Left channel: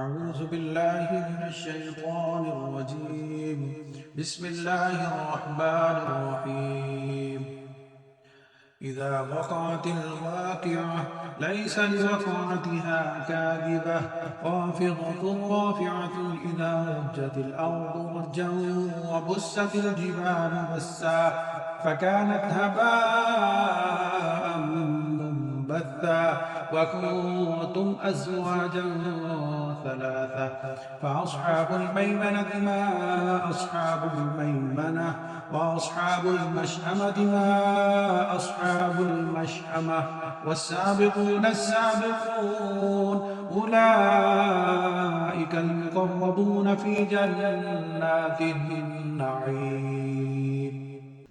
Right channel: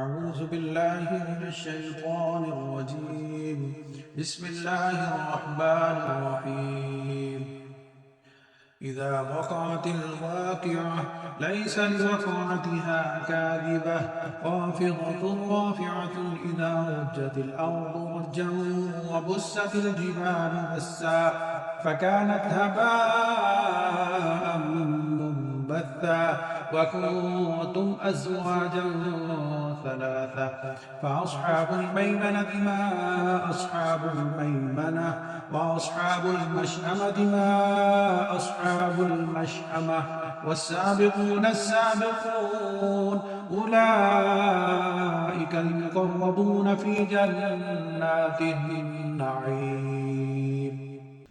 أعوذ بالله من الشيطان الرجيم. بسم الله الرحمن الرحيم. إذا وقعت الواقعة ليس لوقعتها كاذبة خافضة رافعة. إذا رجت الأرض رجا وبست الجبال بسا فكانت هباء منبثا وكنتم أزواجا ثلاثة فأصحاب الميمنة ما أصحاب الميمنة وأصحاب المشأمة ما أصحاب المشأمة والسابقون السابقون أولئك المقربون في جنات النعيم.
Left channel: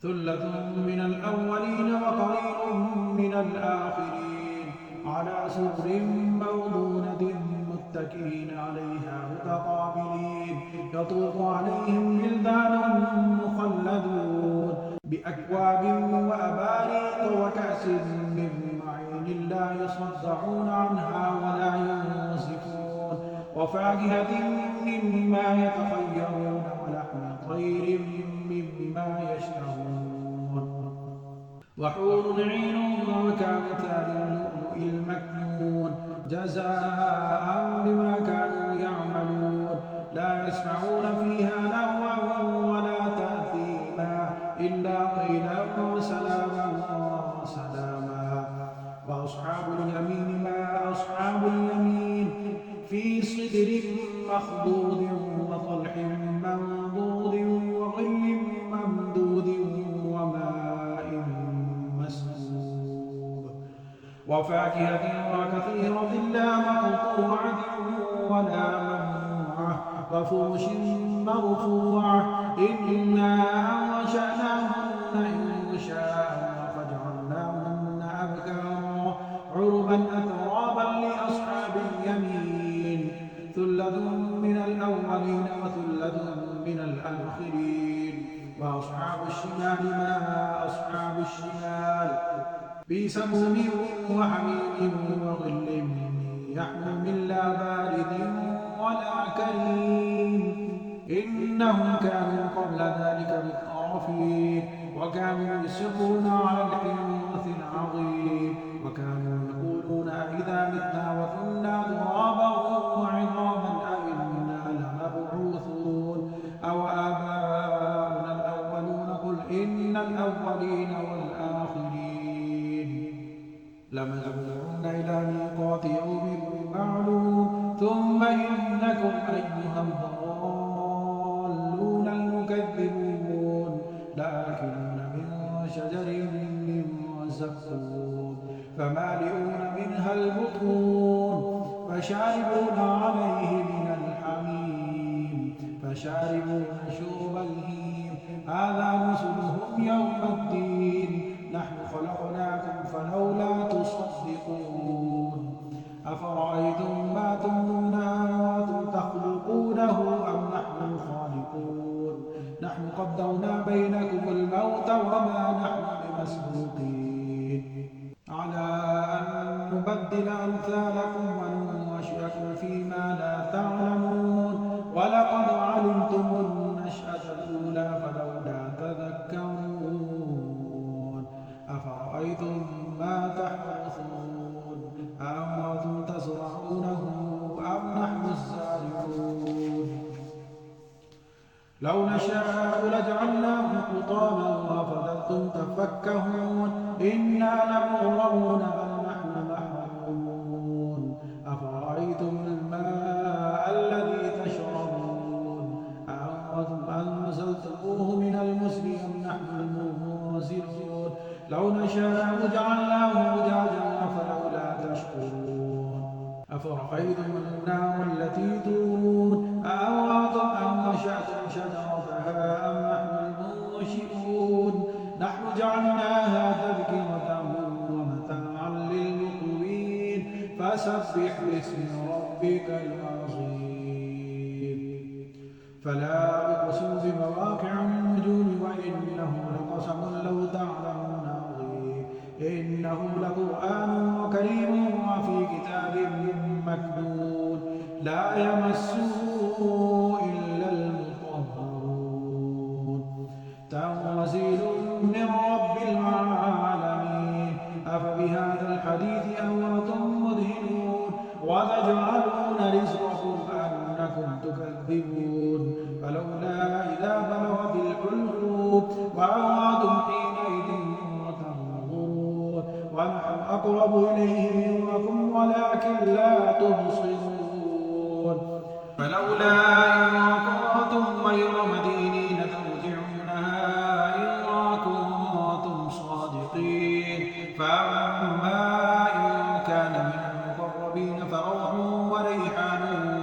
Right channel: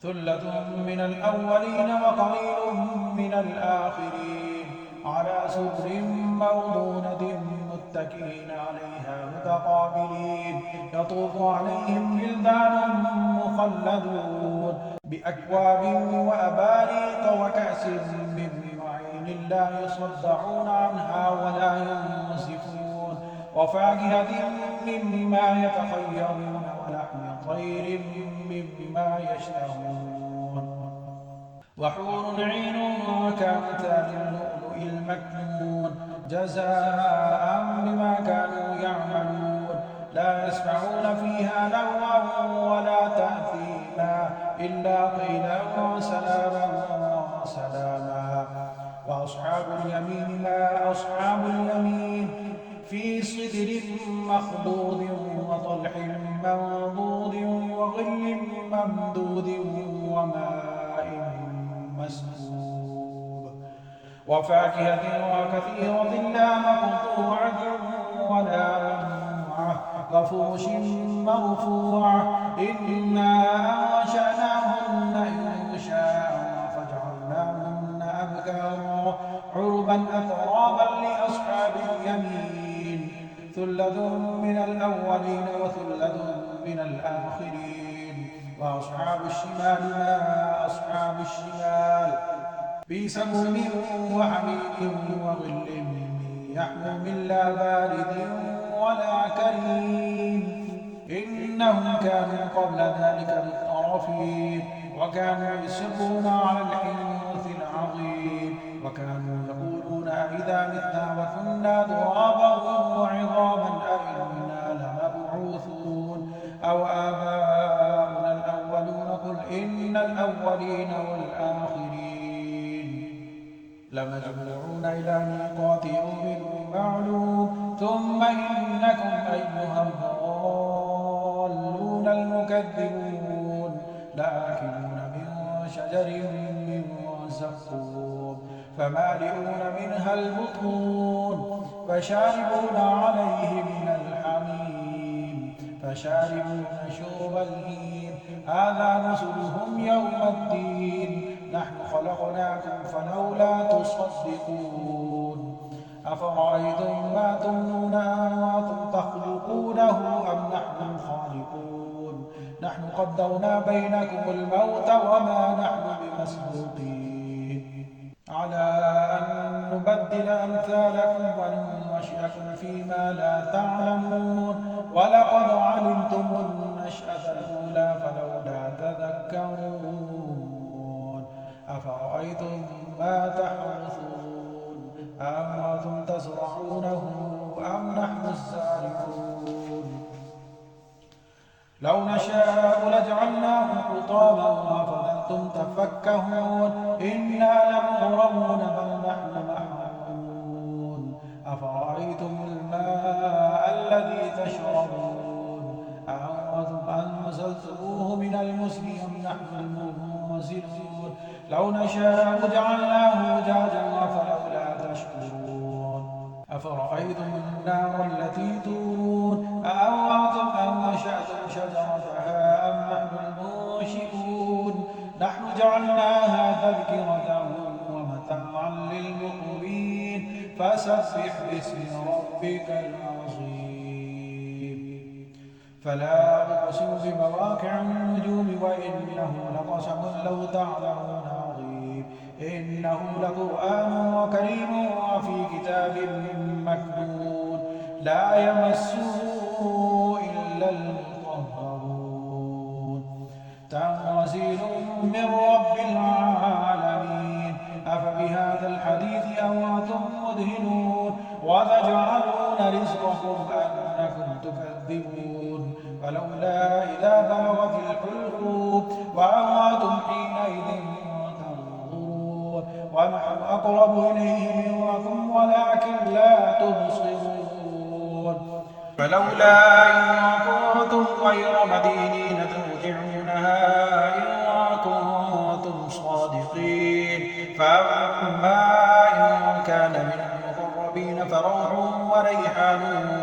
ثلة من الأولين وقليل من الآخرين على سرر موضونة متكئين عليها متقابلين يطوف عليهم ولدان مخلدون بأكواب وأباريق وكأس من معين لا يصدعون عنها ولا ينزفون وفاكهة مما يتخيرون ولحم طير مما يشتهون وحور عين كأمثال اللؤلؤ المكنون جزاء بما كانوا يعملون لا يسمعون فيها لغوا ولا تأثيما إلا قيلا سلاما سلاما. وأصحاب اليمين ما أصحاب اليمين في صدر مخضود وطلح منضود وظل ممدود وماء مسكوب وفاكهة وكثيرة لا مقطوعة ولا ممنوعة وفرش مرفوعة إنا أنشأناهن إنشاء فجعلناهن أبكارا عربا أترابا لأصحاب اليمين. ثلة من الأولين وثلة من الآخرين. وأصحاب الشمال ما أصحاب الشمال في سموم وحميم وظل يحموم لا بارد ولا كريم إنهم كانوا قبل ذلك مترفين وكانوا يصرون على الحنث العظيم وكانوا يقولون أئذا متنا وكنا ترابا وعظاما أئنا لمبعوثون أو آباؤنا الأولون قل إن الأولين والآخرين لمجموعون إلى ميقات يوم معلوم ثم إنكم أيها الضالون المكذبون لآكلون من شجر من زقوم فمالئون منها البطون فشاربون عليه من الحميم فشاربون شرب الهيم هذا نزلهم يوم الدين نحن خلقناكم فلولا تصدقون أفرأيتم ما تمنون أأنتم تخلقونه أم نحن الخالقون نحن قدرنا بينكم الموت وما نحن بمسبوقين على أن نبدل أمثالكم وننشئكم فيما لا تعلمون ولقد علمتم النشأة الأولى فلولا تذكرون أفرأيتم ما تحرثون أأنتم تزرعونه أم نحن الزارعون لو نشاء لجعلناه حطاما فظلتم تفكهون إنا لمغرمون بل نحن محرومون أفرأيتم الماء الذي تشربون أأنتم أنزلتموه من المزن أم نحن المنزلون لو نشاء جعلناه أجاجا فلولا تشكرون أفرأيتم النار التي تورون أأنتم أنشأتم شجرتها أم نحن المنشئون نحن جعلناها تذكرة ومتاعا للمقوين فسبح باسم ربك العظيم. فلا أقسم بمواقع النجوم وإنه لقسم لو تعلمون عظيم إنه لقرآن كريم وفي كتاب مكنون لا يمسه إلا المطهرون تنزيل من رب العالمين أفبهذا الحديث أنتم مدهنون وتجعلون رزقكم أنكم تكذبون فلولا إذا بلغت الحلقوم وأنتم حينئذ تنظرون ونحن أقرب إليه منكم ولكن لا تبصرون فلولا إن كنتم غير مدينين ترجعونها إن كنتم صادقين فأما إن كان من المقربين فروح وريحان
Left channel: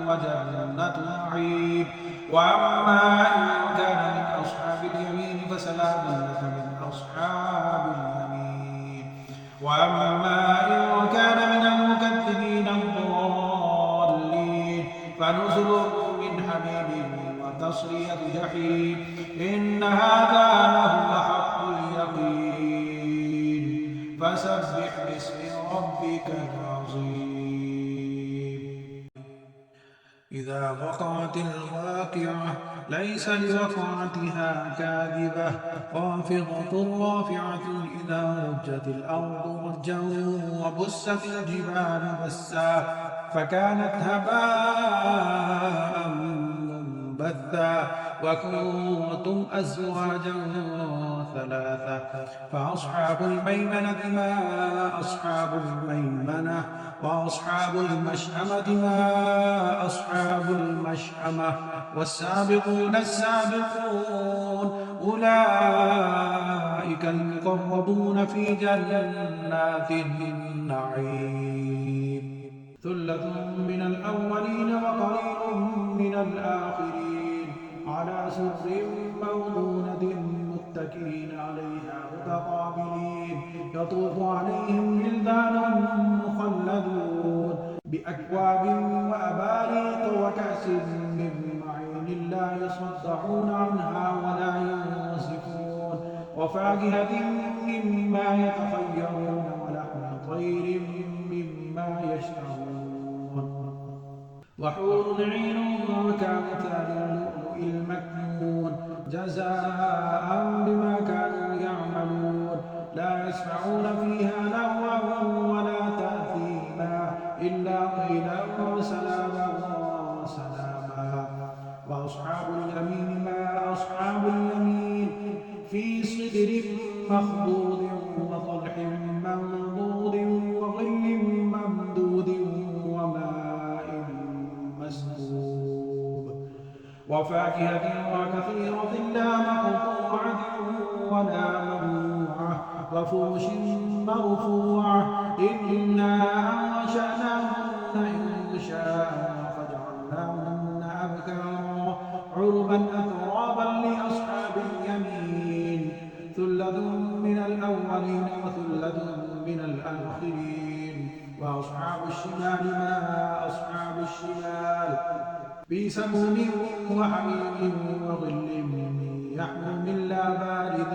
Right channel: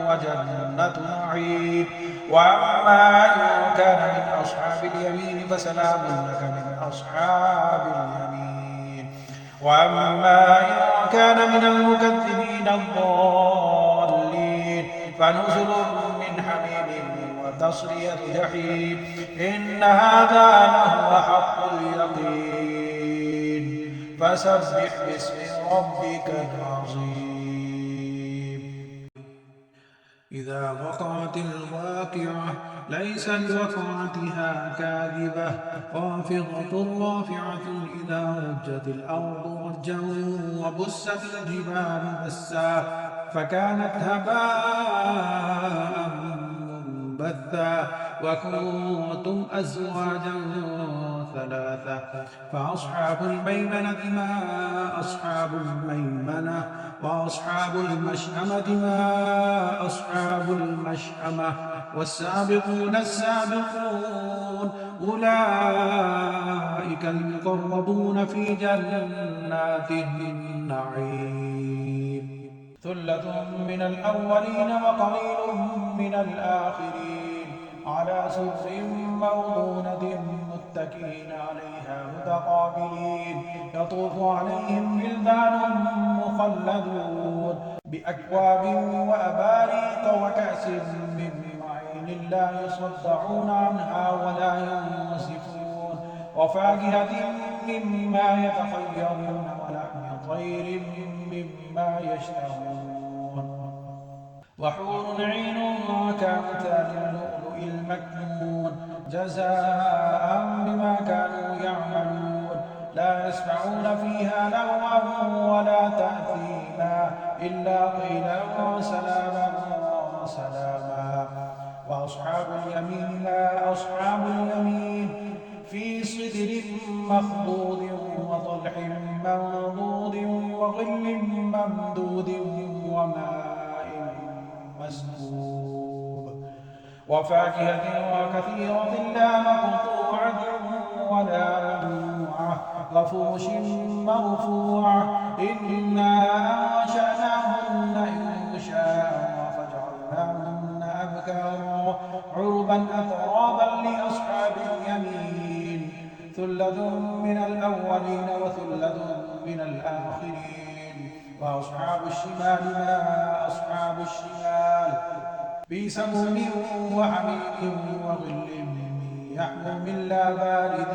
وجنة نعيم وأما إن كان من أصحاب اليمين فسلام لك من أصحاب اليمين وأما إن كان من المكذبين الضالين فنزل من حميم وتصلية جحيم إن هذا لهو حق اليقين فسبح باسم ربك العظيم إذا وقعت الواقعة ليس لوقعتها كاذبة خافضة رافعة إذا رجت الأرض رجا وبست الجبال بسا فكانت هباء منبثا وكنتم أزواجا ثلاثة فأصحاب الميمنة ما أصحاب الميمنة وأصحاب المشأمة ما أصحاب المشأمة والسابقون السابقون أولئك المقربون في جنات النعيم ثلة من الأولين وقليل من الآخرين على سرر موضونة متكئين عليها متقابلين يطوف عليهم ولدان مخلدون بأكواب وأباريق وكأس من معين لا يصدعون عنها ولا ينزفون وفاكهة مما يتخيرون ولحم طير مما يشتهون وحور عين كأمثال اللؤلؤ المكنون جزاء بما كانوا يعملون لا يسمعون فيها لغوا ولا تأثيما إلا قيلا وسلاما وسلاما وأصحاب اليمين ما أصحاب اليمين في صدر مخضود وطلح منضود وظل ممدود وماء مسكوب وفاكهة وكثيرة لا مقطوعة ولا ممنوعة وفرش مرفوعة إنا أنشأناهن إنشاء فجعلناهن أبكارا عربا أترابا لأصحاب اليمين ثلة من الأولين وثلة من الآخرين وأصحاب الشمال ما أصحاب الشمال في سموم وحميم وظل يحموم لا بارد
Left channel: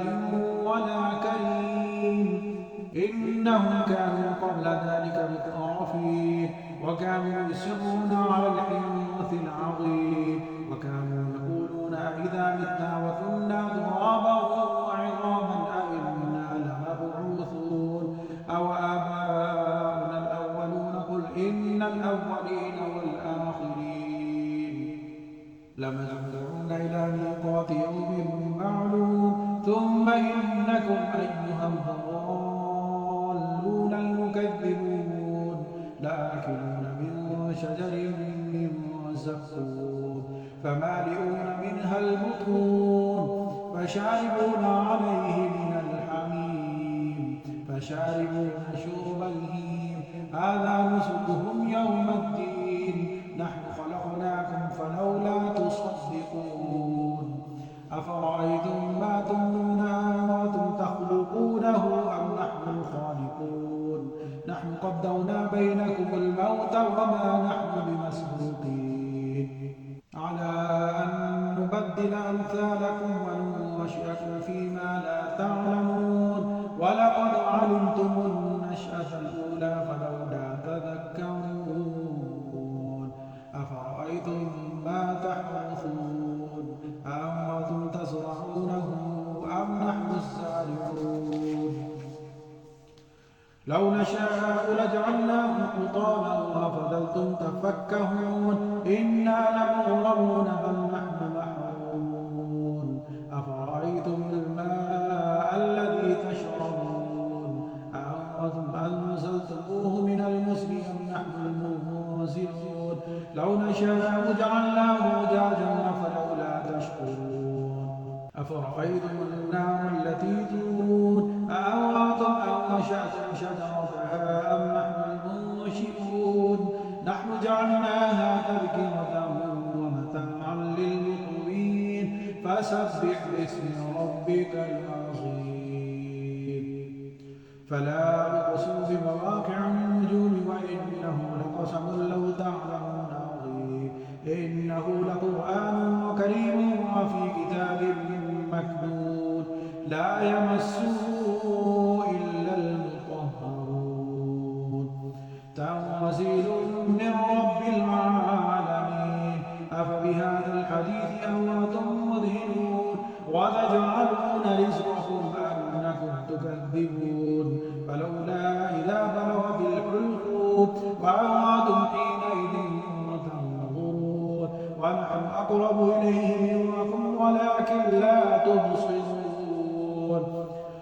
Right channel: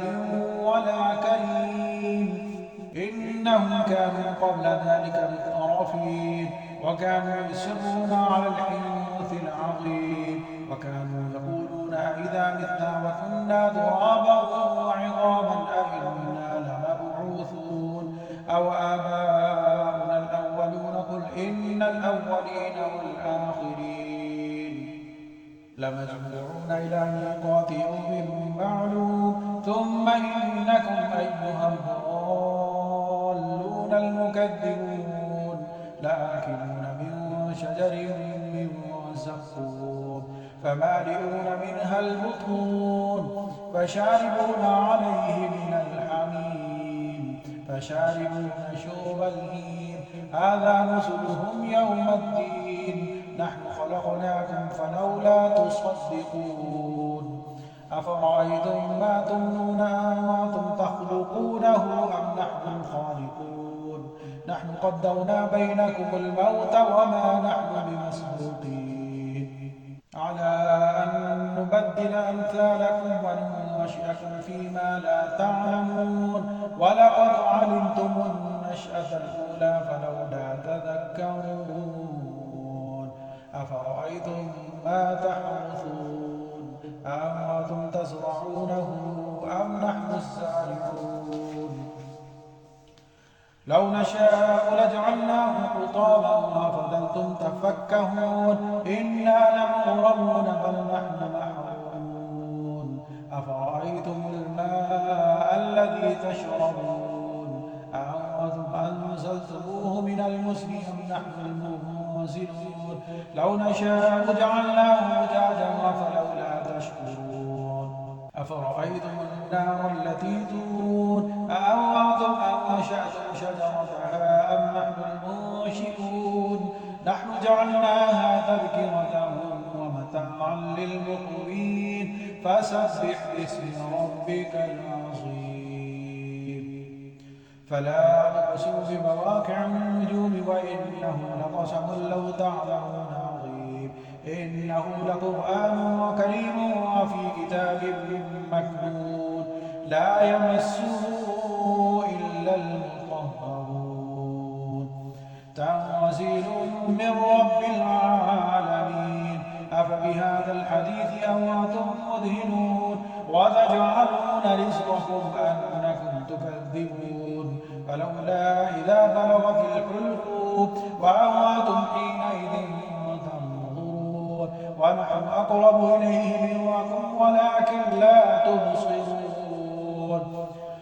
ولا كريم إنهم كانوا قبل ذلك مترفين وكانوا يصرون على الحنث العظيم وكانوا يقولون إذا متنا وكنا ترابا وعظاما أئنا لمبعوثون أو آباؤنا الأولون قل إن الأولين والآخرين لمجموعون إلى ميقات يوم معلوم ثم إنكم أيها الضالون المكذبون لآكلون من شجر من زقوم فمالئون منها البطون فشاربون عليه من الحميم فشاربون شرب الهيم هذا نزلهم يوم الدين نحن خلقناكم فلولا تصدقون أفرأيتم ما تمنون أنتم تخلقونه أم نحن الخالقون نحن قدرنا بينكم الموت وما نحن بمسبوقين على أن نبدل أمثالكم وننشئكم فيما لا تعلمون ولقد علمتم النشأة الأولى فلولا تذكرون أفرأيتم ما تحرثون أأنتم تزرعونه أم نحن الزارعون لو نشاء لجعلناه حطاما فظلتم تفكهون إنا لمغرمون بل نحن محرومون أفرأيتم الماء الذي تشربون أأنتم أنزلتموه من المزن أم نحن المنزلون لو نشاء جعلناه أجاجا فلولا تشكرون أفرأيتم النار التي تورون أأنتم أنشأتم شجرتها أم نحن المنشئون نحن جعلناها تذكرة ومتاعا للمقوين فسبح باسم ربك العظيم فلا أقسم بمواقع النجوم وإنه لقسم لو تعلمون عظيم إنه لقرآن كريم وفي كتاب مكنون لا يمسه إلا المطهرون تنزيل من رب العالمين أفبهذا الحديث أنتم مدهنون وتجعلون رزقكم أنكم تكذبون فلولا إذا بلغت الحلقوم وأنتم حينئذ تنظرون ونحن أقرب إليه منكم ولكن لا تبصرون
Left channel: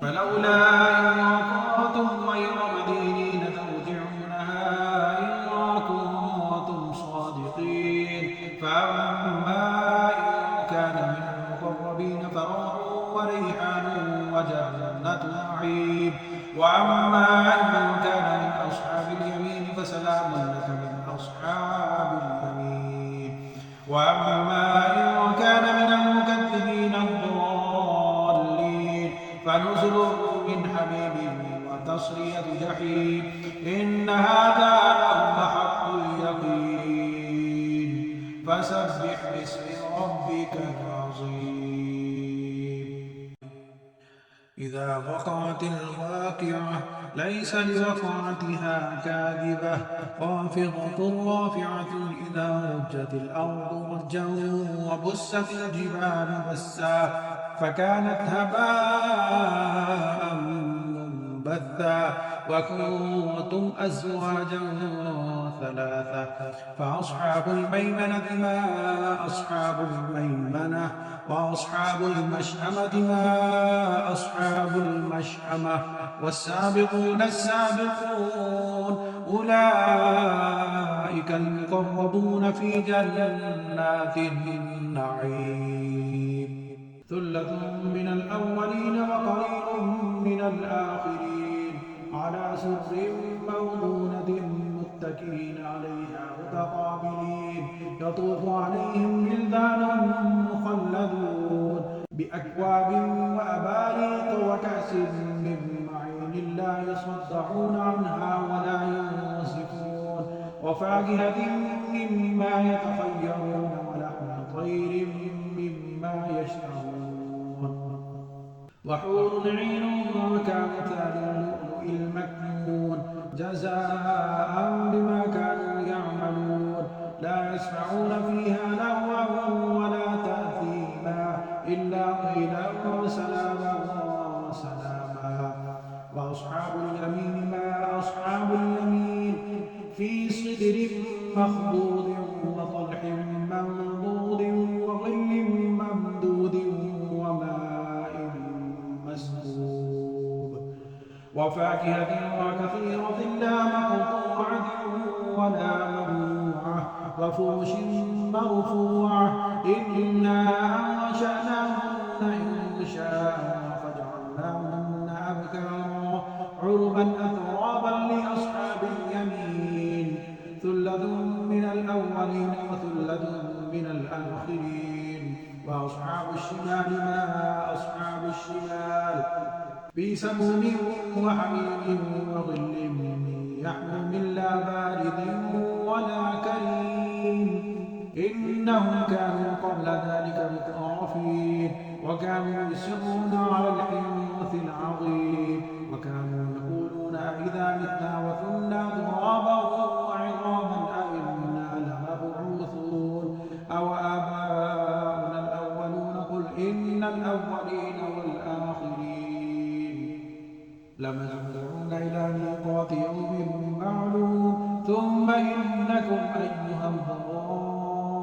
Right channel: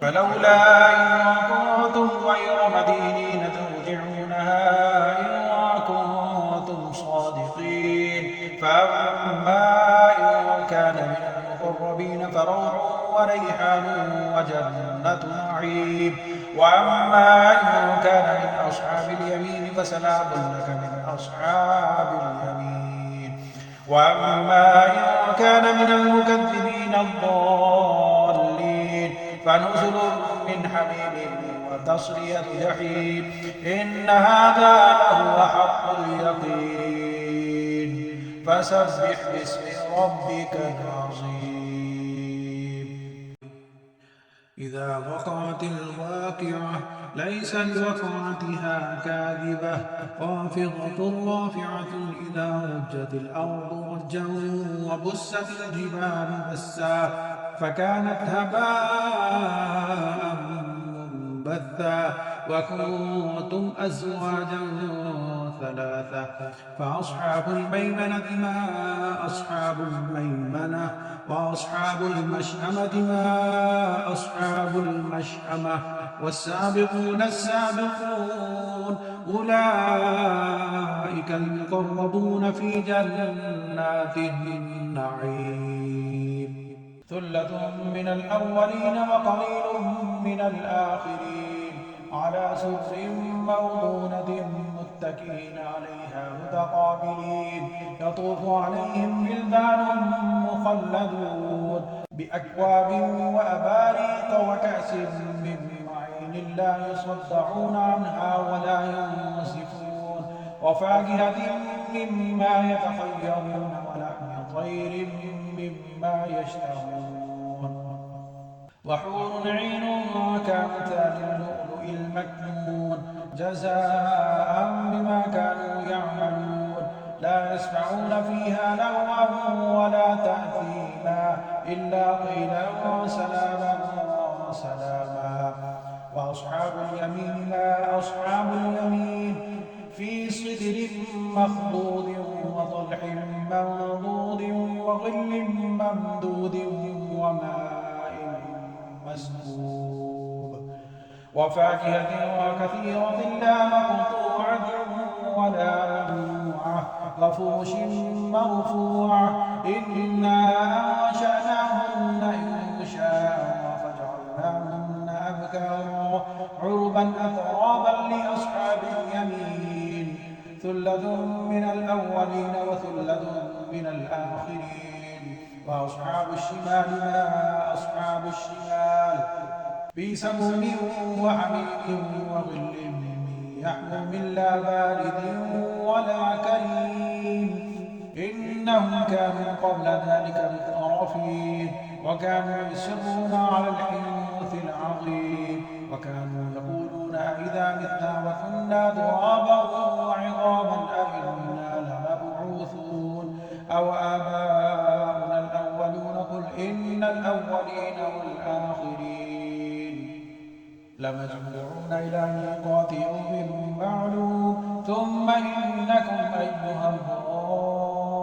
فلولا إن كنتم غير مدينين ترجعونها إن كنتم صادقين فأما إن كان من المقربين فروح وريحان وجنة نعيم وأما إن كان من أصحاب اليمين فسلام لك من أصحاب اليمين وأما إن كان من المكذبين الضالين فنزل من حميم وتصلية جحيم إن هذا لهو حق اليقين فسبح باسم ربك العظيم إذا وقعت الواقعة ليس لوقعتها كاذبة خافضة رافعة إذا رجت الأرض رجا وبست الجبال بسا فكانت هباء منبثا وكنتم أزواجا ثلاثة فأصحاب الميمنة ما أصحاب الميمنة وأصحاب المشأمة ما أصحاب المشأمة والسابقون السابقون أولئك المقربون في جنات النعيم ثلة من الأولين وقليل من الآخرين على سرر موضونة متكئين عليها متقابلين يطوف عليهم ولدان مخلدون بأكواب وأباريق وكأس من معين لا يصدعون عنها ولا ينصفون وفاكهة مما يتخيرون ولحم طير مما يشتهون وحور عين كأمثال اللؤلؤ المكنون جزاء بما كانوا يعملون لا يسمعون فيها لغوا ولا تأثيما إلا قيلا سلاما سلاما وأصحاب اليمين ما أصحاب اليمين في سدر مخضود وطلح منضود وظل ممدود وماء مسكوب وفاكهة وكثيرة لا مقطوعة ولا ممنوعة وفرش مرفوعة إنا أنشأناهن إنشاء فجعلناهن أبكارا عربا أترابا لأصحاب اليمين ثلة من الأولين وثلة من الآخرين وأصحاب الشمال ما أصحاب الشمال في سموم وحميم وظل يحموم لا بارد ولا كريم إنهم كانوا قبل ذلك مترفين وكانوا يصرون على الحنث العظيم وكانوا يقولون أئذا متنا وكنا ترابا وعظاما أئنا لمبعوثون أو آباؤنا الأولون قل إن الأولين والآخرين لمجموعون إلى ميقات يوم معلوم ثم إنكم أيها الضالون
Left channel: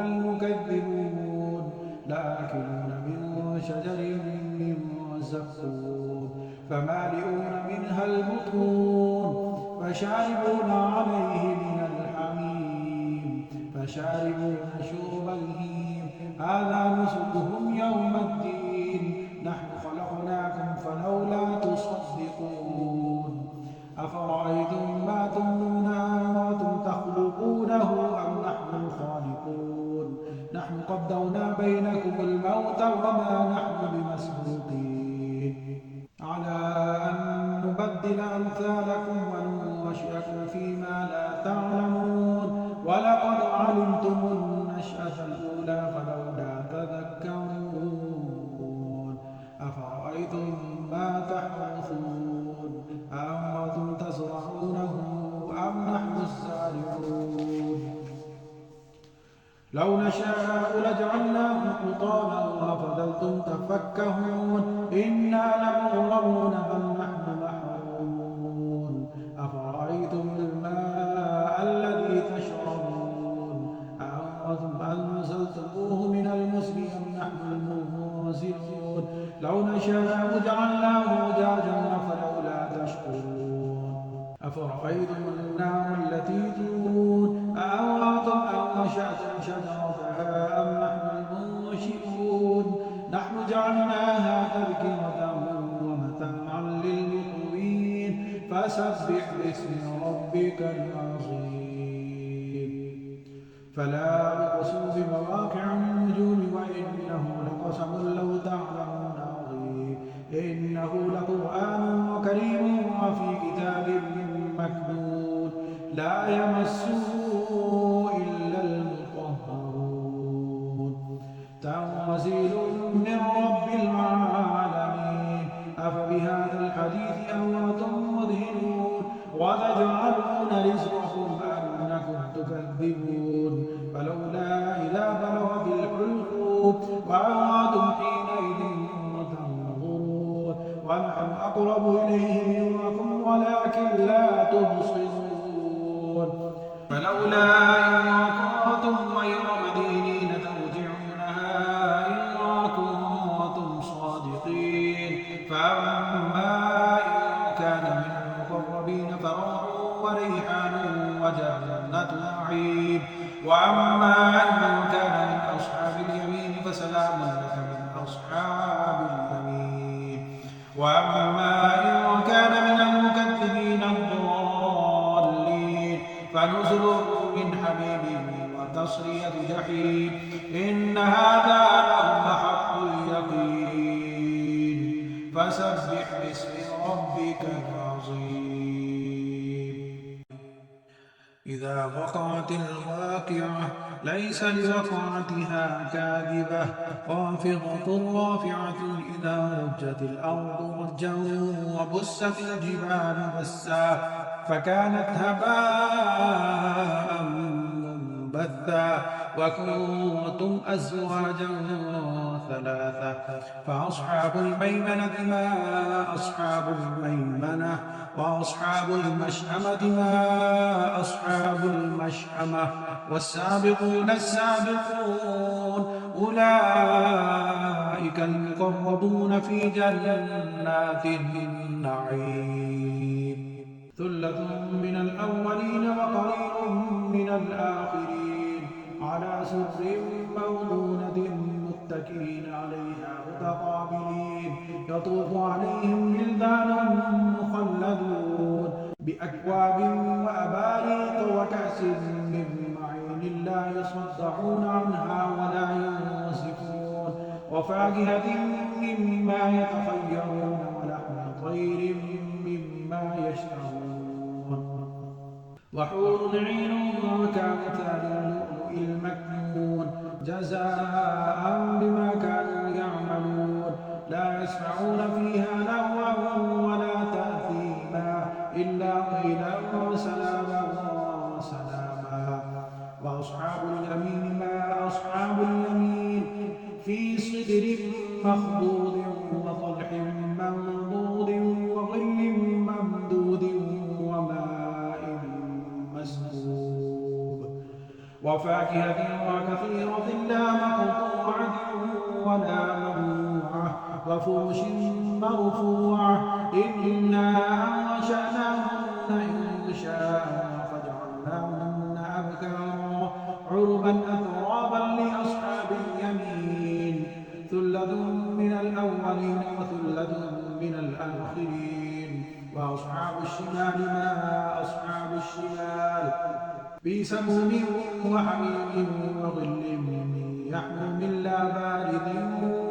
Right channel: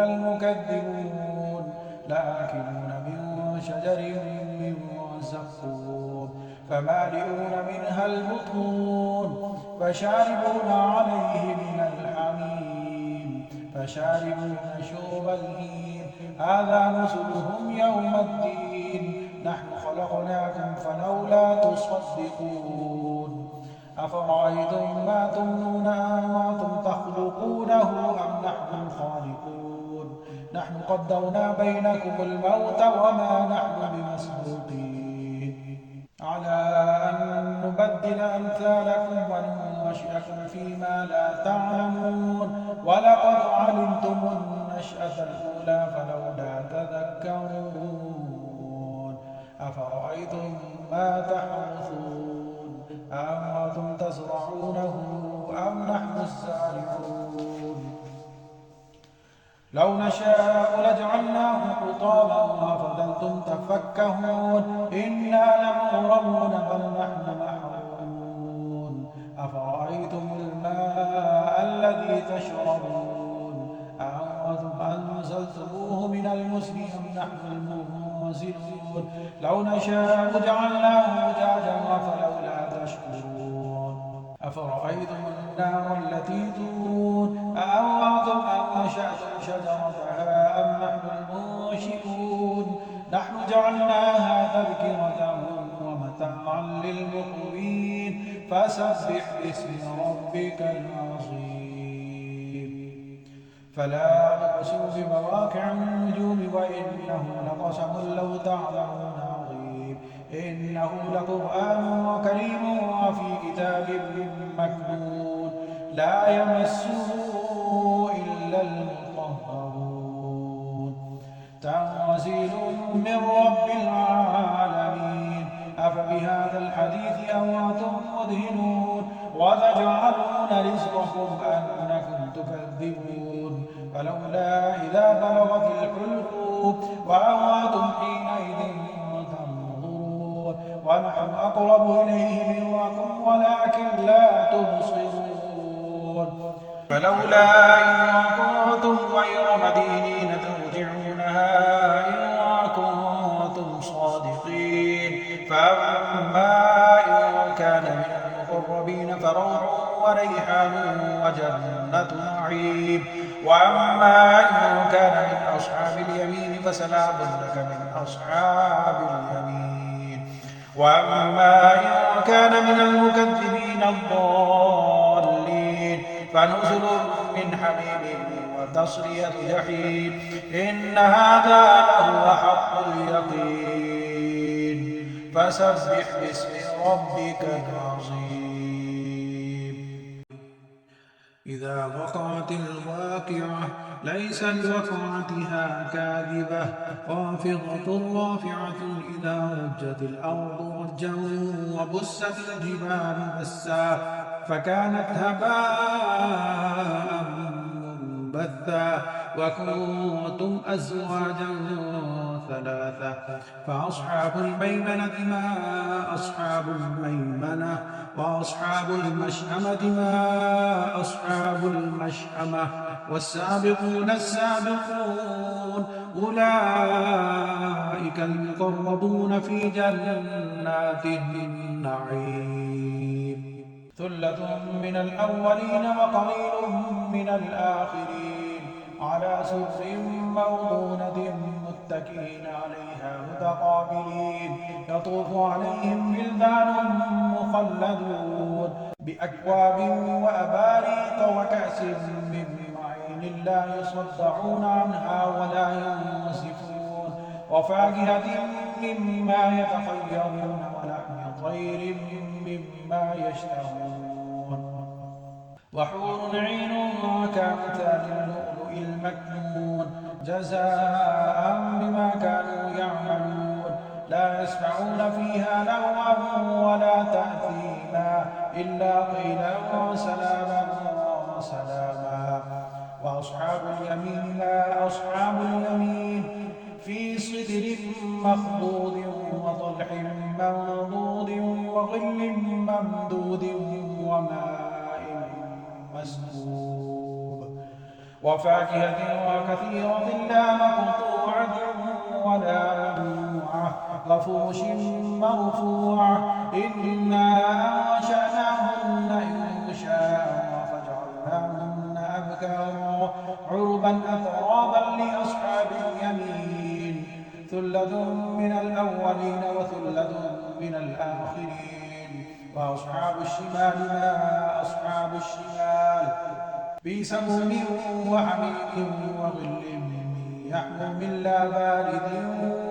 المكذبون لآكلون من شجر من زقوم فمالئون منها البطون فشاربون عليه من الحميم فشاربون شرب الهيم هذا نزلهم يوم الدين نحن خلقناكم فلولا تصدقون أفرأيتم ما تمنون أنتم تخلقونه أم نحن الخالقون نحن قدرنا بينكم الموت وما نحن بمسبوقين على أن نبدل أمثالكم وننشئكم فيما لا تعلمون ولقد علمتم النشأة الأولى فلولا تذكرون أفرأيتم ما تحرثون أأنتم تزرعونه أم نحن الزارعون لو نشاء لجعلناه حطاما فظلتم تفكهون إنا لمغرمون بل نحن محرومون أفرأيتم الماء الذي تشربون أأنتم أنزلتموه من المزن أم نحن المنزلون لو نشاء جعلناه أجاجا فلولا تشكرون أفرأيتم النار التي تورون أأنتم أنشأتم شجرتها أم نحن المنشئون نحن جعلناها تذكرة ومتاعا للمقوين فسبح باسم ربك العظيم فلا أقسم بمواقع النجوم وإنه لقسم لو تعلمون عظيم إنه لقرآن كريم وفي كتاب مكنون لا يمسه إلا المطهرون تنزيل من رب العالمين أفبهذا الحديث أنتم مدهنون وتجعلون رزقكم أنكم تكذبون فلولا إذا بلغت الحلقوم وأنتم حينئذ تنظرون ونحن أقرب إليه منكم ولكن لا تبصرون فلولا إن كنتم غير مدينين ترجعونها إن كنتم صادقين فأما إن كان من المقربين فروح وريحان وجنة نعيم وأما إن كان من أصحاب اليمين فسلام لك من أصحاب اليمين وأما إن كان من المكذبين الضالين فنزل من حميم وتصلية جحيم إن هذا لهو حق اليقين فسبح باسم ربك العظيم إذا وقعت الواقعة ليس لوقعتها كاذبة خافضة رافعة إذا رجت الأرض رجا وبست الجبال بسا فكانت هباء منبثا وكنتم أزواجا ثلاثة فأصحاب الميمنة ما أصحاب الميمنة وأصحاب المشأمة ما أصحاب المشأمة والسابقون السابقون أولئك المقربون في جنات النعيم ثلة من الأولين وقليل من الآخرين على سرر موضونة متكئين عليها متقابلين يطوف عليهم ولدان مخلدون بأكواب وأباريق وكأس من معين لا يصدعون عنها ولا ينزفون وفاكهة مما يتخيرون ولحم طير مما يشتهون وحور عين كأمثال اللؤلؤ المكنون جزاء بما كانوا يعملون لا يسمعون فيها لغوا ولا تأثيما إلا قيلا سلاما سلاما فأصحاب اليمين ما أصحاب اليمين في سدر مخضود وطلح منضود وظل ممدود وماء مسكوب وفاكهة وكثيرة لا مقطوعة ولا ممنوعة وفرش مرفوعة إنا أنشأناهن إنشاء فجعلناهن أبكارا عربا أترابا لأصحاب اليمين ثلة من الأولين وثلة من الآخرين وأصحاب الشمال ما أصحاب الشمال في سموم وحميم وظل يحموم لا بارد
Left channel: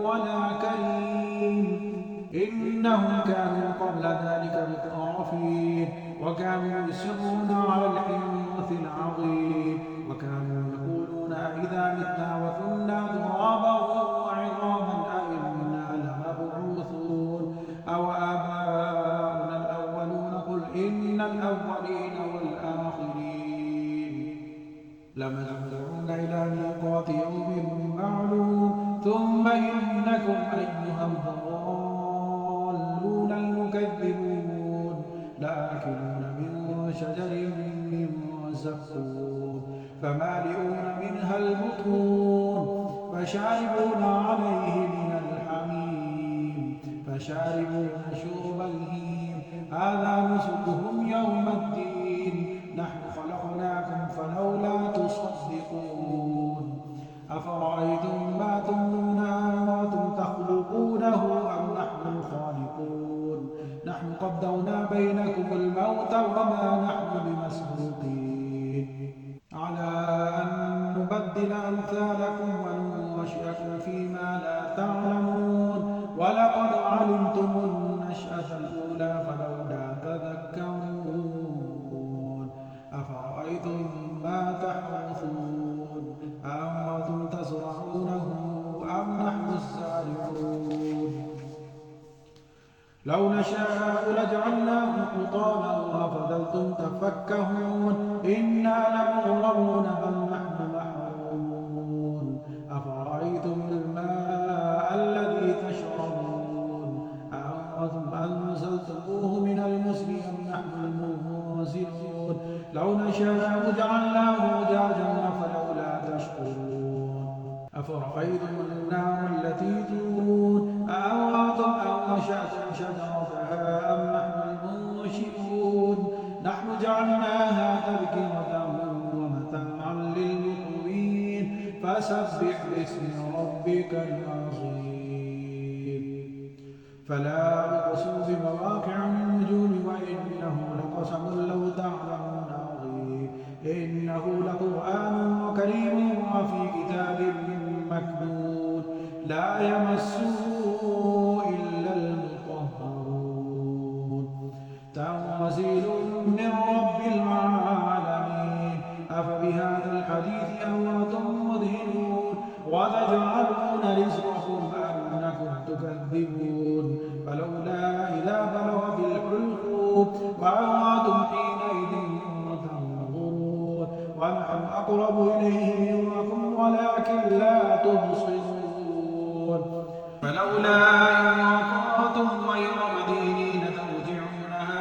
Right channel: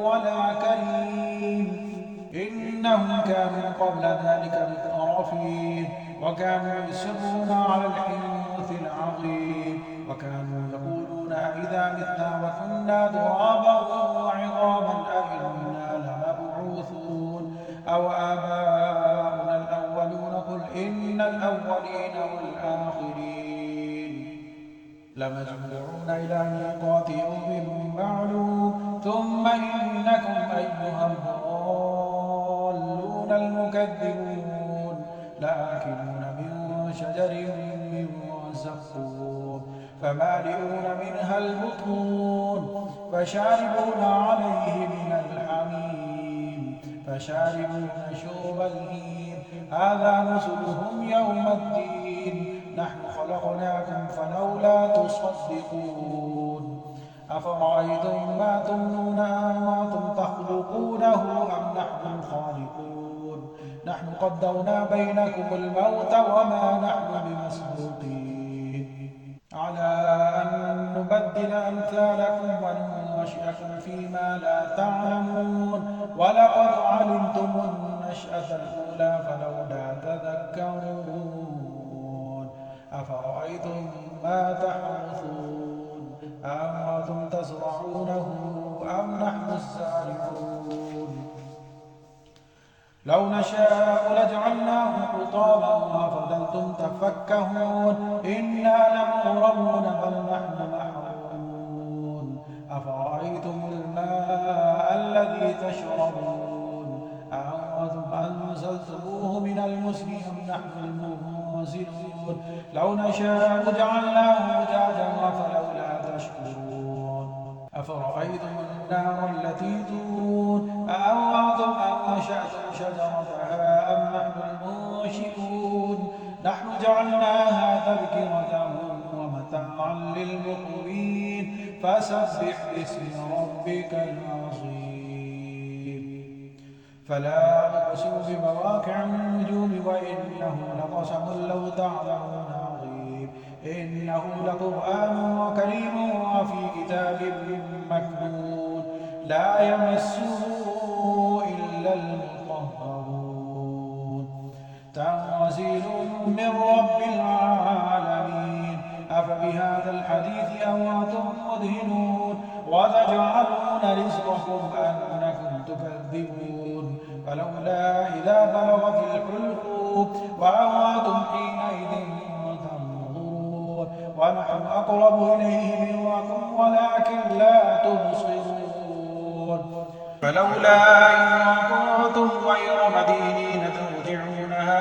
ولا كريم إنهم كانوا قبل ذلك مترفين وكانوا يصرون على الحنث العظيم وكانوا يقولون أئذا متنا وكنا ترابا وعظاما أئنا لمبعوثون أو آباؤنا الأولون قل إن الأولين والآخرين لمجموعون إلى ميقات يوم معلوم ثم إنكم أيها الضالون المكذبون لآكلون من شجر من زقوم فمالئون منها البطون فشاربون عليه من الحميم فشاربون شرب الهيم هذا نزلهم يوم الدين نحن خلقناكم فلولا تصدقون أفرأيتم ما تمنون أنتم تخلقونه أم نحن الخالقون نحن قدرنا بينكم الموت وما نحن بمسبوقين على أن نبدل أمثالكم وننشئكم فيما لا تعلمون ولقد علمتم النشأة الأولى فلولا تذكرون أفرأيتم ما تحرثون أأنتم تزرعونه أم نحن الزارعون لو نشاء لجعلناه حطاما وفضلتم تفكهون إنا لمغرمون بل نحن محرومون أفرأيتم الماء الذي تشربون أأنتم أنزلتموه من المزن أم نحن المنزلون لو نشاء جعلناه أجاجا فلولا تشكرون أفرأيتم النار التي تورون أأنتم أنشأتم شجرتها أم نحن المنشئون نحن جعلناها تذكرة ومتاعا للمقوين فسبح باسم ربك العظيم فلا أقسم بمواقع النجوم وإنه لقسم لو تعلمون عظيم إنه لقرآن كريم وفي كتاب مكنون لا يمسه إلا المطهرون تنزيل من رب العالمين أفبهذا الحديث أنتم مدهنون وتجعلون رزقكم أنكم تكذبون فلولا إذا بلغت الحلقوم وأنتم حينئذ تنظرون ونحن أقرب إليه منكم ولكن لا تبصرون فلولا إن كنتم غير مدينين ترجعونها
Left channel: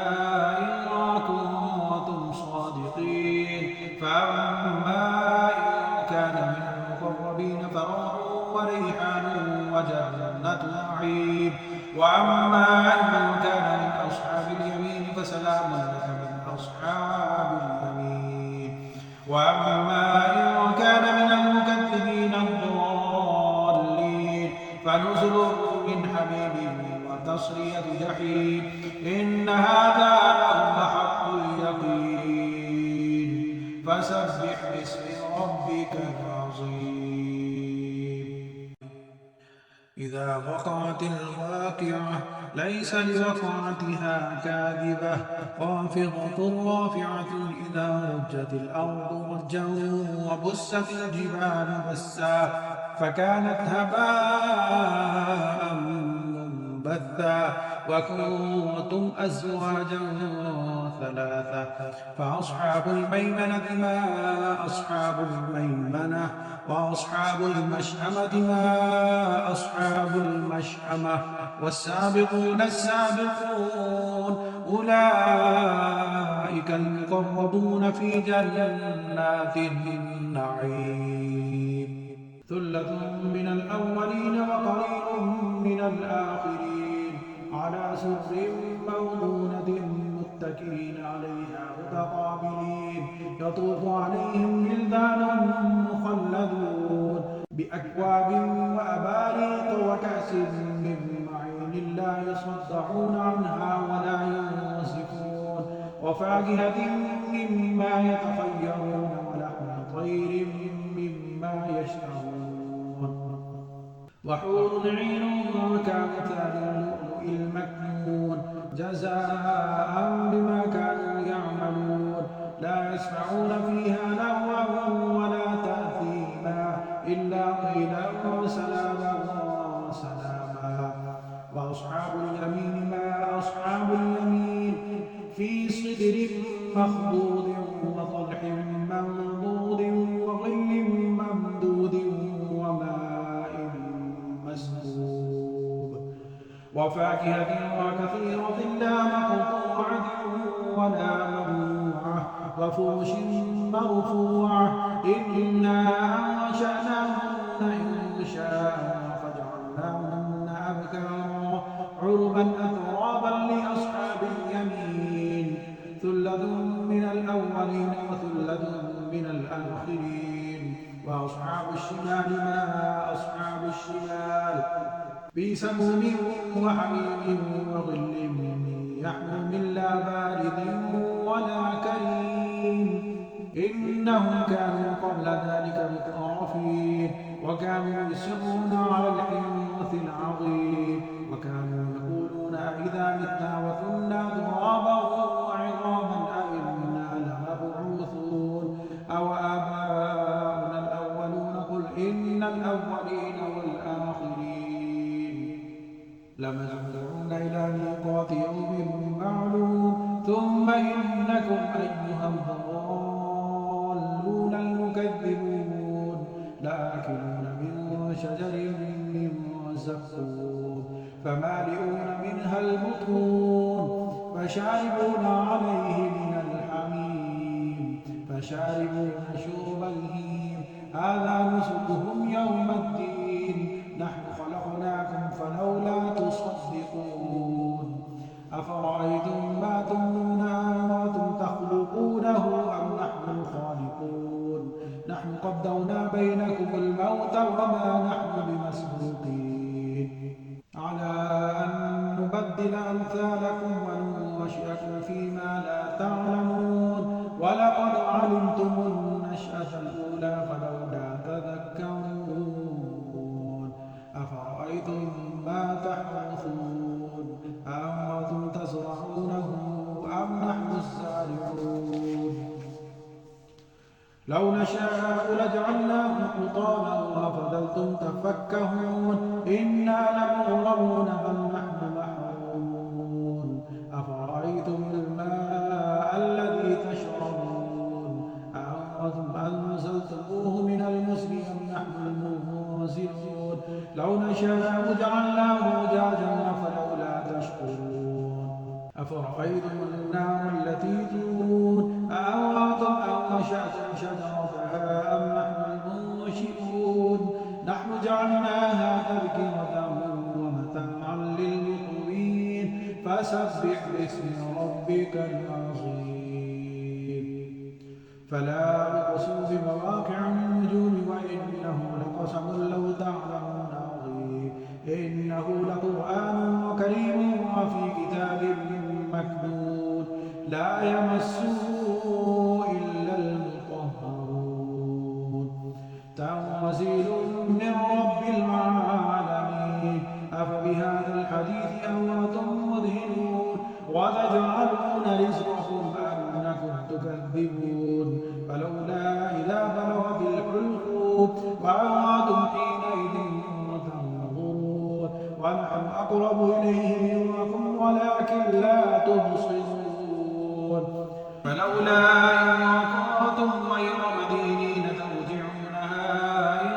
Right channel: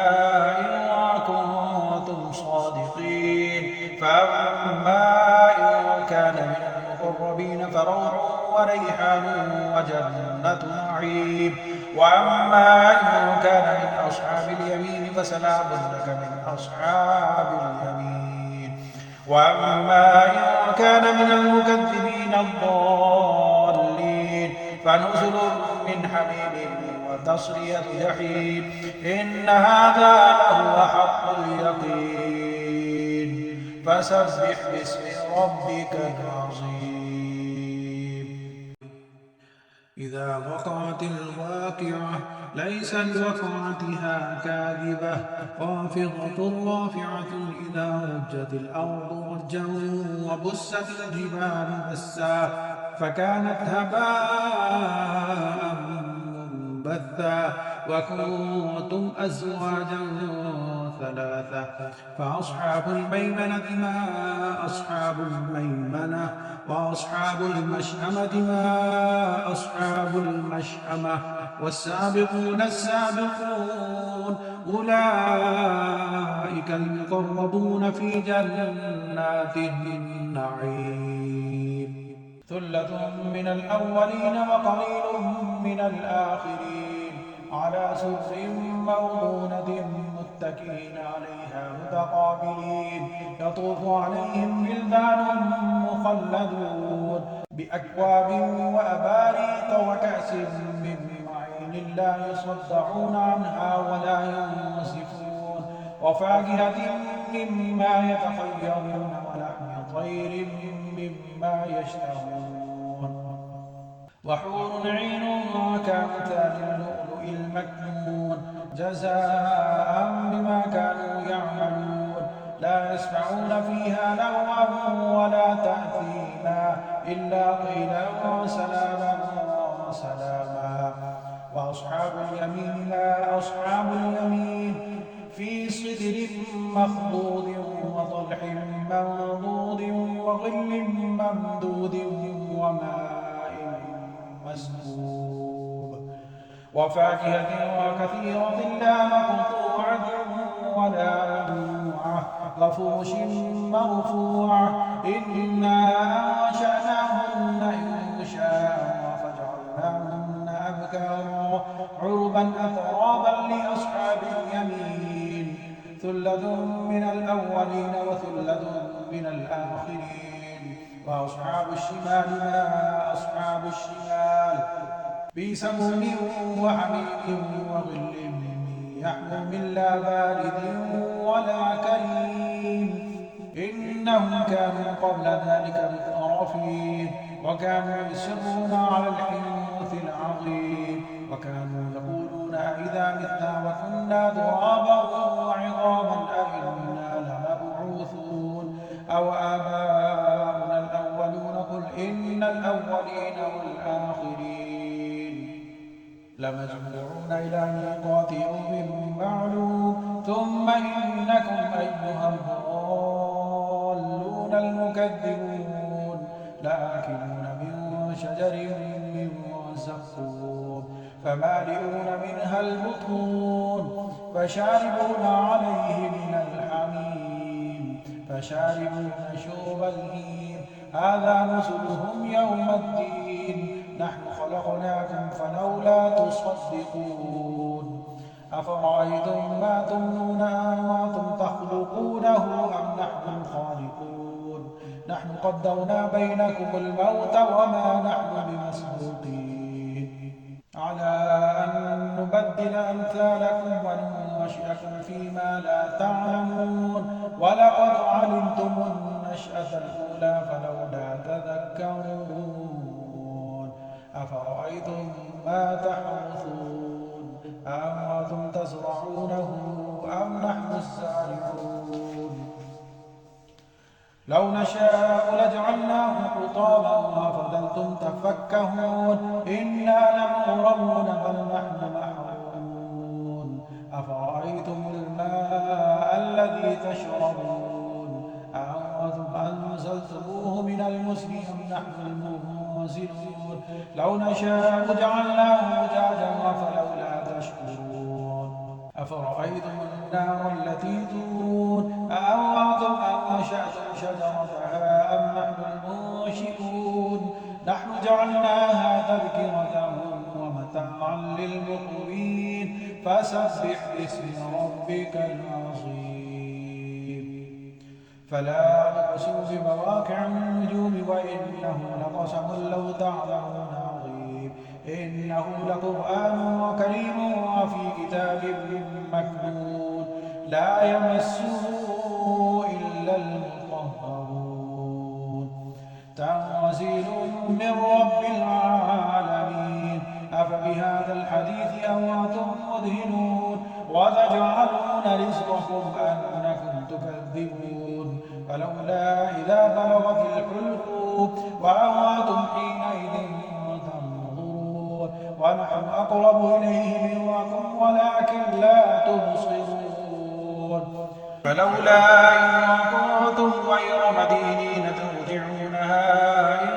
إن كنتم صادقين فأما إن كان من المقربين فروح وريحان وجنة نعيم وأما إن كان من أصحاب اليمين فسلام لك من أصحاب اليمين وأما إن كان من المكذبين الضالين فنزل من حميم وتصلية جحيم إن هذا لهو حق اليقين فسبح باسم ربك العظيم إذا وقعت الواقعة ليس لوقعتها كاذبة خافضة رافعة إذا رجت الأرض رجا وبست الجبال بسا فكانت هباء منبثا وكنتم أزواجا ثلاثة. فأصحاب الميمنة ما أصحاب الميمنة، وأصحاب المشأمة ما أصحاب المشأمة، والسابقون السابقون أولئك المقربون في جنات النعيم. ثلة من الأولين وقليل من الآخرين، على سرر موضونة متكئين عليها متقابلين، يطوف عليهم ولدان مخلدون بأكواب وأباريق وكأس من معين لا يصدعون عنها ولا ينزفون، وفاكهة مما يتخيرون ولحم طير مما يشتهون، وحور عين كأمثال اللؤلؤ المكنون جزاء بما كانوا يعملون. لا يسمعون فيها لغوا ولا تأثيما إلا قيلا وسلاما وسلاما. وأصحاب اليمين ما أصحاب اليمين، في سدر مخضود وطلح منضود وظل ممدود وماء مسكوب، وفاكهة وكثيرة لا مقطوعة ولا ممنوعة، وفرش مرفوعة. إنا أنشأناهن إنشاء فجعلناهن أبكارا عربا أترابا لأصحاب اليمين. ثلة من الأولين وثلة من الآخرين. وأصحاب الشمال ما أصحاب الشمال، في سموم وحميم وظل يحموم لا بارد ولا كريم. إنهم كانوا قبل ذلك مترفين، وكانوا يصرون على الحنث العظيم، وكانوا يقولون أئذا متنا وكنا ترابا وعظاما أئنا لمبعوثون أو آباؤنا الأولون. قل إن الأولين والآخرين لمجموعون إلى ميقات يوم معلوم. ثم إنكم أيها الضالون المكذبون لآكلون من شجر من زقوم فمالئون منها البطون فشاربون عليه من الحميم فشاربون شرب الهيم. هذا نزلهم يوم الدين. نحن خلقناكم فلولا تصدقون. أفرأيتم ما تمنون أنتم تخلقونه أم نحن الخالقون؟ نحن قدرنا بينكم الموت وما نحن بمسبوقين على أن نبدل أمثالكم وننشئكم فيما لا تعلمون. ولقد علمتم النشأة الأولى فلولا تذكرون. أفرأيتم ما تحرثون أأنتم تزرعونه أم نحن الزارعون؟ لو نشاء لجعلناه حطاما وفضلتم تفكهون. إنا لمغرمون بل نحن محرومون. أفرأيتم الماء الذي تشربون أأنتم أنزلتموه من المزن أم نحن المنزلون؟ لو نشاء جعلناه أجاجا فلولا تشكرون. أفرأيتم النار التي تورون أأنتم أنشأتم شجرتها أم نحن المنشئون؟ نحن جعلناها تذكرة ومتاعا للمقوين. فسبح باسم ربك العظيم. فلا أقسم بمواقع النجوم وإنه لقسم لو تعلمون عظيم. إنه لقرآن كريم وفي كتاب مكنون لا يمسه إلا المطهرون. تنزيل من رب العالمين. أفبهذا الحديث أنتم مدهنون وتجعلون رزقكم أنكم تكذبون. فلولا إذا بلغت الحلقوم وأنتم حينئذ تنظرون ونحن أقرب إليه منكم ولكن لا تبصرون. فلولا إن كنتم غير مدينين ترجعونها إن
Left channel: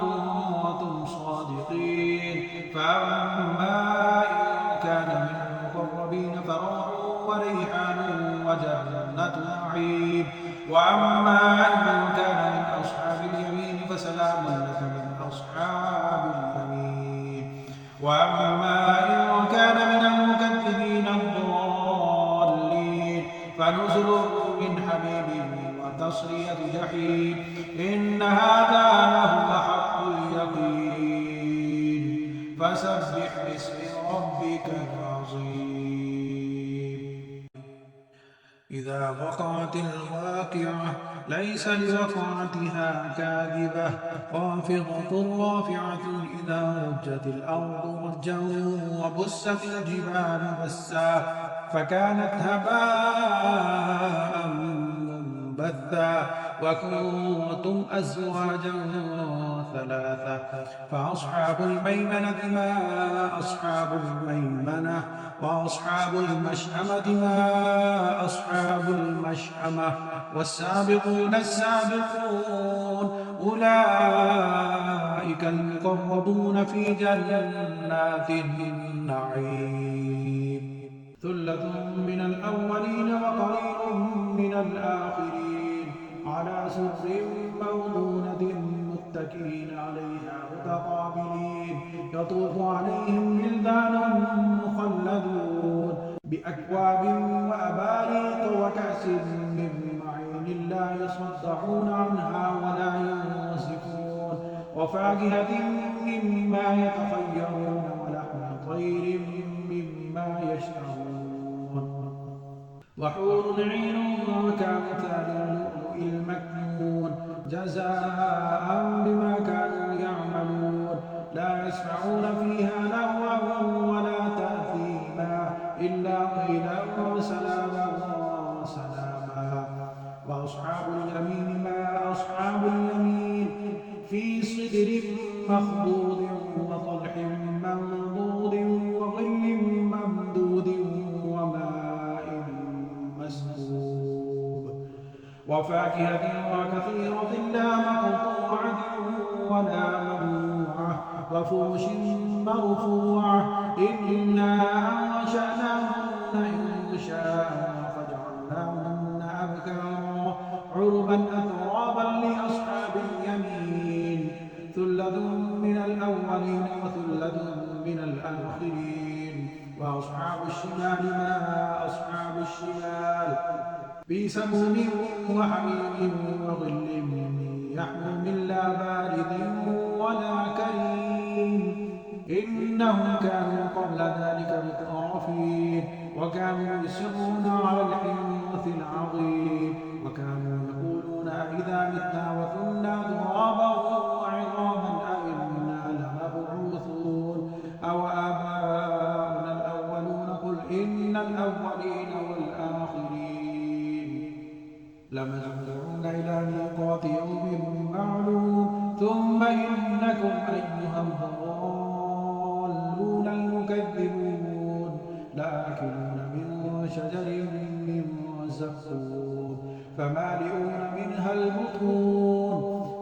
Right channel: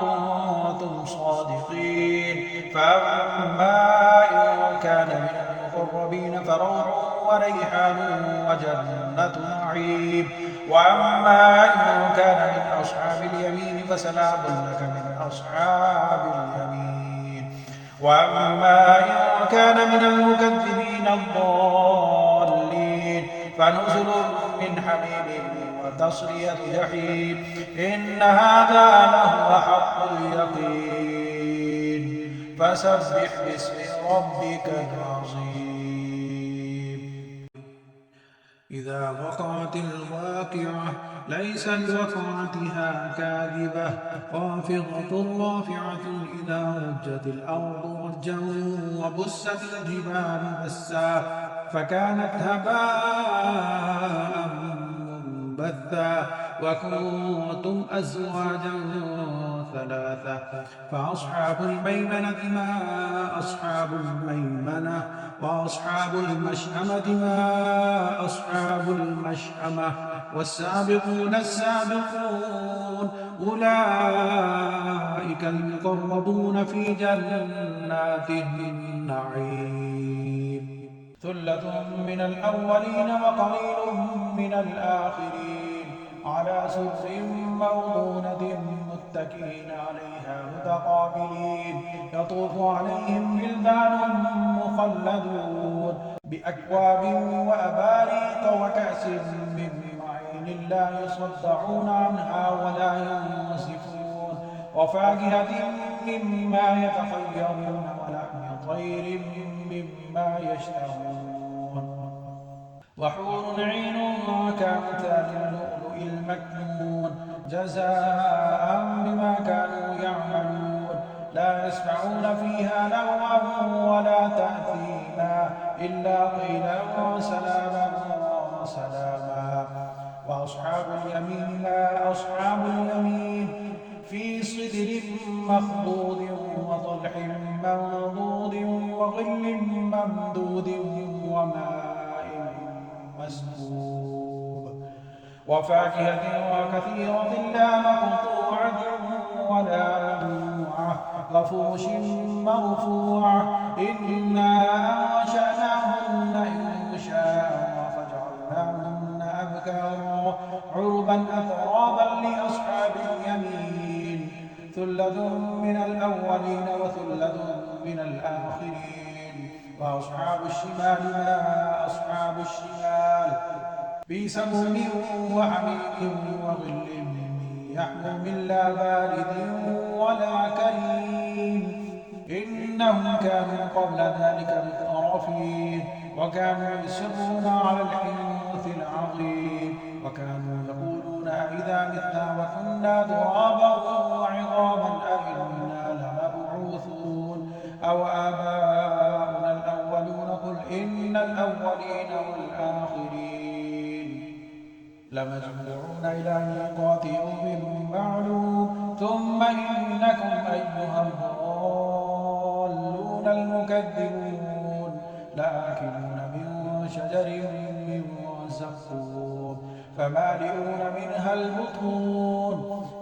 كنتم صادقين. فأما إن كان من المقربين فروح وريحان وجنة نعيم. وأما إن كان من أصحاب اليمين فسلام لك من أصحاب اليمين. وأما إن كان من المكذبين الضالين فنزل من حميم وتصلية جحيم. إن هذا لهو حق اليقين. فسبح باسم ربك العظيم. إذا وقعت الواقعة ليس لوقعتها كاذبة خافضة رافعة إذا رجت الأرض رجا وبست الجبال بسا فكانت هباء منبثا وكنتم أزواجا ثلاثة فأصحاب الميمنة ما أصحاب الميمنة وأصحاب المشأمة ما أصحاب المشأمة والسابقون السابقون أولئك المقربون في جنات النعيم. ثلة من الأولين وقليل من الآخرين على سرر موضونة متكئين عليها متقابلين يطوف عليهم ولدان مخلدون بأكواب وأباريق وكأس من معين لا يصدعون عنها ولا ينصفون وفاكهة مما يتخيرون ولحم طير مما يشتهون وحور عين كأمثال اللؤلؤ المكنون جزاء بما كانوا يعملون لا يسمعون فيها لغوا ولا تأثيما إلا قيلا سلاما سلاما. وأصحاب اليمين ما أصحاب اليمين في صدر مخضود وطلح منضود وظل ممدود وماء مسكوب وفاكهة وكثيرة لا مقطوعة ولا ممنوعة وفرش مرفوعة إنا أنشأناهن إنشاء فجعلناهن أبكارا عربا أترابا لأصحاب اليمين. ثلة من الأولين وثلة من الآخرين. وأصحاب الشمال ما أصحاب الشمال في سموم وحميم وظل يحموم لا بارد ولا كريم. إنهم كانوا قبل ذلك مترفين وكانوا يصرون على الحنث العظيم وكانوا يقولون أئذا متنا وكنا ترابا وعظاما أئنا لمبعوثون أو آباؤنا الأولون قل إن الأولين والآخرين لمجموعون إلى ميقات يوم معلوم ثم إنكم أيها الضالون المكذبون لآكلون من شجر من زقوم فمالئون منها البطون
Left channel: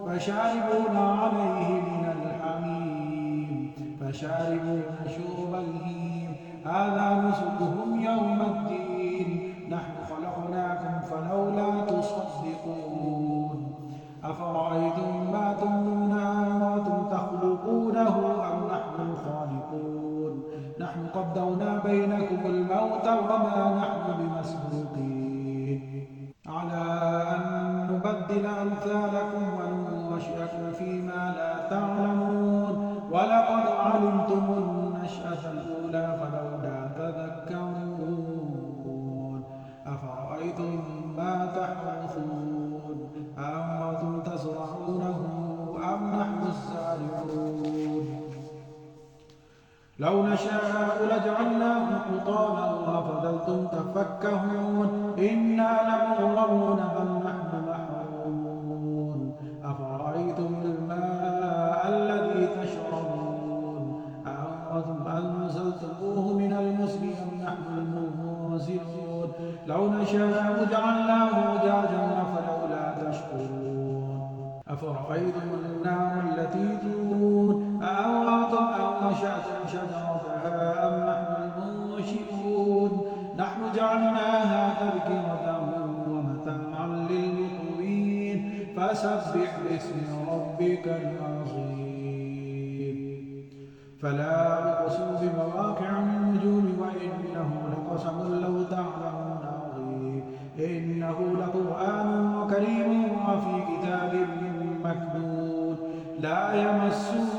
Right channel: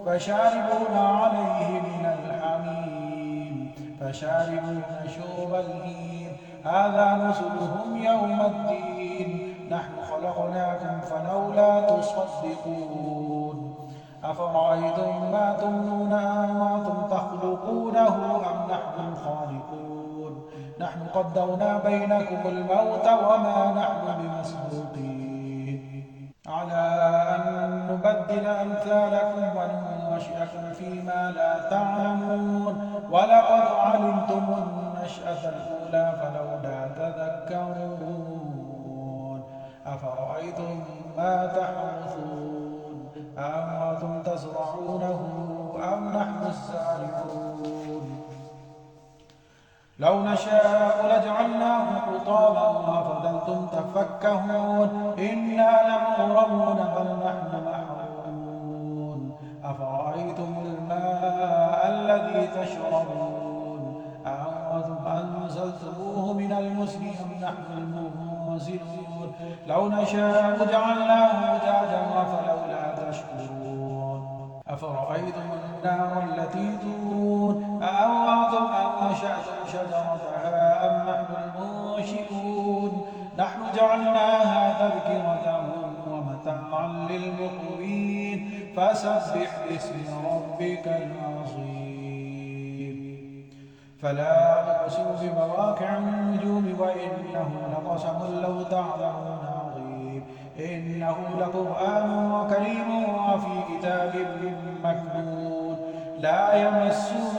فشاربون عليه من الحميم فشاربون شرب الهيم هذا نزلهم يوم الدين نحن خلقناكم فلولا تصدقون. أفرأيتم ما تمنون أنتم تخلقونه أم نحن الخالقون نحن قدرنا بينكم الموت وما نحن بمسبوقين على أن نبدل أمثالكم وننشئكم فيما لا تعلمون ولقد علمتم النشأة الأولى فلولا تذكرون. أفرأيتم ما تحرثون أأنتم تزرعونه أم نحن الزارعون لو نشاء لجعلناه حطاما وفظلتم تفكهون إنا لمغرمون بل نحن محرومون. أفرأيتم الماء الذي تشربون أأنتم أنزلتموه من المزن أم نحن المنزلون لو نشاء جعلناه أجاجا فلولا تشكرون أفرأيتم النار التي تورون أأنتم أنشأتم شجرتها أم نحن المنشئون نحن جعلناها تذكرة ومتاعا للمقوين فسبح باسم ربك العظيم فلا أقسم بمواقع النجوم وإنه لقسم لو تعلمون عظيم إنه لقرآن كريم وفي كتاب مكنون لا يمسه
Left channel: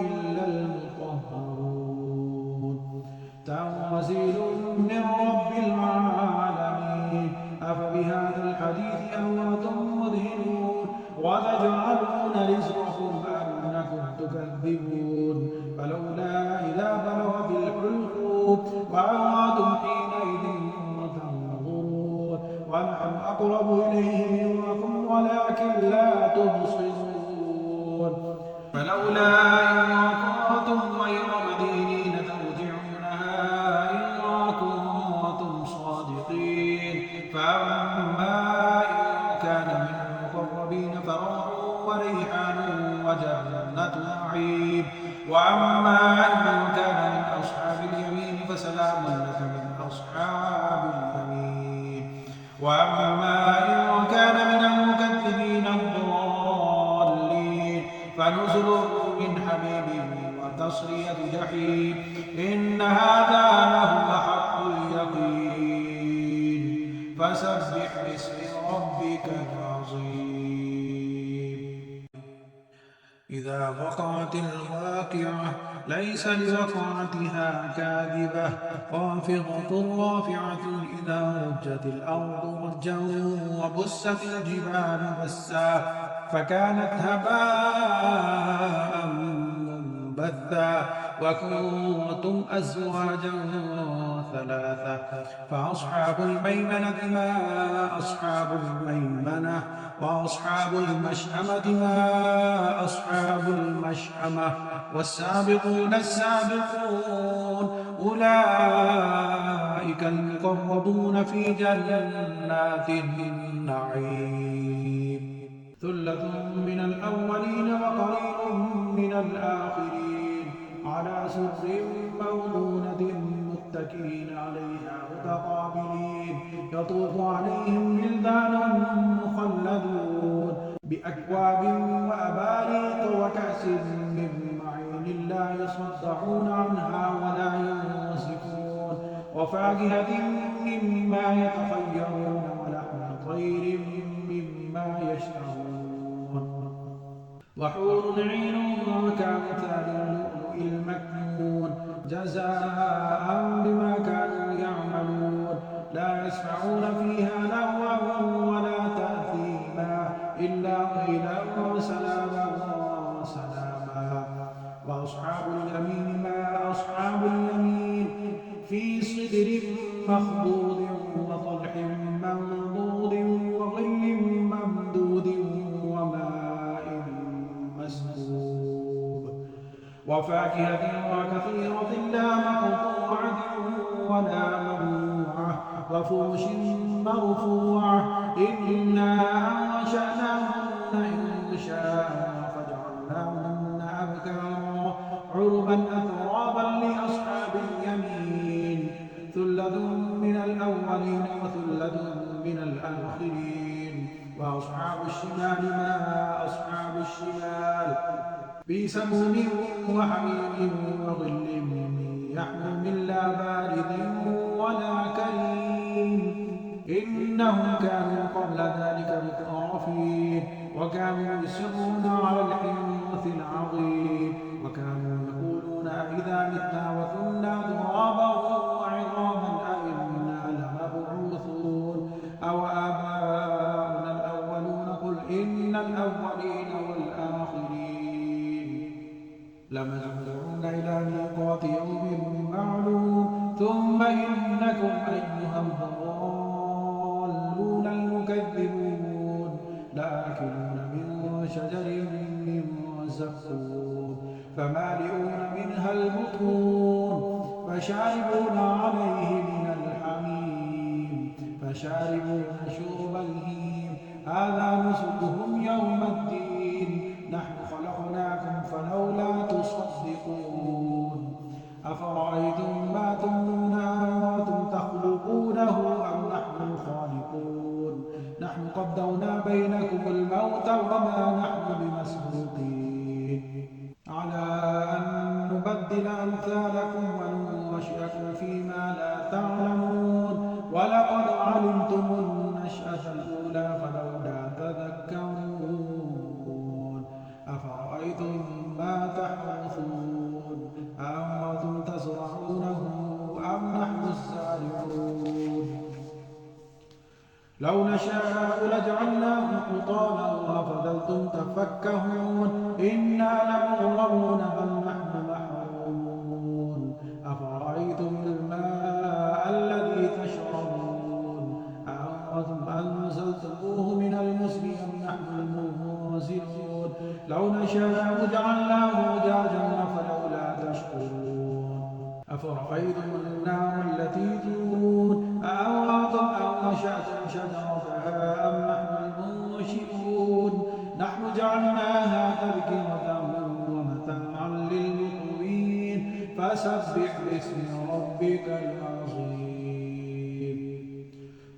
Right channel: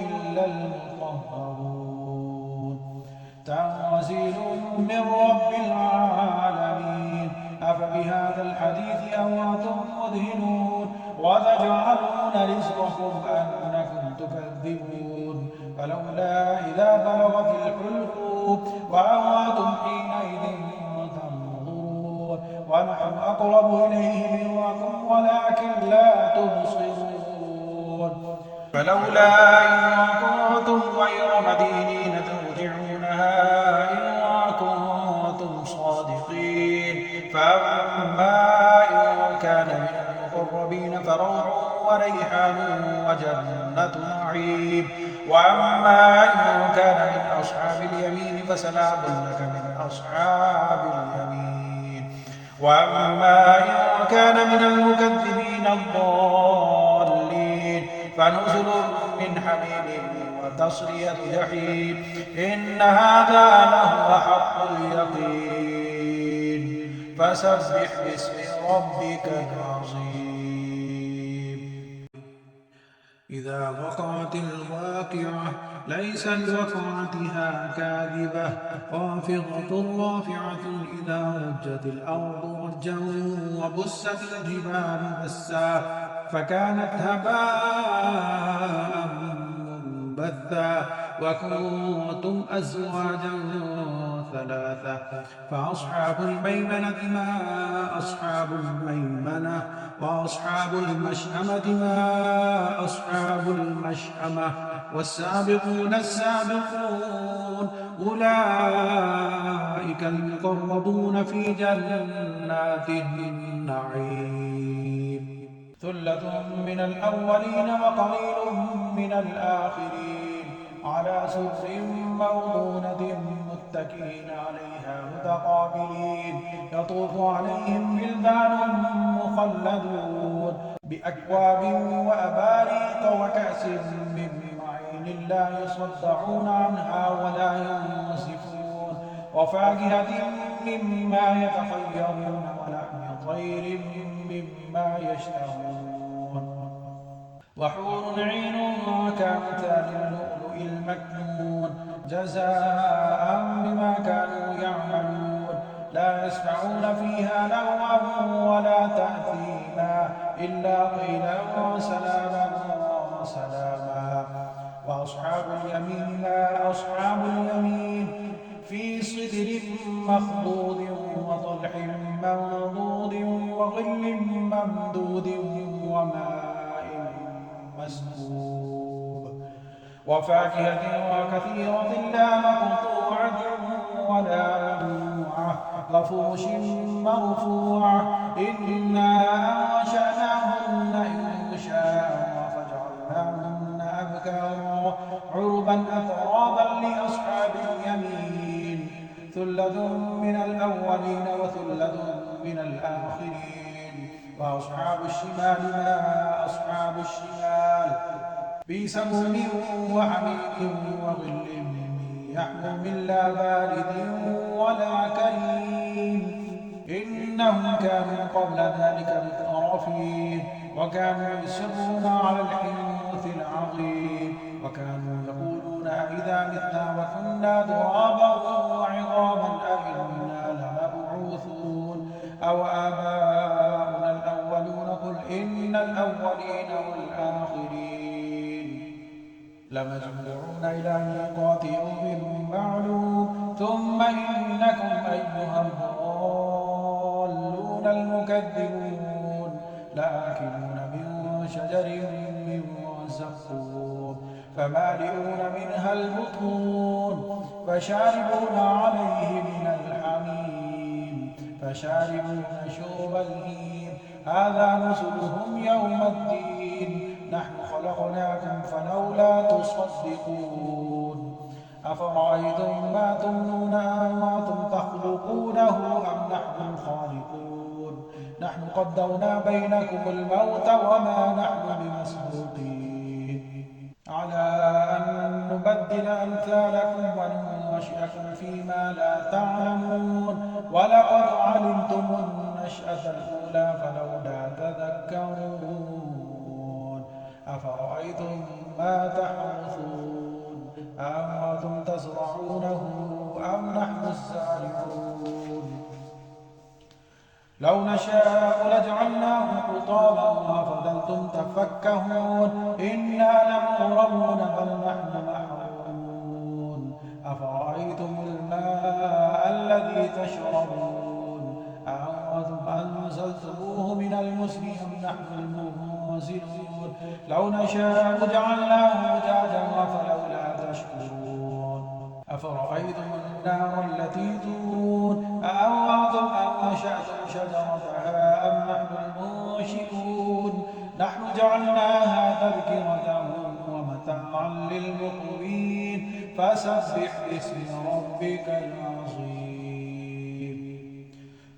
إلا المطهرون تنزيل من رب العالمين أفبهذا الحديث أنتم مدهنون وتجعلون رزقكم أنكم تكذبون فلولا إذا بلغت الحلقوم وأنتم حينئذ تنظرون ونحن أقرب إليه منكم ولكن لا تبصرون فلولا إن كنتم غير مدينين ترجعونها إن كنتم صادقين فأما إن كان من المقربين فروح وريحان وجنة نعيم وأما إن كان من أصحاب اليمين فسلام لك من أصحاب اليمين وأما إن كان من المكذبين الضالين فنزل من حميم وتصلية جحيم إن هذا لهو حق اليقين فسبح باسم ربك العظيم إذا وقعت الواقعة ليس لوقعتها كاذبة خافضة رافعة إذا رجت الأرض رجا وبست الجبال بسا فكانت هباء منبثا وكنتم أزواجا ثلاثة فأصحاب الميمنة ما أصحاب الميمنة وأصحاب المشأمة ما أصحاب المشأمة والسابقون السابقون أولئك المقربون في جنات النعيم ثلة من الأولين وقليل من الآخرين على سرر موضونة متكئين عليها متقابلين يطوف عليهم ولدان مخلدون بأكواب وأباريق وكأس من معين لا يصدعون عنها ولا ينصفون وفاكهة مما يتخيرون ولحم طير مما يشتهون وحور عين كأمثال اللؤلؤ المكنون جزاء بما كانوا يعملون لا يسمعون فيها لغوا ولا تأثيما إلا قيلا سلاما سلاما وأصحاب اليمين ما أصحاب اليمين في سدر مخضود وطلح منضود وظل ممدود وماء مسكوب وفاكهة وكثيرة لا مقطوعة ولا ممنوعة وفرش مرفوعة إنا أنشأناهن إنشاء فجعلناهن أبكارا عربا أترابا لأصحاب اليمين ثلة من الأولين وثلة من الآخرين وأصحاب الشمال ما أصحاب الشمال في سموم وحميم وظل يحموم لا بارد ولا كريم إنهم كانوا قبل ذلك مترفين وكانوا يصرون على الحنث العظيم وكانوا يقولون أئذا متنا وكنا ترابا وعظاما أئنا لمبعوثون أو آباؤنا الأولون قل إن الأولين والآخرين لمجموعون إلى ميقات يوم معلوم ثم إنكم أيها الضالون المكذبون لآكلون من شجر من زقوم فمالئون منها البطون فشاربون عليه من الحميم فشاربون شرب الهيم هذا نزلهم يوم الدين نحن خلقناكم فلولا تصدقون أفرأيتم ما تمنون أأنتم تخلقونه أم نحن الخالقون نحن قدرنا بينكم الموت وما نحن بمسبوقين على أن نبدل أمثالكم وننشئكم فيما لا تعلمون ولقد علمتم النشأة الأولى فلولا تذكرون أفرأيتم ما تحرثون أأنتم تزرعونه أم نحن الزارعون لو نشاء لجعلناه حطاما فظلتم تفكهون إنا لمغرمون بل نحن محرومون أفرأيتم الماء الذي تشربون أأنتم أنزلتموه من المزن أم نحن المنزلون لو نشاء جعلناه أجاجا فلولا تشكرون أفرأيتم النار التي تورون أأنتم أنشأتم شجرتها أم نحن المنشئون نحن جعلناها تذكرة ومتاعا للمقوين فسبح باسم ربك العظيم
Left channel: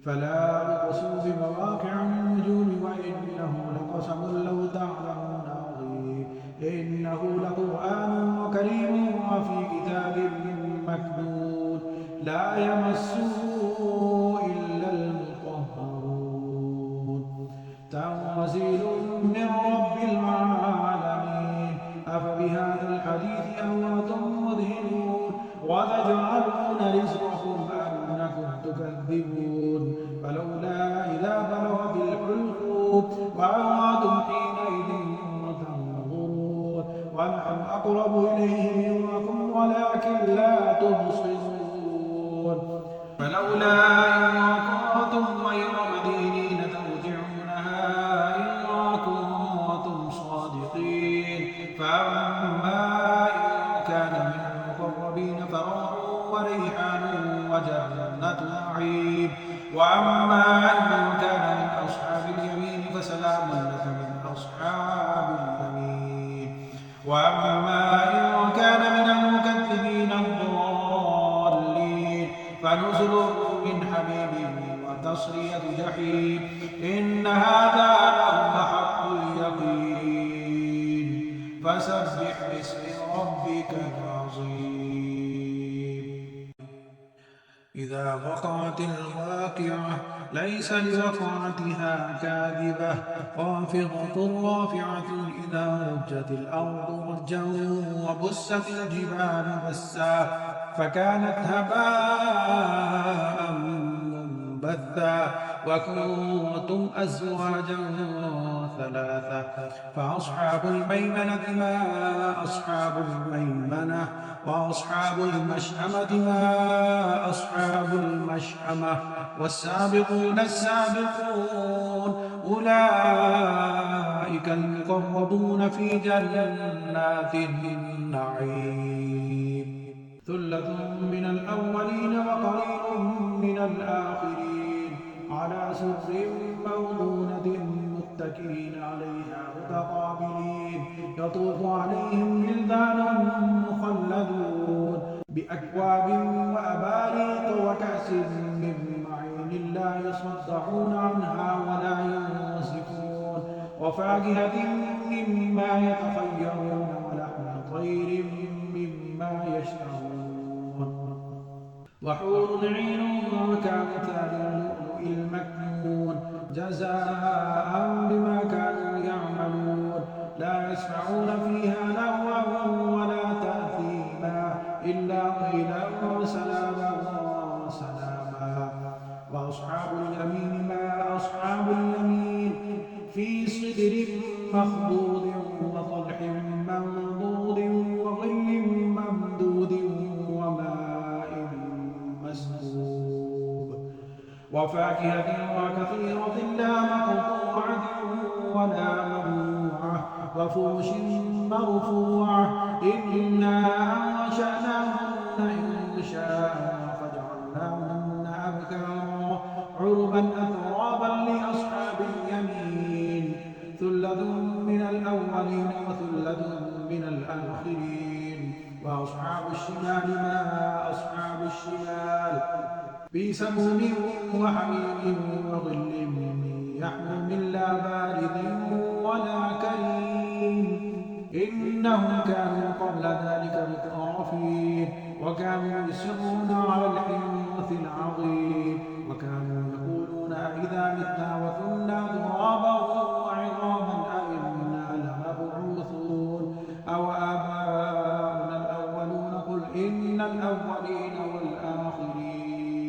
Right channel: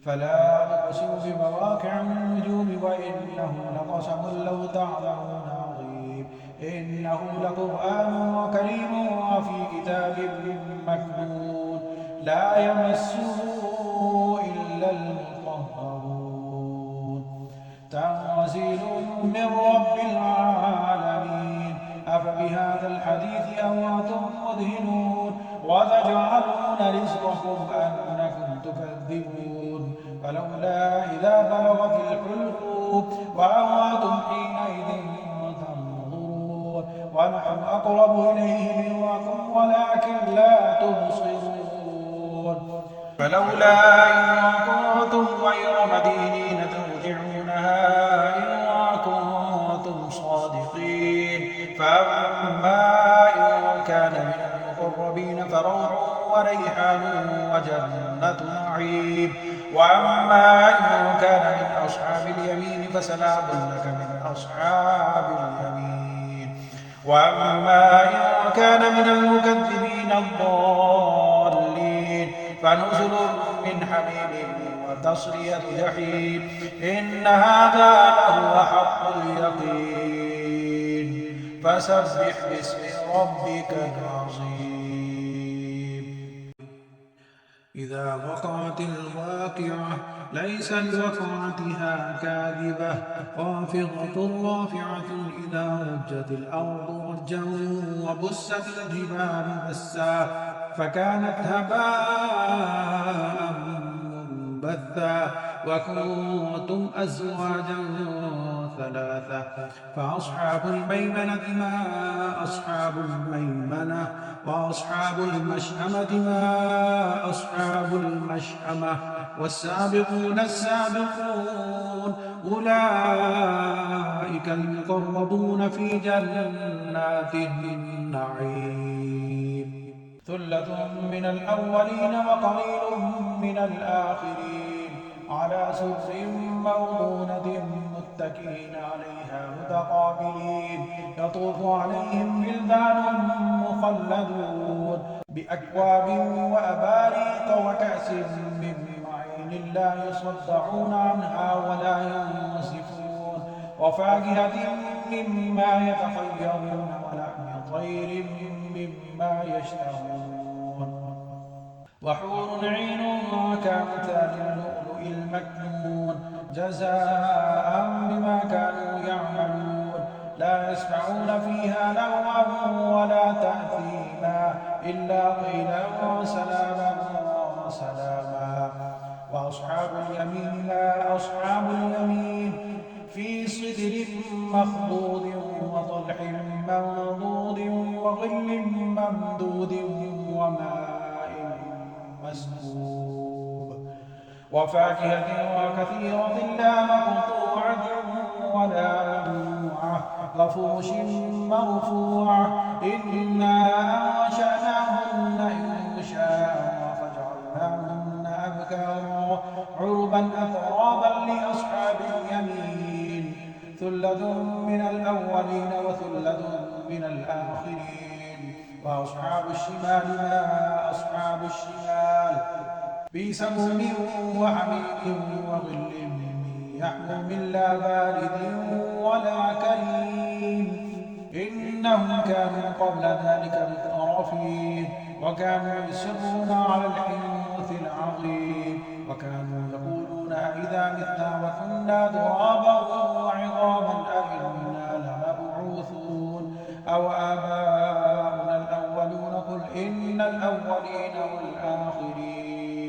فلا أقسم بمواقع النجوم وإنه لقسم لو تعلمون عظيم إنه لقرآن كريم وفي كتاب مكنون لا يمسه إلا المطهرون تنزيل من رب العالمين أفبهذا الحديث أنتم مدهنون وتجعلون رزقكم أنكم تكذبون فلولا إذا بلغت الحلقوم وأنتم حينئذ تنظرون ونحن أقرب إليه منكم ولكن لا تبصرون فلولا إن كنتم غير مدينين ترجعونها إن كنتم صادقين فأما إن كان من المقربين فروح وريحان وجنة نعيم وأما إن كان من أصحاب اليمين فسلام لك من أصحاب اليمين وأما إن كان من المكذبين الضالين فنزل من حميم وتصلية جحيم إن هذا لهو حق اليقين فسبح باسم ربك العظيم إذا وقعت الواقعة ليس لوقعتها كاذبة خافضة رافعة إذا رجت الأرض رجا وبست الجبال بسا فكانت هباء منبثا وكنتم أزواجا ثلاثة فأصحاب الميمنة ما أصحاب الميمنة وأصحاب المشأمة ما أصحاب المشأمة والسابقون السابقون أولئك المقربون في جنات النعيم ثلة من الأولين وقليل من الآخرين على سرر موضونة متكئين عليها متقابلين يطوف عليهم ولدان مخلدون بأكواب وأباريق وكأس من معين لا يصدعون عنها ولا ينزفون وفاكهة مما يتخيرون ولحم طير مما يشتهون وحور عين كأمثال اللؤلؤ المكنون جزاء بما كانوا يعملون لا يسمعون فيها لغوا ولا تأثيما إلا قيلا سلاما سلاما وأصحاب اليمين ما أصحاب اليمين في سدر مخضود وطلح منضود وظل ممدود وماء مسكوب وفاكهة وكثيرة لا مقطوعة ولا ممنوعة وفرش مرفوعة إنا أنشأناهن إنشاء فجعلناهن أبكارا عربا أترابا لأصحاب اليمين ثلة من الأولين وثلة من الآخرين وأصحاب الشمال ما أصحاب الشمال في سموم وحميم وظل يحموم لا بارد ولا كريم إنهم كانوا قبل ذلك مترفين وكانوا يصرون على الحنث العظيم وكانوا يقولون إذا متنا وكنا ترابا وعظاما أئنا لمبعوثون أو آباؤنا الأولون قل إن الأولين والآخرين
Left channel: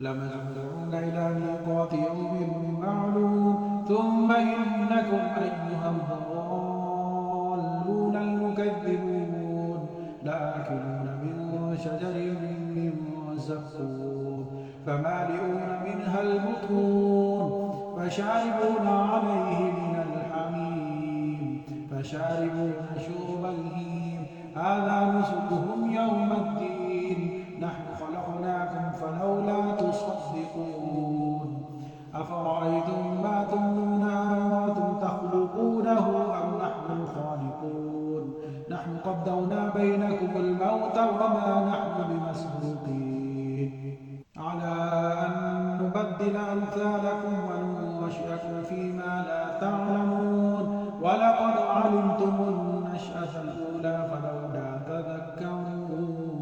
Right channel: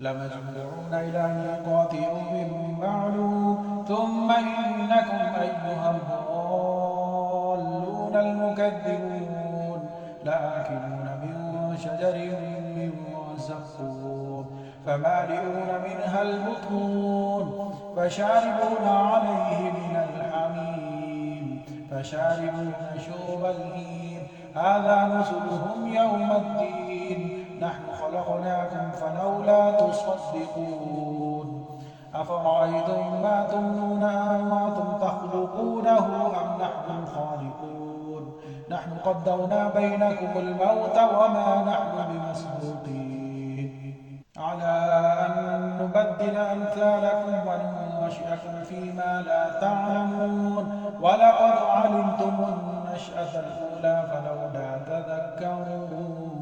لمجموعون إلى ميقات يوم معلوم ثم إنكم أيها الضالون المكذبون لآكلون من شجر من زقوم فمالئون منها البطون فشاربون عليه من الحميم فشاربون شرب الهيم هذا نزلهم يوم الدين نحن خلقناكم فلولا تصدقون أفرأيتم ما تمنون أأنتم تخلقونه أم نحن الخالقون نحن قدرنا بينكم الموت وما نحن بمسبوقين على أن نبدل أمثالكم وننشئكم فيما لا تعلمون ولقد علمتم النشأة الأولى فلولا تذكرون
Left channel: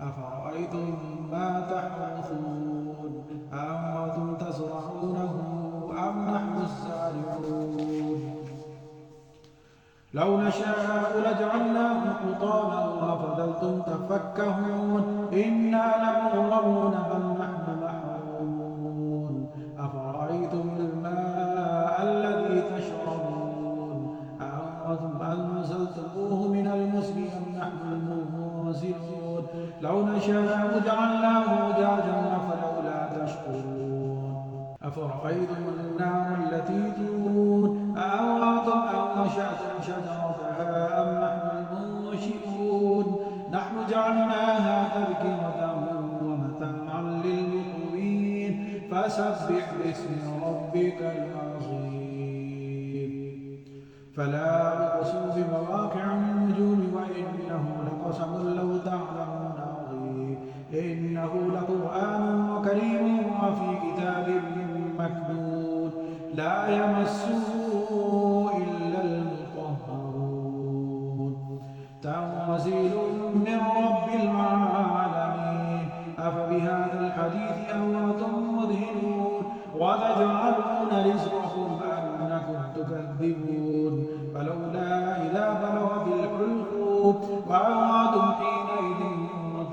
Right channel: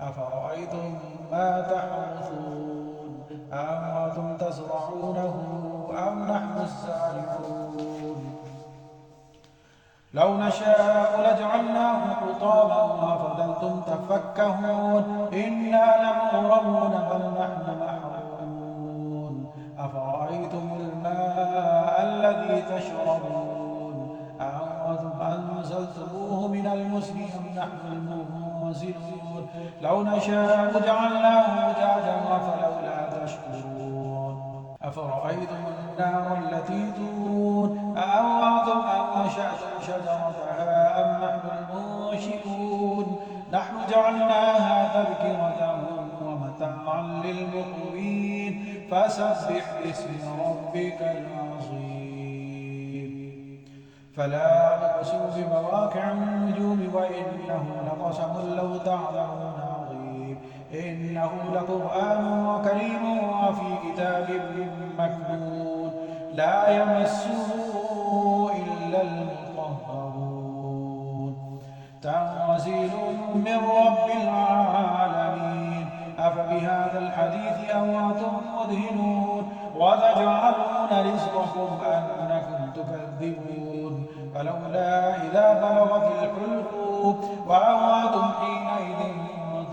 أفرأيتم ما تحرثون أأنتم تزرعونه أم نحن الزارعون لو نشاء لجعلناه حطاما وفضلتم تفكهون إنا لمغرمون بل نحن محرومون أفرأيتم الماء الذي تشربون أأنتم أنزلتموه من المزن أم نحن المنزلون لو نشاء جعلناه أجاجا فلولا تشكرون أفرأيتم النار التي تورون أأنتم أنشأتم شجرتها أم نحن المنشئون نحن جعلناها تذكرة ومتاعا للمقوين فسبح باسم ربك العظيم فلا أقسم بمواقع النجوم وإنه لقسم لو تعلمون عظيم إنه لقرآن كريم وفي كتاب مكنون لا يمسه إلا المطهرون تنزيل من رب العالمين أفبهذا الحديث أنتم مدهنون وتجعلون رزقكم أنكم تكذبون فلولا إذا بلغت الحلقوم وأنتم حينئذ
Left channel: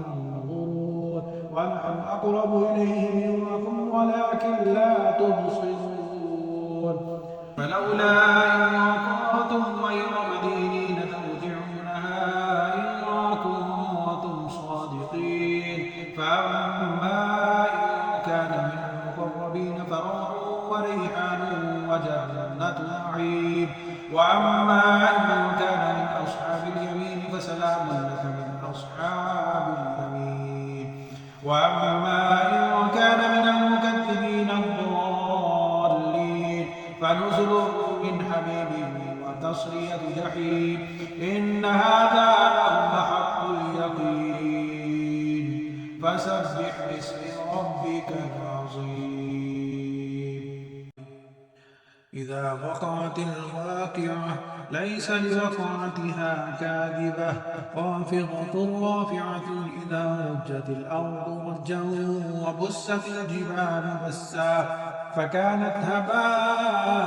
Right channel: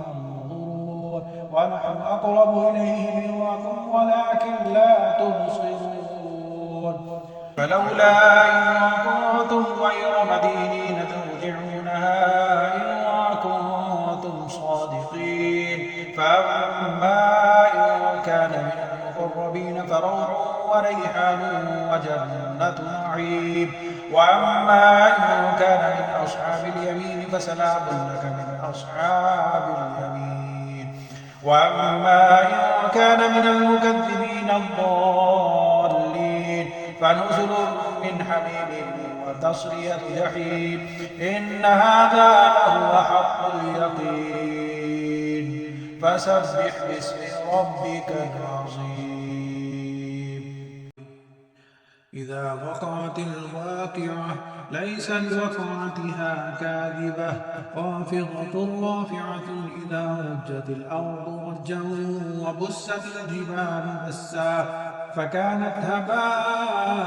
تنظرون ونحن أقرب إليه منكم ولكن لا تبصرون فلولا إن كنتم غير مدينين ترجعونها إن كنتم صادقين فأما إن كان من المقربين فروح وريحان وجنة نعيم وأما إن كان من أصحاب اليمين فسلام لك من أصحاب اليمين وأما إن كان من المكذبين الضالين فنزل من حميم وتصلية جحيم إن هذا لهو حق اليقين فسبح باسم ربك العظيم إذا وقعت الواقعة ليس لوقعتها كاذبة خافضة رافعة إذا رجت الأرض رجا وبست الجبال بسا فكانت هباء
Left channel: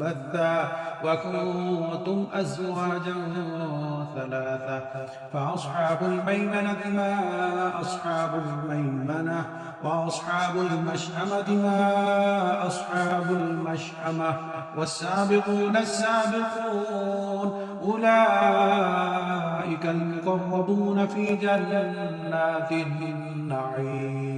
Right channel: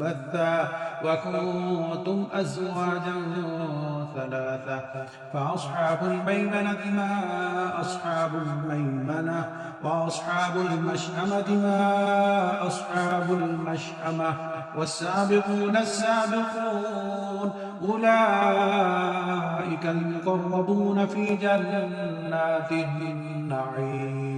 منبثا وكنتم أزواجا ثلاثة فأصحاب الميمنة ما أصحاب الميمنة وأصحاب المشأمة ما أصحاب المشأمة والسابقون السابقون أولئك المقربون في جنات النعيم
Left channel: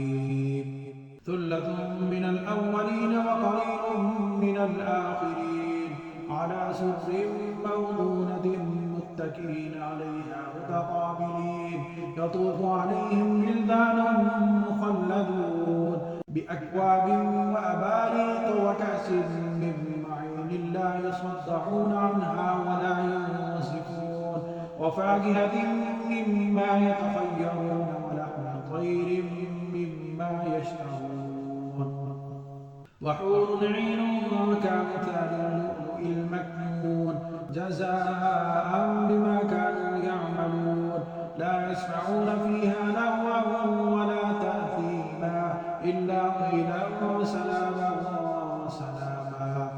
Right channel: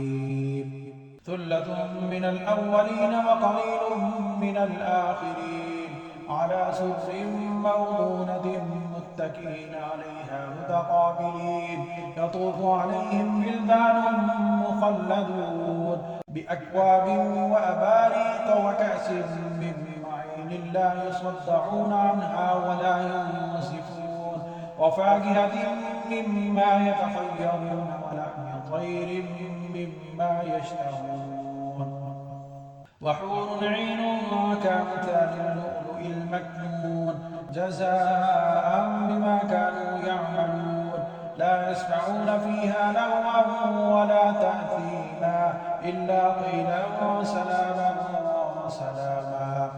ثلة من الأولين وقليل من الآخرين على سرر موضونة متكئين عليها متقابلين يطوف عليهم ولدان مخلدون بأكواب وأباريق وكأس من معين لا يصدعون عنها ولا ينصفون وفاكهة مما يتخيرون ولحم طير مما يشتهون وحور عين كأمثال اللؤلؤ المكنون جزاء بما كانوا يعملون لا يسمعون فيها لغوا ولا تأثيما إلا قيلا سلاما سلاما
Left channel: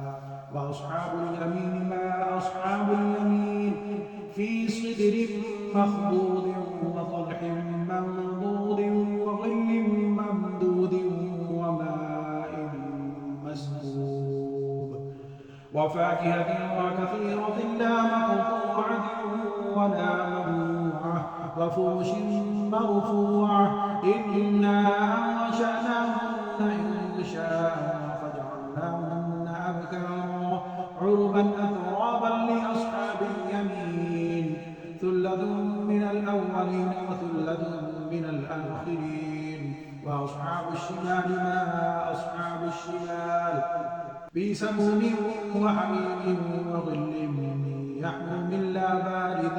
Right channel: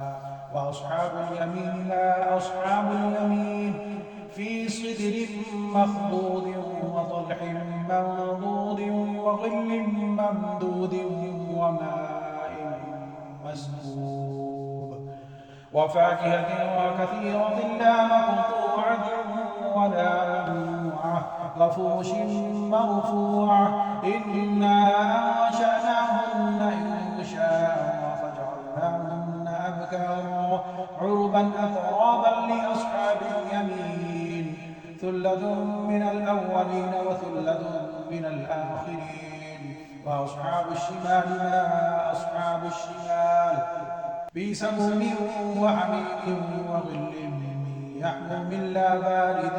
وأصحاب اليمين ما أصحاب اليمين في سدر مخضود وطلح منضود وظل ممدود وماء مسكوب وفاكهة وكثيرة لا مقطوعة ولا ممنوعة وفرش مرفوعة إنا أنشأناهن إنشاء فجعلناهن أبكارا عربا أترابا لأصحاب اليمين ثلة من الأولين وثلة من الآخرين وأصحاب الشمال ما أصحاب الشمال في سموم وحميم وظل يحموم لا بارد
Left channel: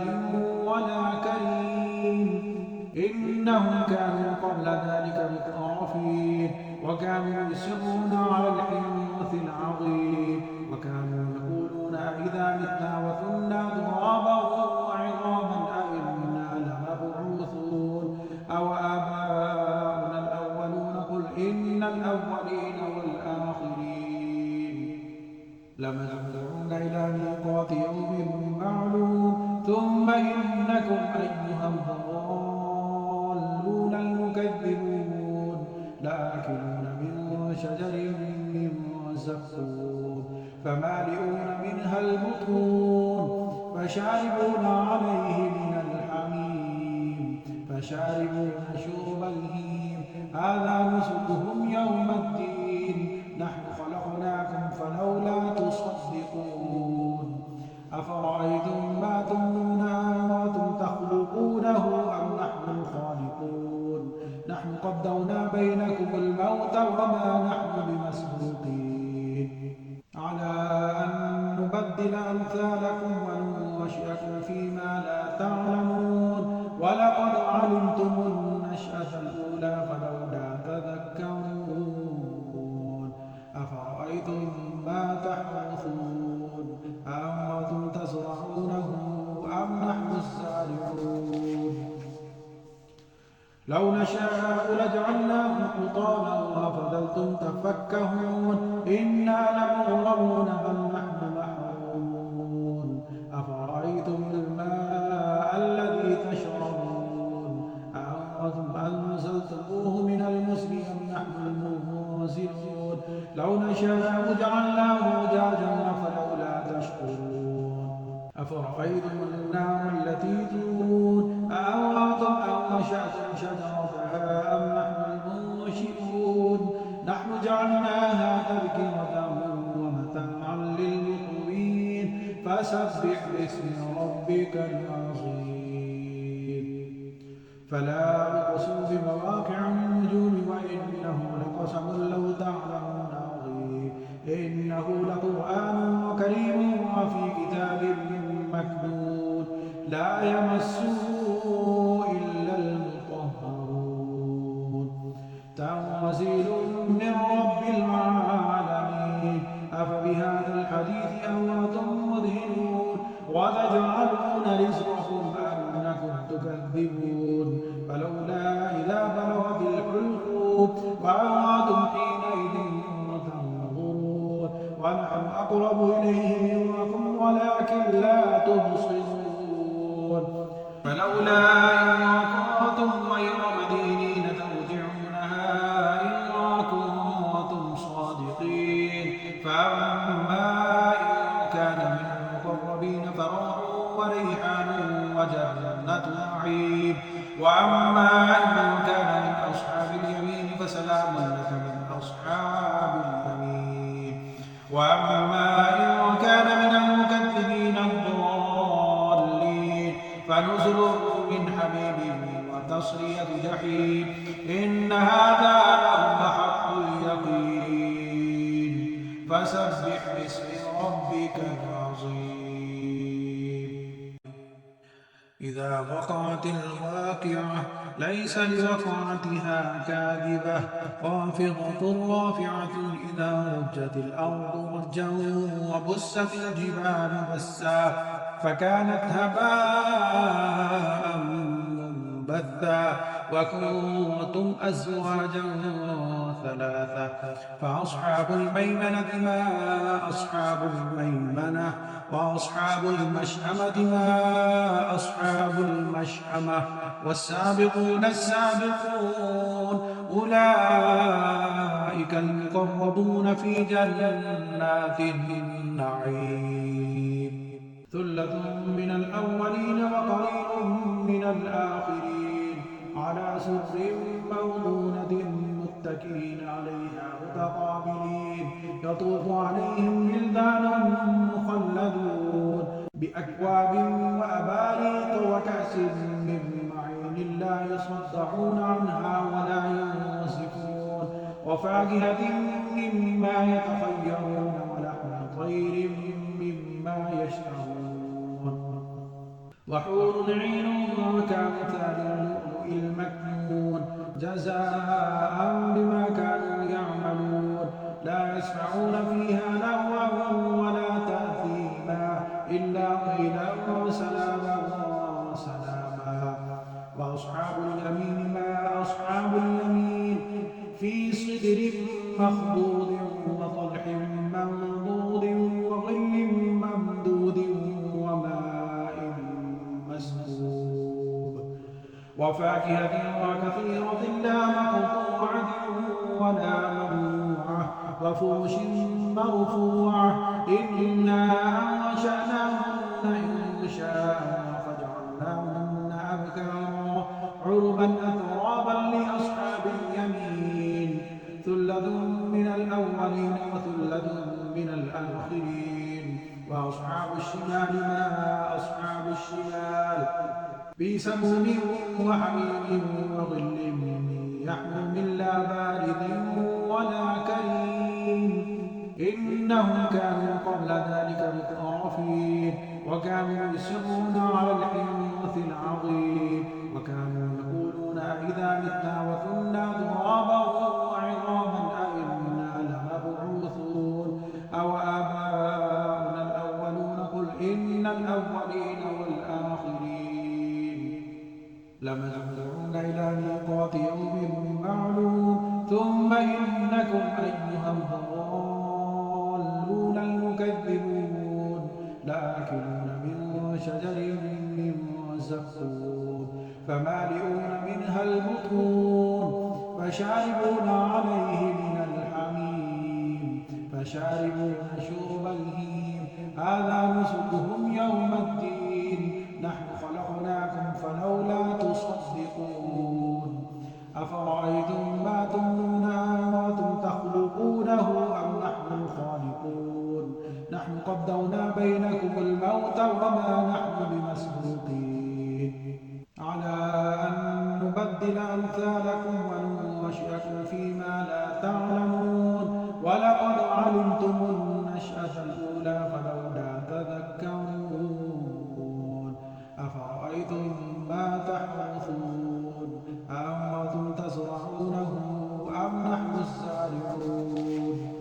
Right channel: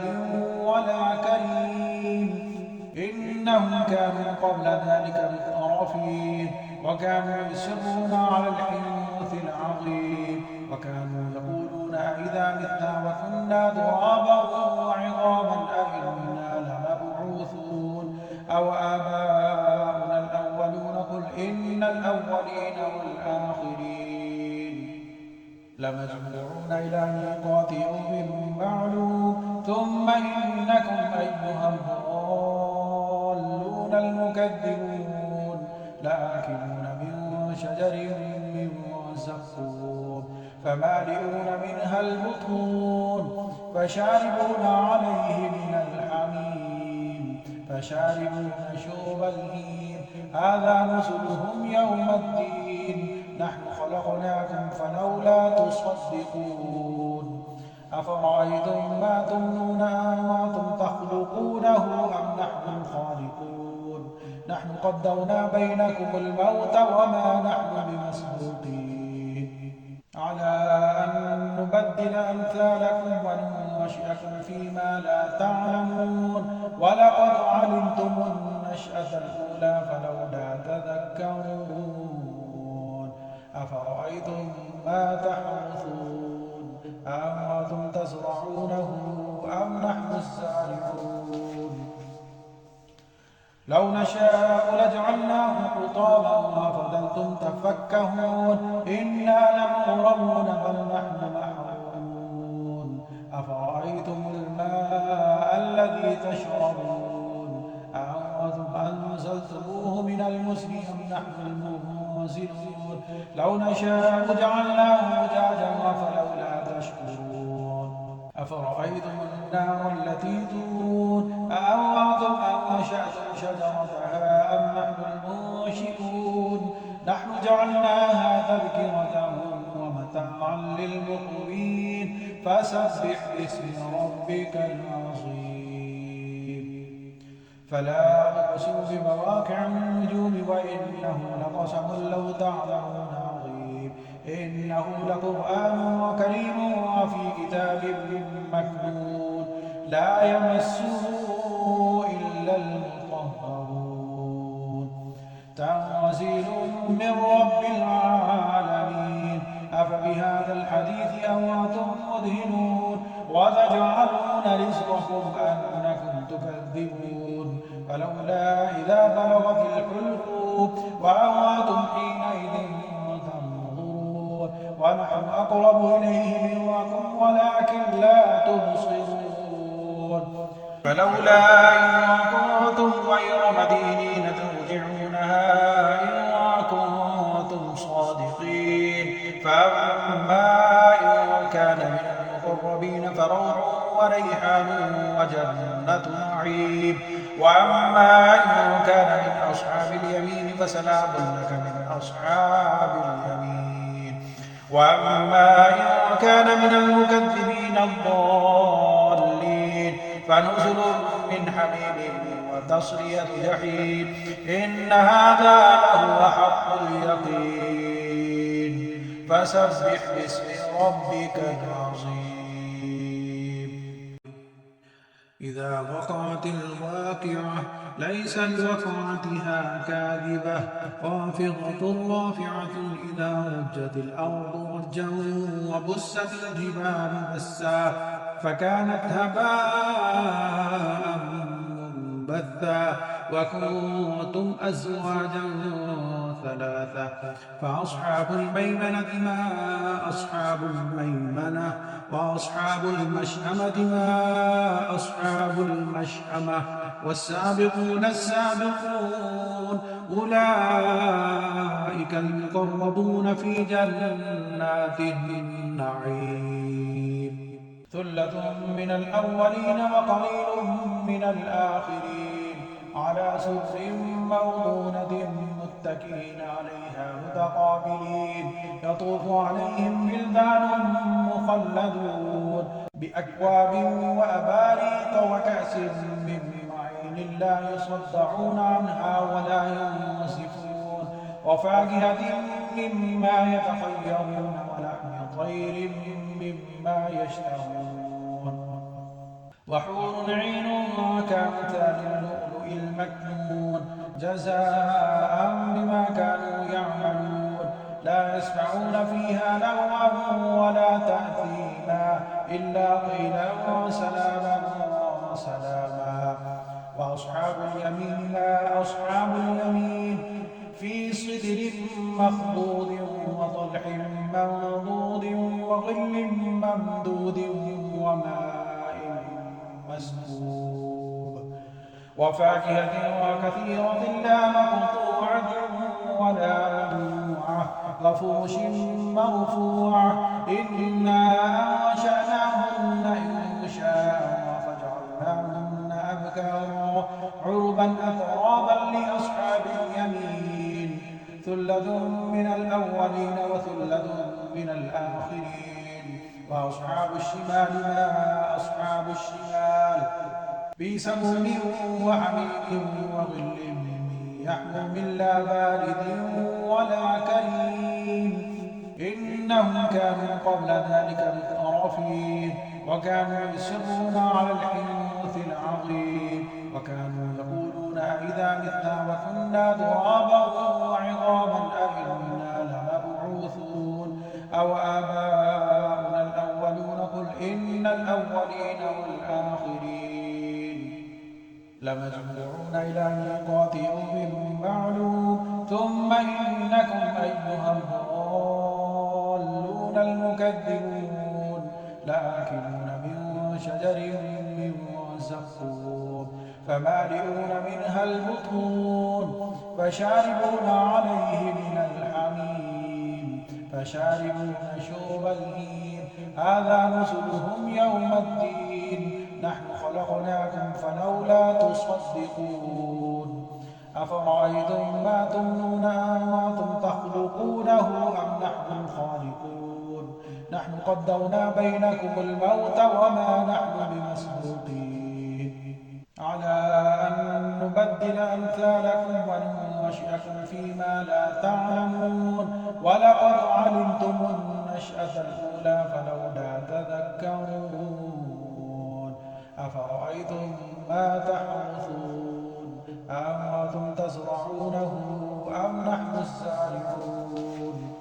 ولا كريم إنهم كانوا قبل ذلك مترفين وكانوا يصرون على الحنث العظيم وكانوا يقولون إذا متنا وكنا ترابا وعظاما أئنا لمبعوثون أو آباؤنا الأولون قل إن الأولين والآخرين لمجموعون إلى ميقات يوم معلوم ثم إنكم أيها الضالون المكذبون لآكلون من شجر من زقوم فمالئون منها البطون فشاربون عليه من الحميم فشاربون شرب الهيم هذا نزلهم يوم الدين نحن خلقناكم فلولا تصدقون أفرأيتم ما تمنون أنتم تخلقونه أم نحن الخالقون نحن قدرنا بينكم الموت وما نحن بمسبوقين على أن نبدل أمثالكم وننشئكم فيما لا تعلمون ولقد علمتم النشأة الأولى فلولا تذكرون أفرأيتم ما تحرثون أأنتم تزرعونه أم نحن الزارعون لو نشاء لجعلناه حطاما وفضلتم تفكهون إنا لمغرمون بل نحن محرومون أفرأيتم الماء الذي تشربون أأنتم أنزلتموه من المزن أم نحن المنزلون لو نشاء جعلناه أجاجا فلولا تشكرون أفرأيتم النار التي تورون أأنتم أنشأتم شجرتها أم نحن المنشئون نحن جعلناها تذكرة ومتاعا للمقوين فسبح باسم ربك العظيم فلا أقسم بمواقع النجوم وإنه لقسم لو تعلمون عظيم إنه لقرآن كريم وفي كتاب مكنون لا يمسه إلا المطهرون تنزيل من رب العالمين أفبهذا الحديث أنتم مدهنون وتجعلون رزقكم أنكم تكذبون فلولا إذا بلغت الحلقوم وأنتم حينئذ تنظرون ونحن أقرب إليه منكم ولكن لا تبصرون فلولا إن كنتم غير مدينين ترجعونها إن كنتم صادقين فأما إن كان من المقربين فروح وريحان وجنة نعيم وأما إن كان من أصحاب اليمين فسلام لك من أصحاب اليمين وأما إن كان من المكذبين الضالين فنزل من حميم وتصلية جحيم إن هذا لهو حق اليقين فسبح باسم ربك العظيم إذا وقعت الواقعة ليس لوقعتها كاذبة خافضة رافعة إذا رجت الأرض رجا وبست الجبال بسا فكانت هباء منبثا وكنتم أزواجا ثلاثة فأصحاب الميمنة ما أصحاب الميمنة وأصحاب المشأمة ما أصحاب المشأمة والسابقون السابقون أولئك المقربون في جنات النعيم ثلة من الأولين وقليل من الآخرين على سرر موضونة متكئين عليها متقابلين يطوف عليهم ولدان مخلدون بأكواب وأباريق وكأس من معين لا يصدعون عنها ولا ينصفون وفاكهة مما يتخيرون ولحم طير مما يشتهون وحور عين كأمثال اللؤلؤ المكنون جزاء بما كانوا يعملون لا يسمعون فيها لغوا ولا تأثيما إلا قيلا سلاما سلاما وأصحاب اليمين ما أصحاب اليمين في صدر مخضود وطلح منضود وظل ممدود وماء مسكوب وفاكهة وكثيرة لا مقطوعة ولا ممنوعة وفرش مرفوعة إنا أنشأناهن إنشاء فجعلناهن أبكارا عربا أترابا لأصحاب اليمين ثلة من الأولين وثلة من الآخرين وأصحاب الشمال ما أصحاب الشمال في سموم وحميم وظل يحموم لا بارد ولا كريم إنهم كانوا قبل ذلك مترفين وكانوا يصرون على الحنث العظيم وكانوا يقولون أئذا متنا وكنا ترابا وعظاما أئنا لمبعوثون أو آباؤنا الأولون قل إن الأولين والآخرين لمجموعون إلى ميقات يوم معلوم ثم إنكم أيها الضالون المكذبون لآكلون من شجر من زقوم فمالئون منها البطون فشاربون عليه من الحميم فشاربون شرب الهيم هذا نزلهم يوم الدين نحن خلقناكم فلولا تصدقون أفرأيتم ما تمنون أنتم تخلقونه أم نحن الخالقون نحن قدرنا بينكم الموت وما نحن بمسبوقين على أن نبدل أمثالكم وننشئكم فيما لا تعلمون ولقد علمتم النشأة الأولى فلولا تذكرون أفرأيتم ما تحرثون أأنتم تزرعونه أم نحن الزارعون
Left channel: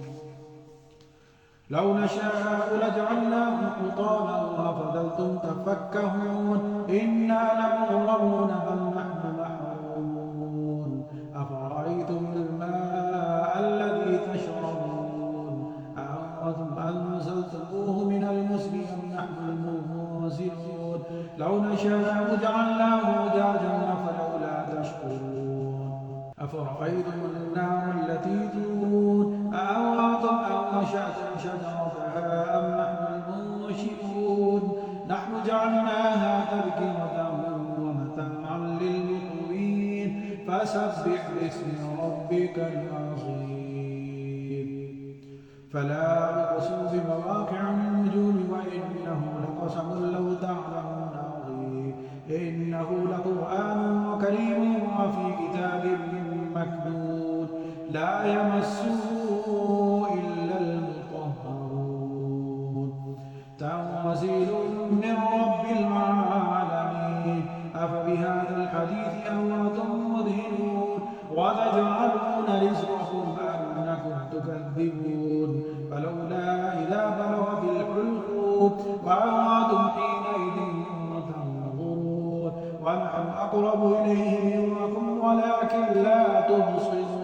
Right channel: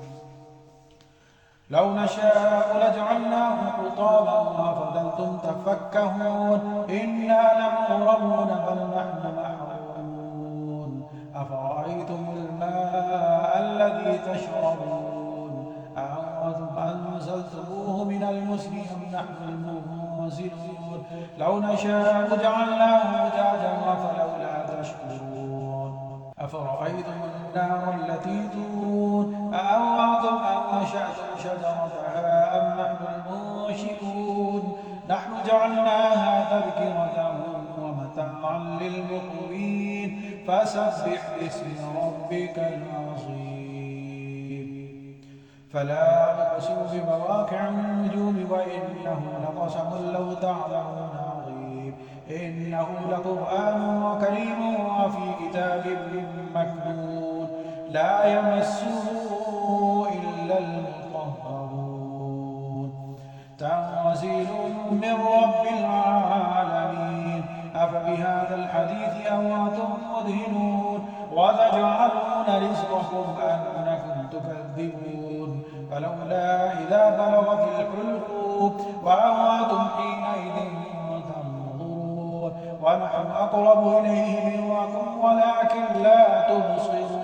لو نشاء لجعلناه حطاما فظلتم تفكهون إنا لمغرمون بل نحن محرومون أفرأيتم الماء الذي تشربون أأنتم أنزلتموه من المزن أم نحن المنزلون لو نشاء جعلناه أجاجا فلولا تشكرون أفرأيتم النار التي تورون أأنتم أنشأتم شجرتها أم نحن المنشئون نحن جعلناها تذكرة ومتاعا للمقوين فسبح باسم ربك العظيم فلا أقسم بمواقع النجوم وإنه لقسم لو تعلمون عظيم إنه لقرآن كريم وفي كتاب مكنون لا يمسه إلا المطهرون تنزيل من رب العالمين أفبهذا الحديث أنتم مدهنون وتجعلون رزقكم أنكم تكذبون فلولا إذا بلغت الحلقوم وأنتم حينئذ تنظرون ونحن أقرب إليه منكم ولكن لا تبصرون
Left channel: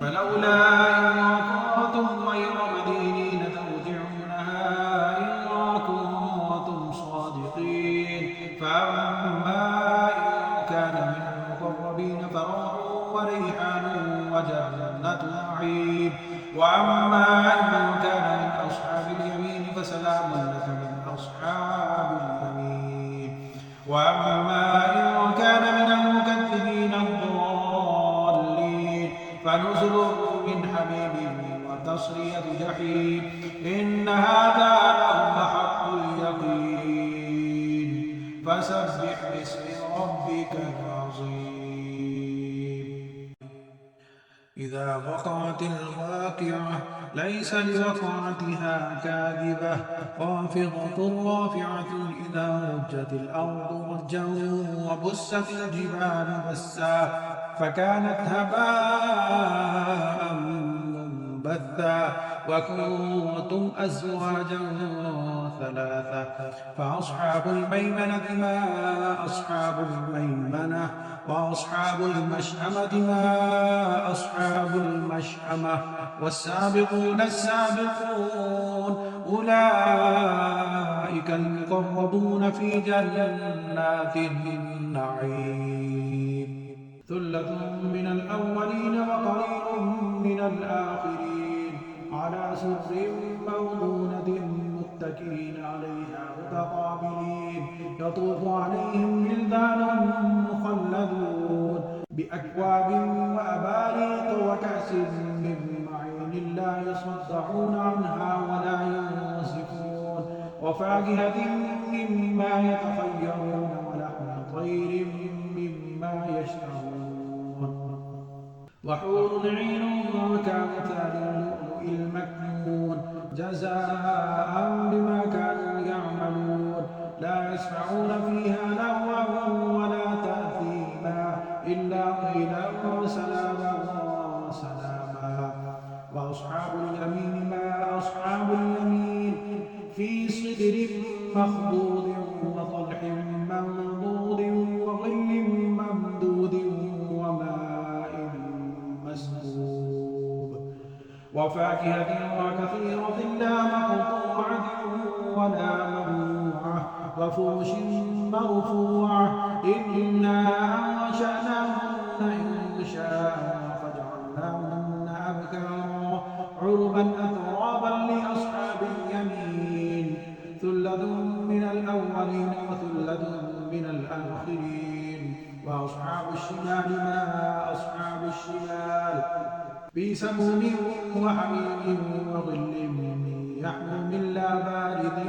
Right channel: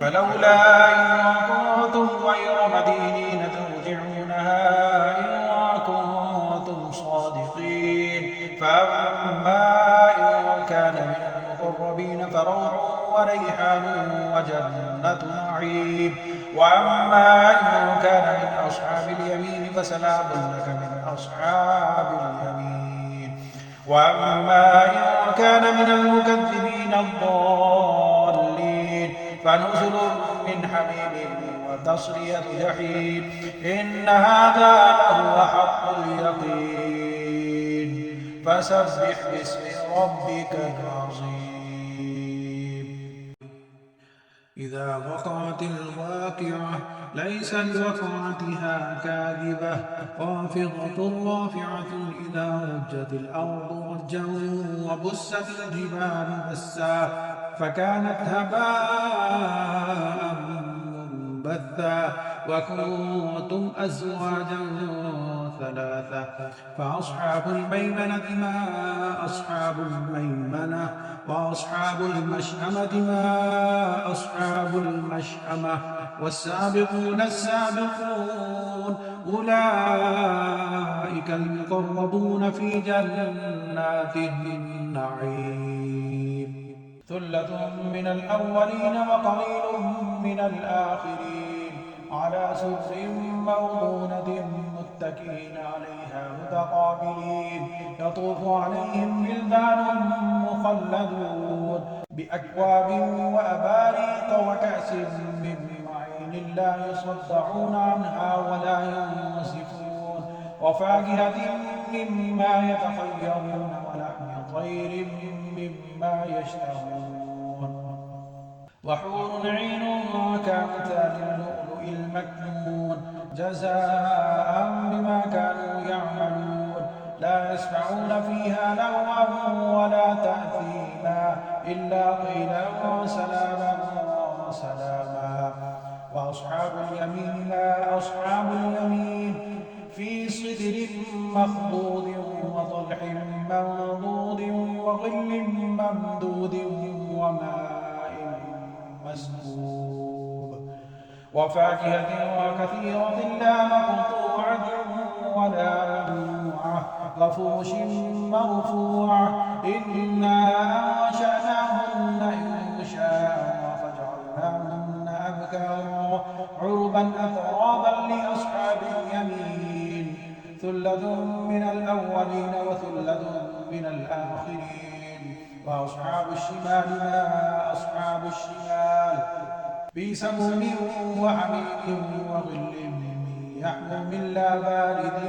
فلولا إن كنتم غير مدينين ترجعونها إن كنتم صادقين فأما إن كان من المقربين فروح وريحان وجنة نعيم وأما إن كان من أصحاب اليمين فسلام لك من أصحاب اليمين وأما إن كان من المكذبين الضالين فنزل من حميم وتصلية جحيم إن هذا لهو حق اليقين فسبح باسم ربك العظيم إذا وقعت الواقعة ليس لوقعتها كاذبة خافضة رافعة إذا رجت الأرض رجا وبست الجبال بسا فكانت هباء منبثا وكنتم أزواجا ثلاثة فأصحاب الميمنة ما أصحاب الميمنة وأصحاب المشأمة ما أصحاب المشأمة والسابقون السابقون أولئك المقربون في جنات النعيم ثلة من الأولين وقليل من الآخرين على سرر موضونة متكئين عليها متقابلين يطوف عليهم ولدان مخلدون بأكواب وأباريق وكأس من معين لا يصدعون عنها ولا ينزفون وفاكهة مما يتخيرون ولحم طير مما يشتهون وحور عين كأمثال اللؤلؤ المكنون جزاء بما كانوا يعملون لا يسمعون فيها لغوا ولا تأثيما إلا قيلا سلاما سلاما وأصحاب اليمين ما أصحاب اليمين في صدر مخضود وطلح منضود وظل ممدود وماء مسكوب وفاكهة وكثيرة لا مقطوعة ولا ممنوعة وفرش مرفوعة إنا أنشأناهن إنشاء فجعلناهن أبكارا عربا أترابا لأصحاب اليمين ثلة من الأولين وثلة من الآخرين وأصحاب الشمال ما أصحاب الشمال في سموم وحميم وظل يحموم لا بارد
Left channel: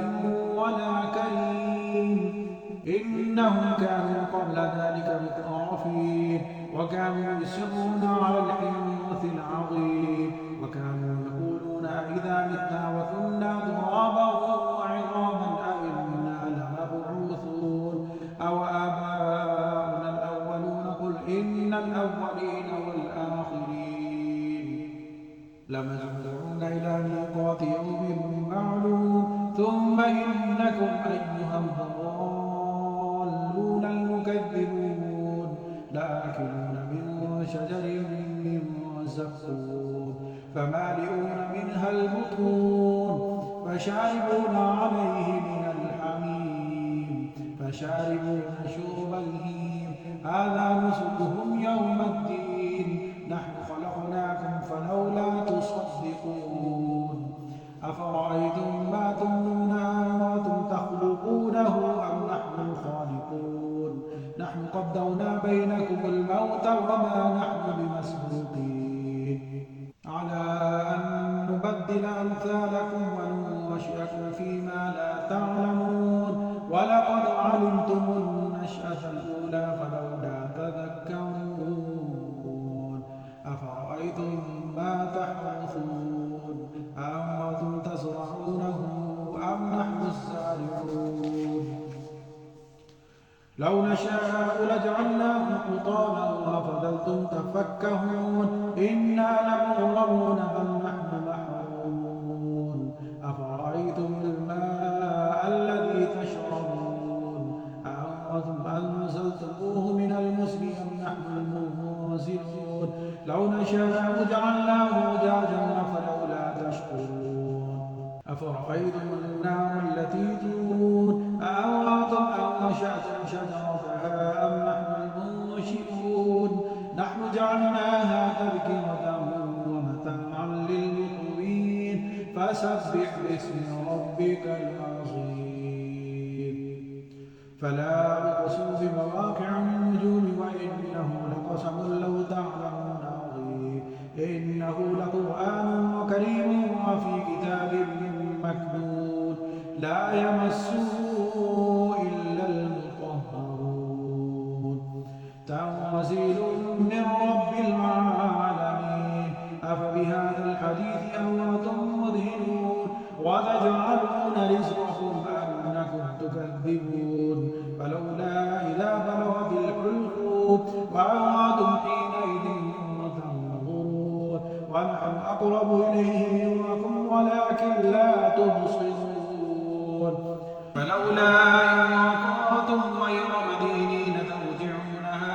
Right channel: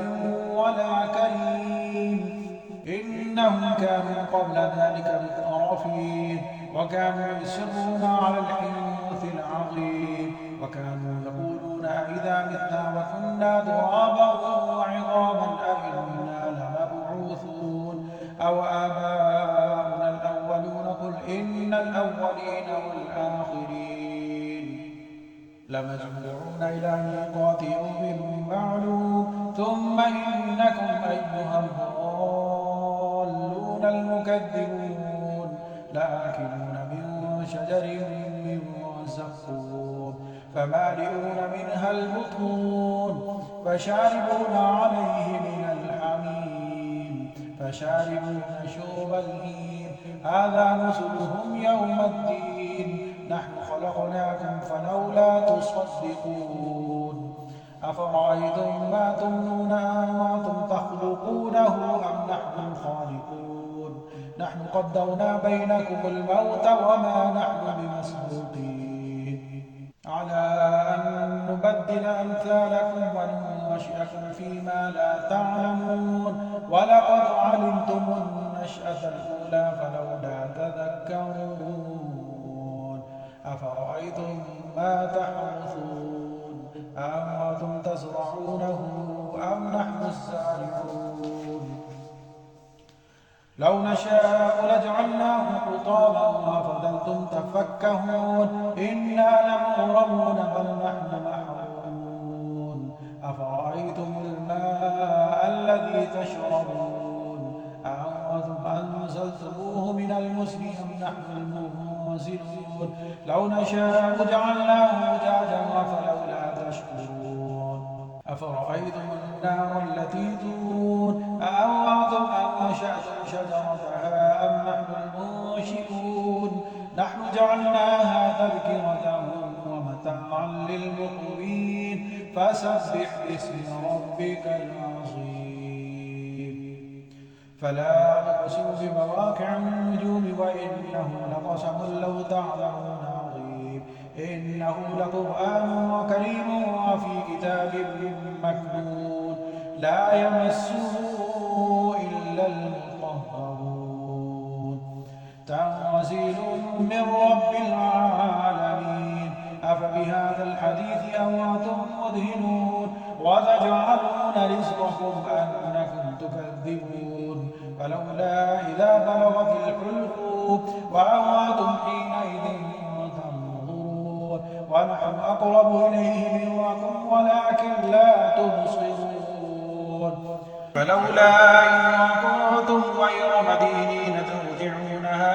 ولا كريم إنهم كانوا قبل ذلك مترفين وكانوا يصرون على الحنث العظيم وكانوا يقولون أئذا متنا وكنا ترابا وعظاما أئنا لمبعوثون أو آباؤنا الأولون قل إن الأولين والآخرين لمجموعون إلى ميقات يوم معلوم ثم إنكم أيها الضالون المكذبون لآكلون من شجر من زقوم فمالئون منها البطون فشاربون عليه من الحميم فشاربون شرب الهيم هذا نزلهم يوم الدين نحن خلقناكم فلولا تصدقون أفرأيتم ما تمنون أنتم تخلقونه أم نحن الخالقون نحن قدرنا بينكم الموت وما نحن بمسبوقين على أن نبدل أمثالكم وننشئكم فيما لا تعلمون ولقد علمتم النشأة الأولى فلولا تذكرون أفرأيتم ما تحرثون أأنتم تزرعونه أم نحن الزارعون لو نشاء لجعلناه حطاما وفضلتم تفكهون إنا لمغرمون بل نحن محرومون أفرأيتم الماء الذي تشربون أأنتم أنزلتموه من المزن أم نحن المنزلون لو نشاء جعلناه أجاجا فلولا تشكرون أفرأيتم النار التي تورون أأنتم أنشأتم شجرتها أم نحن المنشئون نحن جعلناها تذكرة ومتاعا للمقوين فسبح باسم ربك العظيم فلا أقسم بمواقع النجوم وإنه لقسم لو تعلمون عظيم إنه لقرآن كريم وفي كتاب مكنون لا يمسه إلا المطهرون تنزيل من رب العالمين أفبهذا الحديث أنتم مدهنون وتجعلون رزقكم أنكم تكذبون فلولا إذا بلغت الحلقوم وأنتم حينئذ تنظرون ونحن أقرب إليه منكم ولكن لا تبصرون فلولا إن كنتم غير مدينين ترجعونها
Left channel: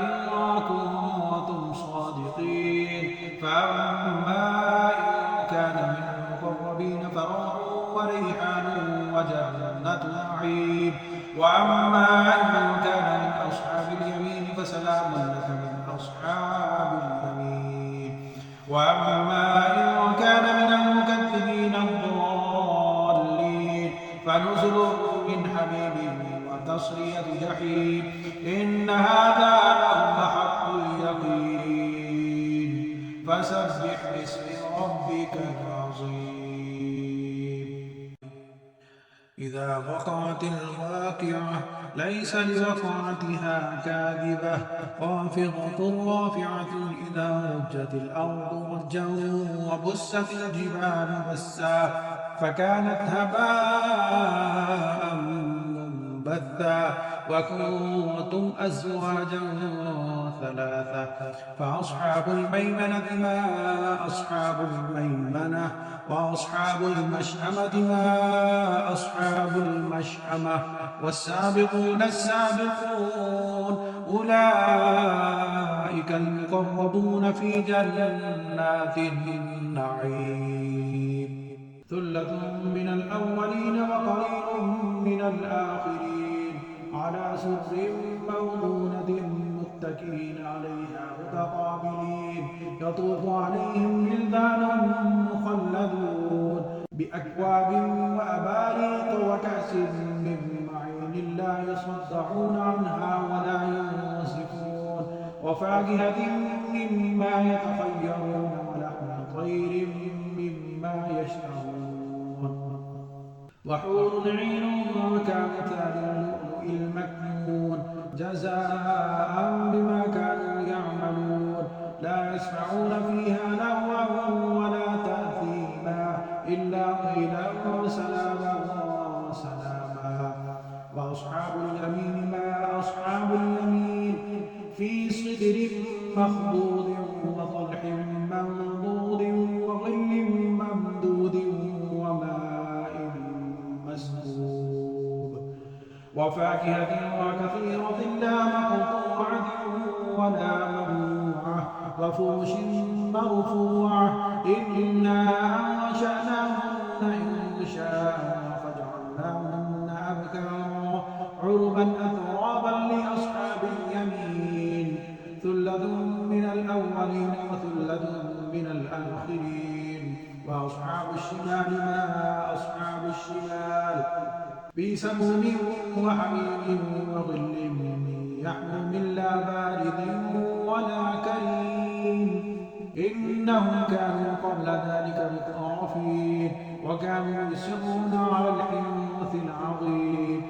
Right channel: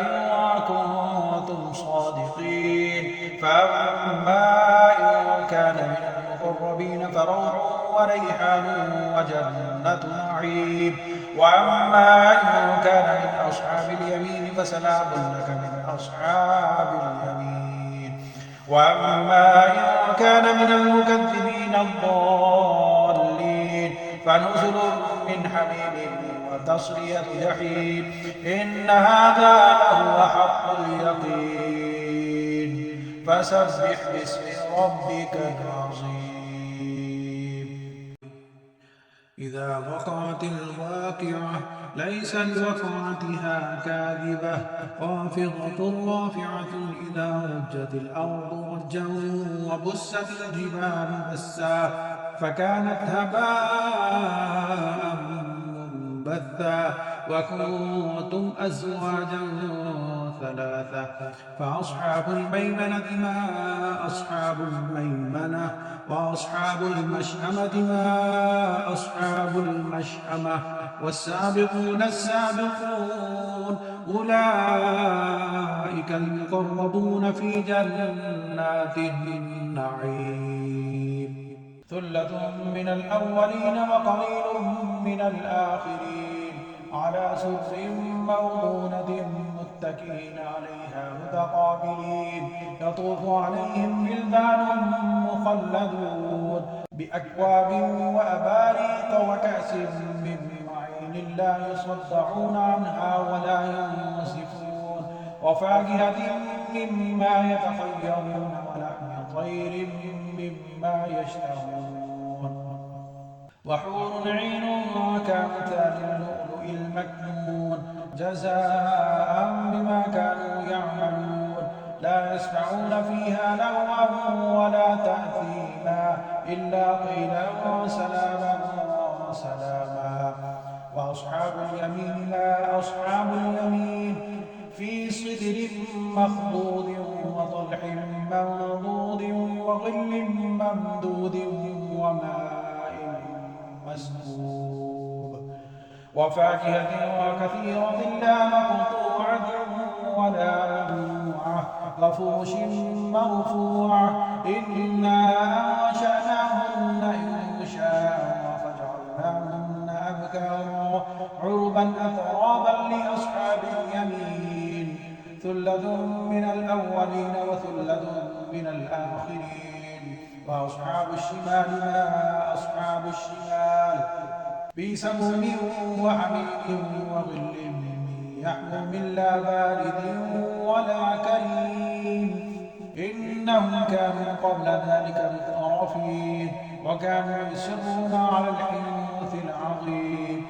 إن كنتم صادقين فأما إن كان من المقربين فروح وريحان وجنة نعيم وأما إن كان من أصحاب اليمين فسلام لك من أصحاب اليمين وأما إن كان من المكذبين الضالين فنزل من حميم وتصلية جحيم إن هذا لهو حق اليقين فسبح باسم ربك العظيم إذا وقعت الواقعة ليس لوقعتها كاذبة خافضة رافعة إذا رجت الأرض رجا وبست الجبال بسا فكانت هباء منبثا وكنتم أزواجا ثلاثة فأصحاب الميمنة ما أصحاب الميمنة وأصحاب المشأمة ما أصحاب المشأمة والسابقون السابقون أولئك المقربون في جنات النعيم ثلة من الأولين وقليل من الآخرين على سرر موضونة متكئين عليها متقابلين يطوف عليهم ولدان مخلدون بأكواب وأباريق وكأس من معين لا يصدعون عنها ولا ينصفون وفاكهة مما يتخيرون ولحم طير مما يشتهون وحور عين كأمثال اللؤلؤ المكنون جزاء بما كانوا يعملون لا يسمعون فيها لغوا ولا تأثيما إلا قيلا سلاما سلاما وأصحاب اليمين ما أصحاب اليمين في سدر مخضود وطلح منضود وظل ممدود وماء مسكوب وفاكهة وكثيرة لا مقطوعة ولا ممنوعة وفرش مرفوعة إنا أنشأناهن إنشاء فجعلناهن أبكارا عربا أترابا لأصحاب اليمين ثلة من الأولين وثلة من الآخرين وأصحاب الشمال ما أصحاب الشمال في سموم وحميم وظل يحموم لا بارد ولا كريم إنهم كانوا قبل ذلك مترفين وكانوا يصرون على الحنث العظيم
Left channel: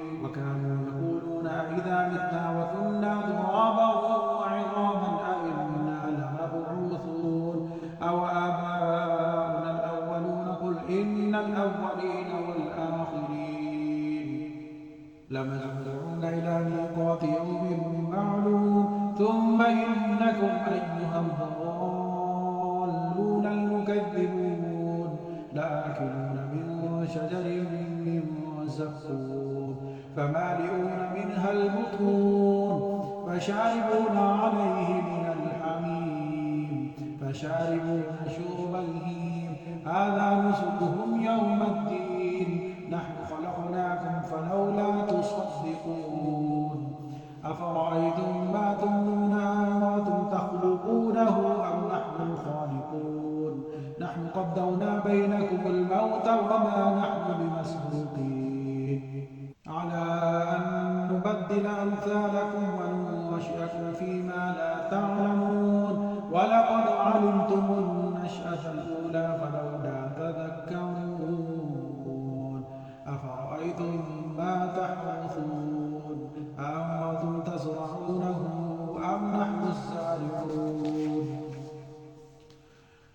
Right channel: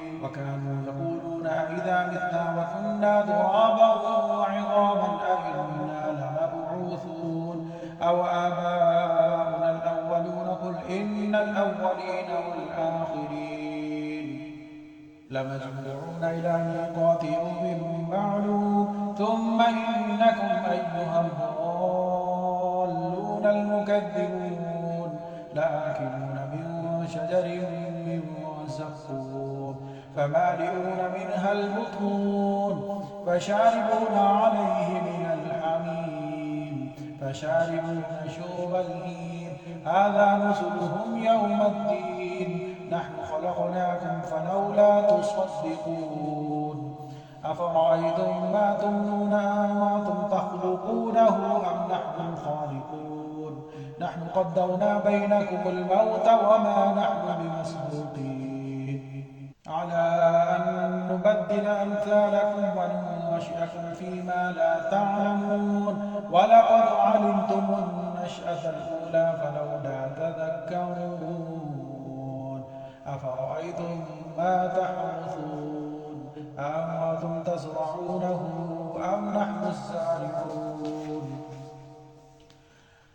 لمجموعون إلى ميقات يوم معلوم ثم إنكم أيها الضالون المكذبون لآكلون من شجر من زقوم فمالئون منها البطون فشاربون عليه من الحميم فشاربون شرب الهيم هذا نزلهم يوم الدين نحن خلقناكم فلولا تصدقون أفرأيتم ما تمنون أنتم تخلقونه أم نحن الخالقون نحن قدرنا بينكم الموت وما نحن بمسبوقين على أن نبدل أمثالكم وننشئكم فيما لا تعلمون ولقد علمتم النشأة الأولى فلولا تذكرون أفرأيتم ما تحرثون أأنتم تزرعونه أم نحن الزارعون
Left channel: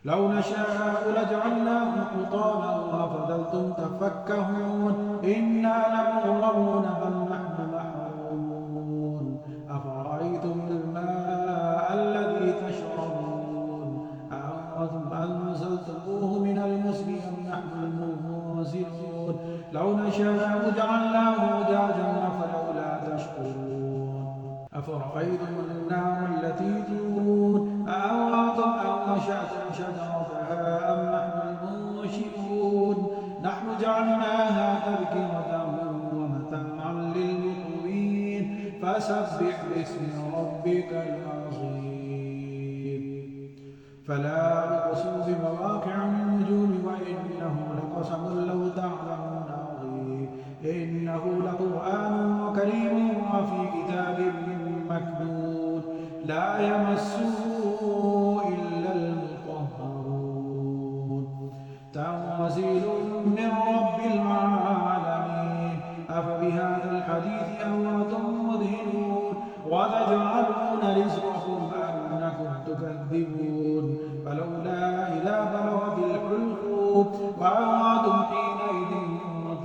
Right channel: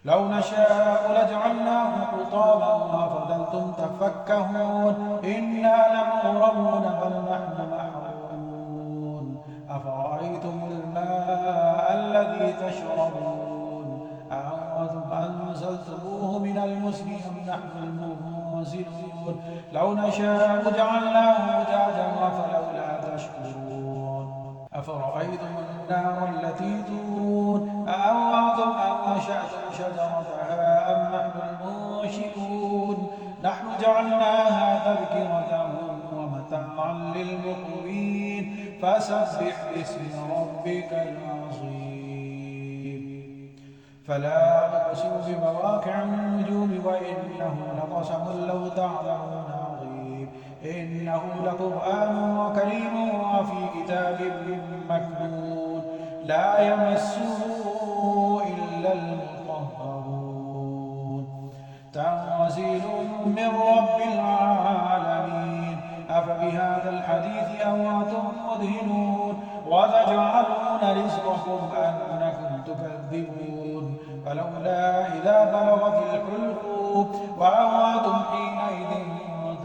لو نشاء لجعلناه حطاما فظلتم تفكهون إنا لمغرمون بل نحن محرومون أفرأيتم الماء الذي تشربون أأنتم أنزلتموه من المزن أم نحن المنزلون لو نشاء جعلناه أجاجا فلولا تشكرون أفرأيتم النار التي تورون أأنتم أنشأتم شجرتها أم نحن المنشئون نحن جعلناها تذكرة ومتاعا للمقوين فسبح باسم ربك العظيم فلا أقسم بمواقع النجوم وإنه لقسم لو تعلمون عظيم إنه لقرآن كريم وفي كتاب مكنون لا يمسه إلا المطهرون تنزيل من رب العالمين أفبهذا الحديث أنتم مدهنون وتجعلون رزقكم أنكم تكذبون فلولا إذا بلغت الحلقوم وأنتم حينئذ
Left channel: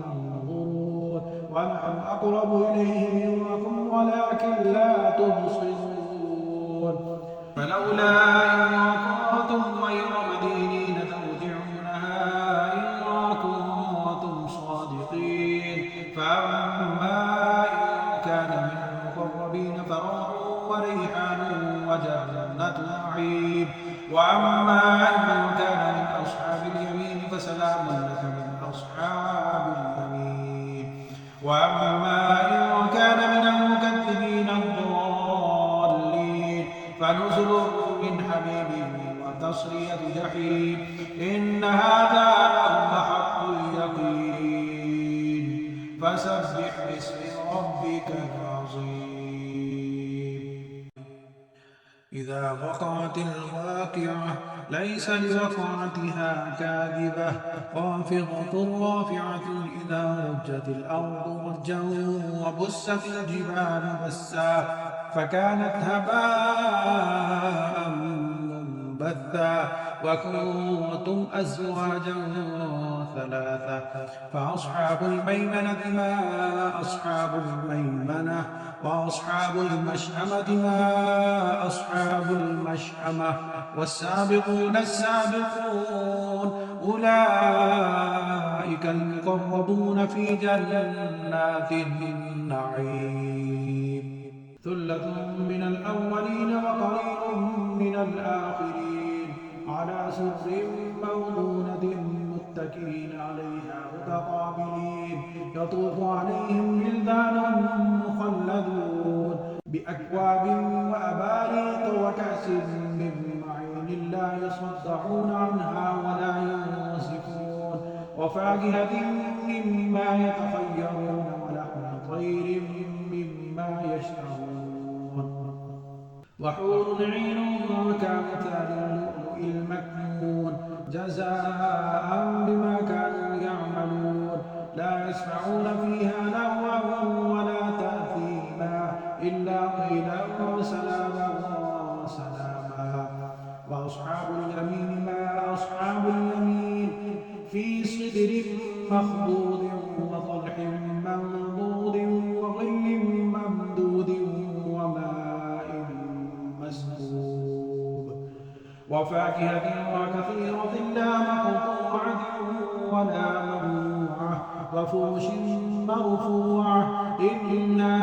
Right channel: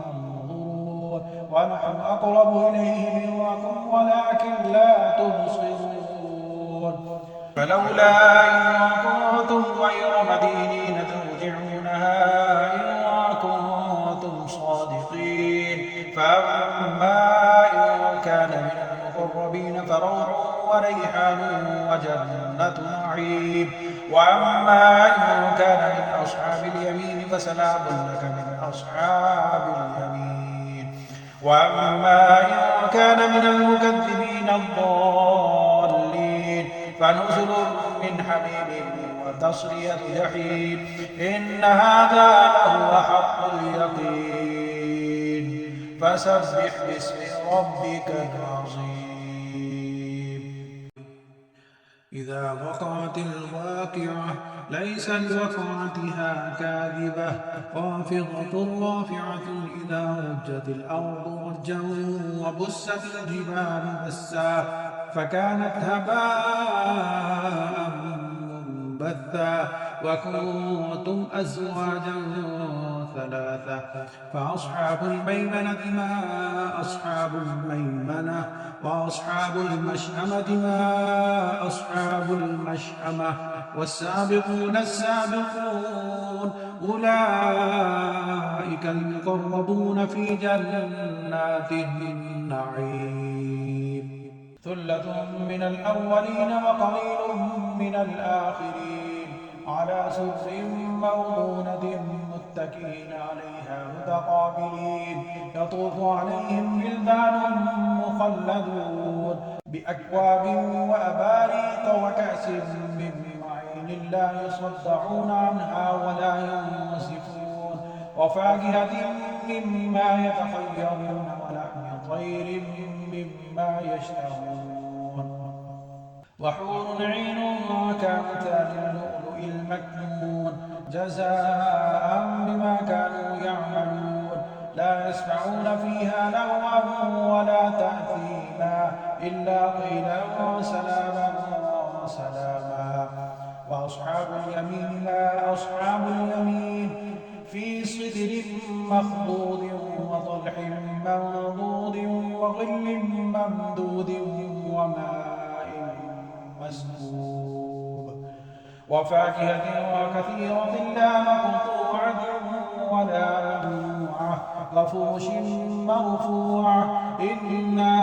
تنظرون ونحن أقرب إليه منكم ولكن لا تبصرون فلولا إن كنتم غير مدينين ترجعونها إن كنتم صادقين فأما إن كان من المقربين فروح وريحان وجنة نعيم وأما إن كان من أصحاب اليمين فسلام لك من أصحاب اليمين وأما إن كان من المكذبين الضالين فنزل من حميم وتصلية جحيم إن هذا لهو حق اليقين فسبح باسم ربك العظيم إذا وقعت الواقعة ليس لوقعتها كاذبة خافضة رافعة إذا رجت الأرض رجا وبست الجبال بسا فكانت هباء منبثا وكنتم أزواجا ثلاثة فأصحاب الميمنة ما أصحاب الميمنة وأصحاب المشأمة ما أصحاب المشأمة والسابقون السابقون أولئك المقربون في جنات النعيم ثلة من الأولين وقليل من الآخرين على سرر موضونة متكئين عليها متقابلين يطوف عليهم ولدان مخلدون بأكواب وأباريق وكأس من معين لا يصدعون عنها ولا ينزفون وفاكهة مما يتخيرون ولحم طير مما يشتهون وحور عين كأمثال اللؤلؤ المكنون جزاء بما كانوا يعملون لا يسمعون فيها لغوا ولا تأثيما إلا قيلا سلاما سلاما وأصحاب اليمين ما أصحاب اليمين في سدر مخضود وطلح منضود وظل ممدود وماء مسكوب وفاكهة وكثيرة لا مقطوعة ولا ممنوعة وفرش مرفوعة إنا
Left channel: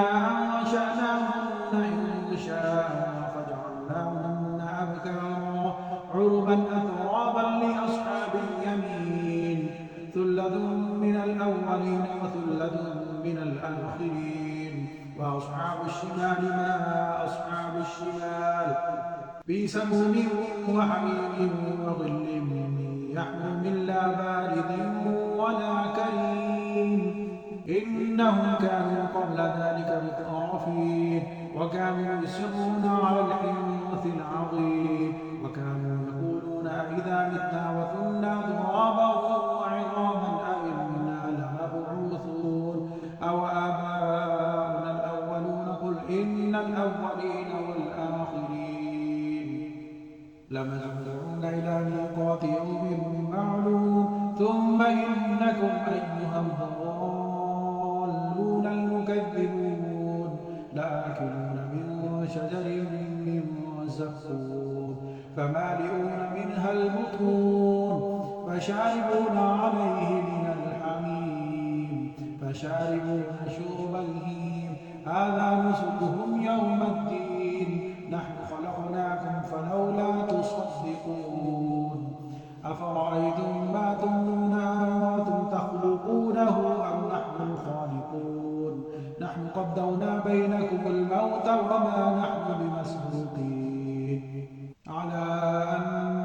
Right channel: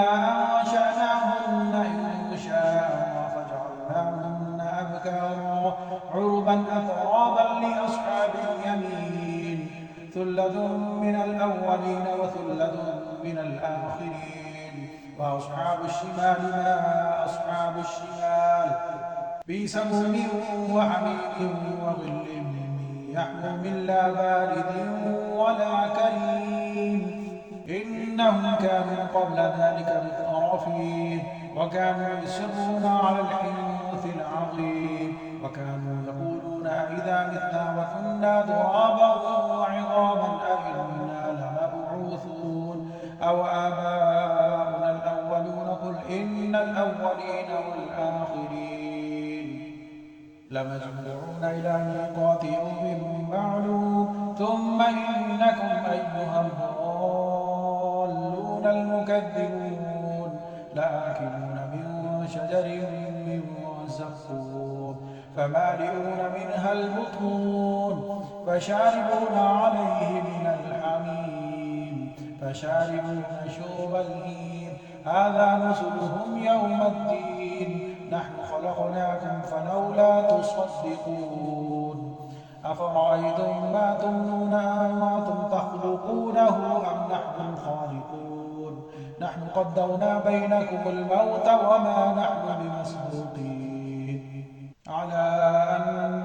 أنشأناهن إنشاء فجعلناهن أبكارا عربا أترابا لأصحاب اليمين ثلة من الأولين وثلة من الآخرين وأصحاب الشمال ما أصحاب الشمال بسموم وحميم وظل يحموم لا بارد ولا كريم إنهم كانوا قبل ذلك مترفين وكانوا يصرون على الحنث العظيم وكانوا يقولون أئذا متنا وكنا ترابا وعظاما أئنا لمبعوثون أو آباؤنا الأولون قل إن الأولين والآخرين لمجموعون إلى ميقات يوم معلوم ثم إنكم أيها الضالون المكذبون لآكلون من شجر من زقوم فمالئون منها البطون فشاربون عليه من الحميم فشاربون شرب الهيم هذا نزلهم يوم الدين نحن خلقناكم فلولا تصدقون أفرأيتم ما تمنون أأنتم تخلقونه أم نحن الخالقون نحن قدرنا بينكم الموت وما نحن بمسبوقين على أن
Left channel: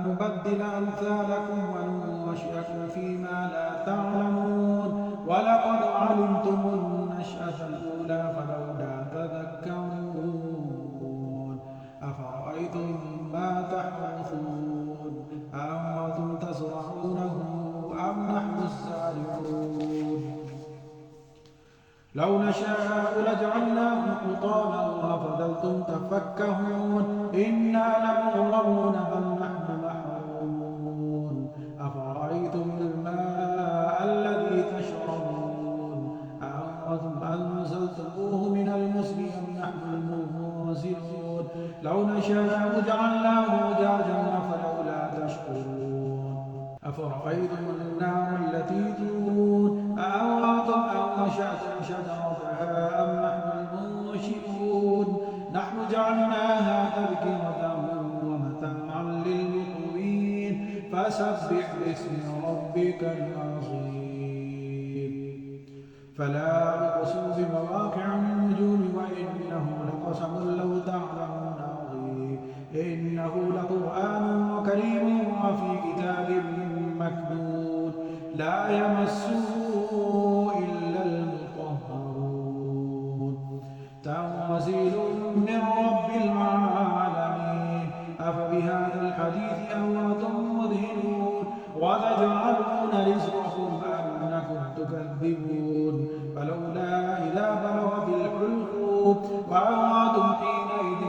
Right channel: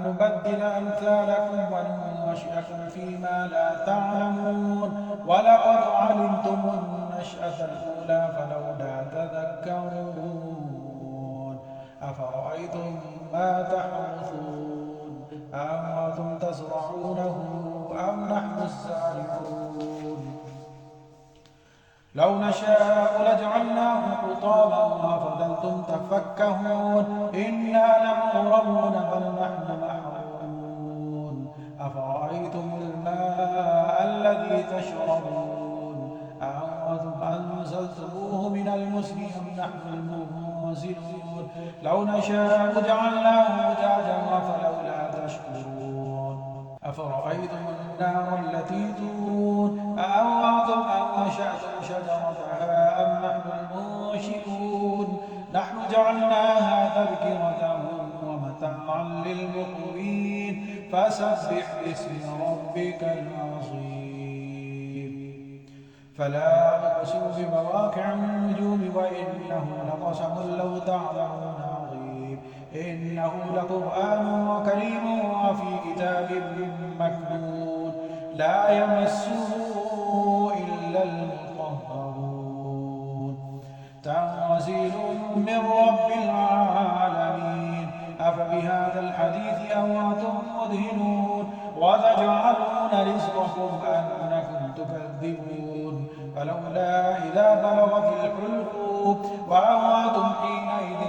نبدل أمثالكم وننشئكم فيما لا تعلمون ولقد علمتم النشأة الأولى فلولا تذكرون أفرأيتم ما تحرثون أأنتم تزرعونه أم نحن الزارعون لو نشاء لجعلناه حطاما فظلتم تفكهون إنا لمغرمون بل نحن محرومون أفرأيتم الماء الذي تشربون أأنتم أنزلتموه من المزن أم نحن المنزلون لو نشاء جعلناه أجاجا فلولا تشكرون أفرأيتم النار التي تورون أأنتم أنشأتم شجرتها أم نحن المنشئون نحن جعلناها تذكرة ومتاعا للمقوين فسبح باسم ربك العظيم فلا أقسم بمواقع النجوم وإنه لقسم لو تعلمون عظيم إنه لقرآن كريم وفي كتاب مكنون لا يمسه إلا المطهرون تنزيل من رب العالمين أفبهذا الحديث أنتم مدهنون وتجعلون رزقكم أنكم تكذبون فلولا إذا بلغت الحلقوم وأنتم حينئذ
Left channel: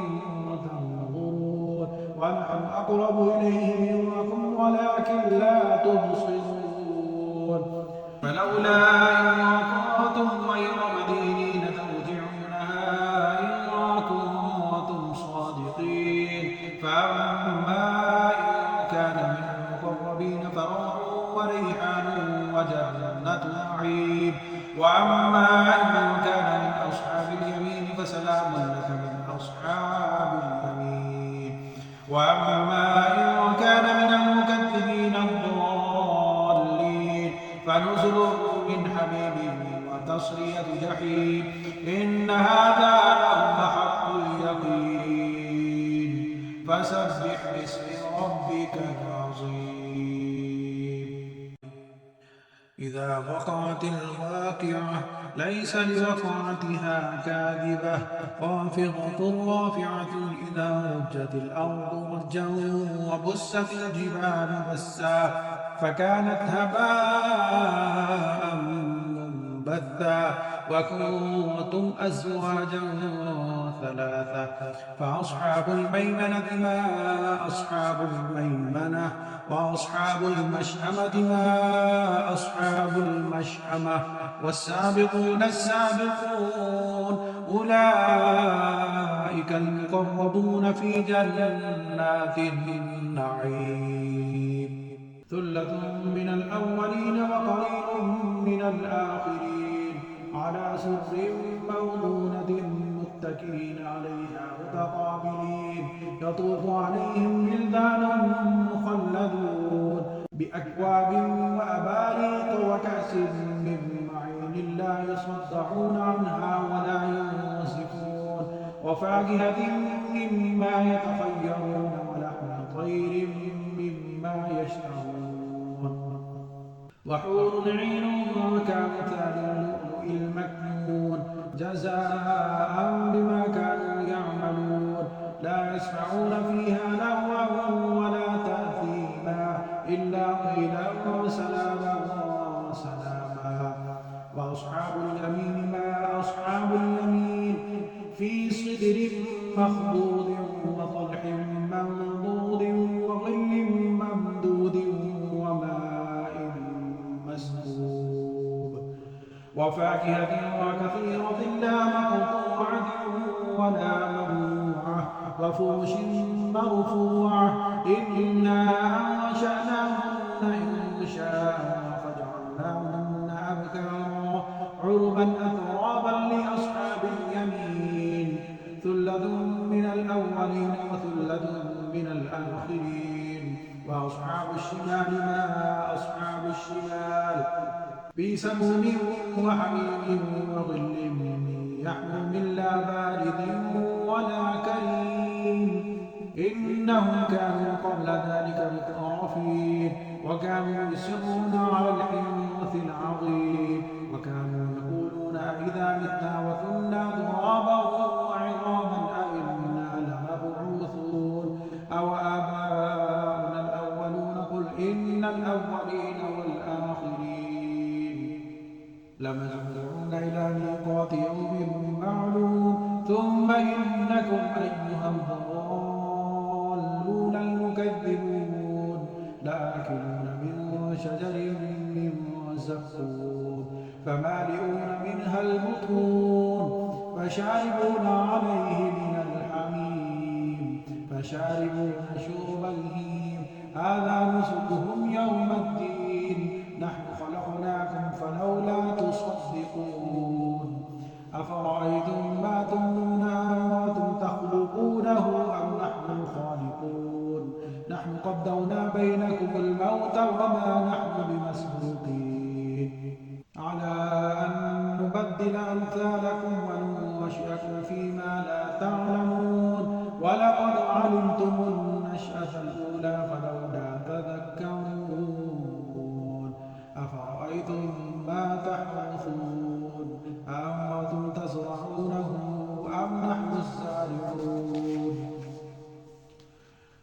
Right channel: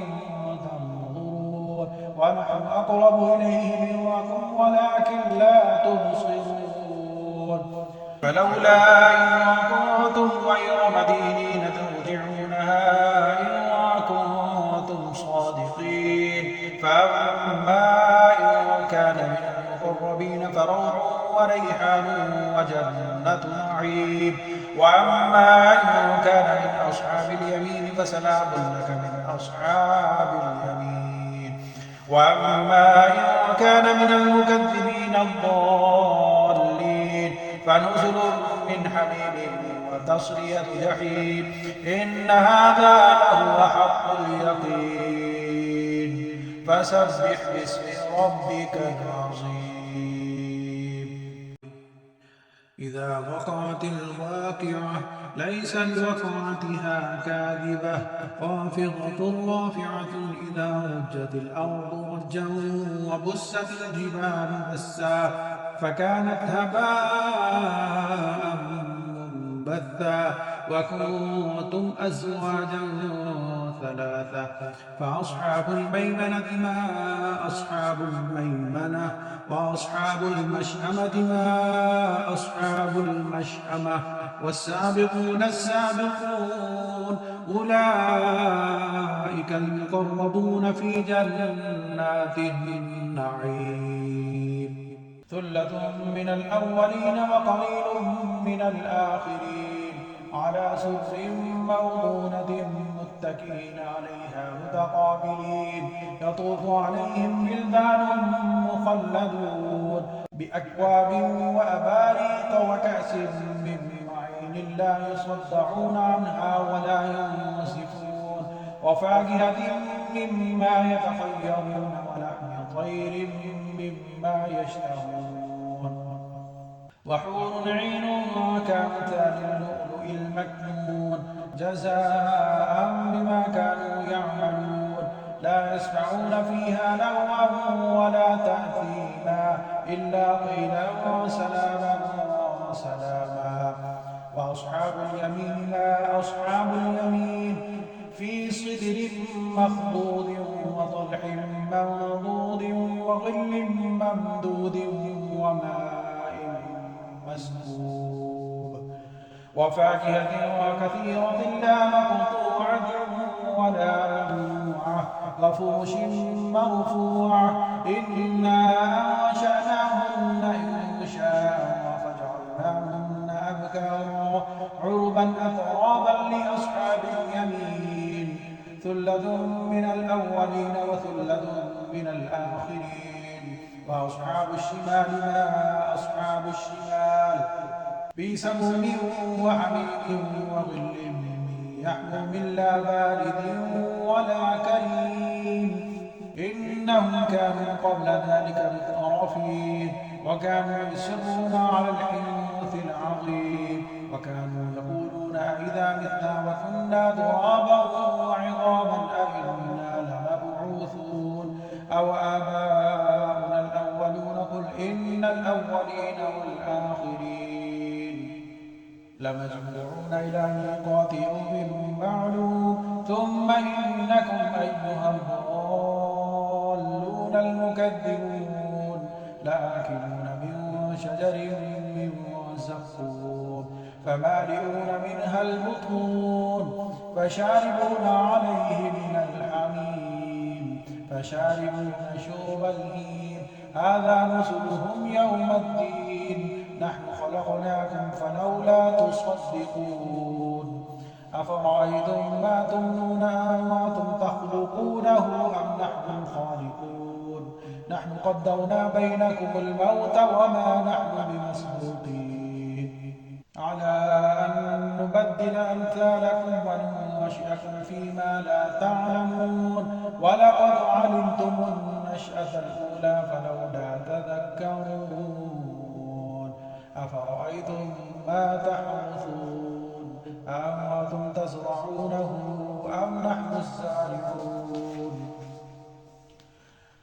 تنظرون ونحن أقرب إليه منكم ولكن لا تبصرون فلولا إن كنتم غير مدينين ترجعونها إن كنتم صادقين فأما إن كان من المقربين فروح وريحان وجنة نعيم وأما إن كان من أصحاب اليمين فسلام لك من أصحاب اليمين وأما إن كان من المكذبين الضالين فنزل من حميم وتصلية جحيم إن هذا لهو حق اليقين فسبح باسم ربك العظيم إذا وقعت الواقعة ليس لوقعتها كاذبة خافضة رافعة إذا رجت الأرض رجا وبست الجبال بسا فكانت هباء بثا وكنتم أزواجا ثلاثة فأصحاب الميمنة ما أصحاب الميمنة وأصحاب المشأمة ما أصحاب المشأمة والسابقون السابقون أولئك المقربون في جنات النعيم ثلة من الأولين وقليل من الآخرين على سرر موضونة متكئين عليها متقابلين يطوف عليهم ولدان مخلدون بأكواب وأباريق وكأس من معين لا يصدعون عنها ولا ينزفون وفاكهة مما يتخيرون ولحم طير مما يشتهون وحور عين كأمثال اللؤلؤ المكنون جزاء بما كانوا يعملون لا يسمعون فيها لغوا ولا تأثيما إلا قيلا وسلاما وسلاما وأصحاب اليمين ما أصحاب اليمين في صدر مخضود وطلح منضود وظل ممدود وماء مسكوب وفاكهة وكثيرة لا مقطوعة ولا ممنوعة وفرش مرفوعة إنا أنشأناهن إنشاء فجعلناهن أبكارا عربا أترابا لأصحاب اليمين ثلة من الأولين وثلة من الآخرين وأصحاب الشمال ما أصحاب الشمال في سموم وحميم وظل يحموم لا بارد ولا كريم إنهم كانوا قبل ذلك مترفين وكانوا يصرون على الحنث العظيم وكانوا يقولون أئذا متنا وكنا ترابا وعظاما أئنا لمبعوثون أو آباؤنا الأولون قل إن الأولين والآخرين لمجموعون إلى ميقات يوم معلوم ثم إنكم أيها الضالون المكذبون لآكلون من شجر من زقوم فمالئون منها البطون فشاربون عليه من الحميم فشاربون شرب الهيم هذا نزلهم يوم الدين نحن خلقناكم فلولا تصدقون أفرأيتم ما تمنون أأنتم تخلقونه أم نحن الخالقون نحن قدرنا بينكم الموت وما نحن بمسبوقين على أن نبدل أمثالكم وننشئكم فيما لا تعلمون ولقد علمتم النشأة الأولى فلولا تذكرون أفرأيتم ما تحرثون أأنتم تزرعونه أم نحن الزارعون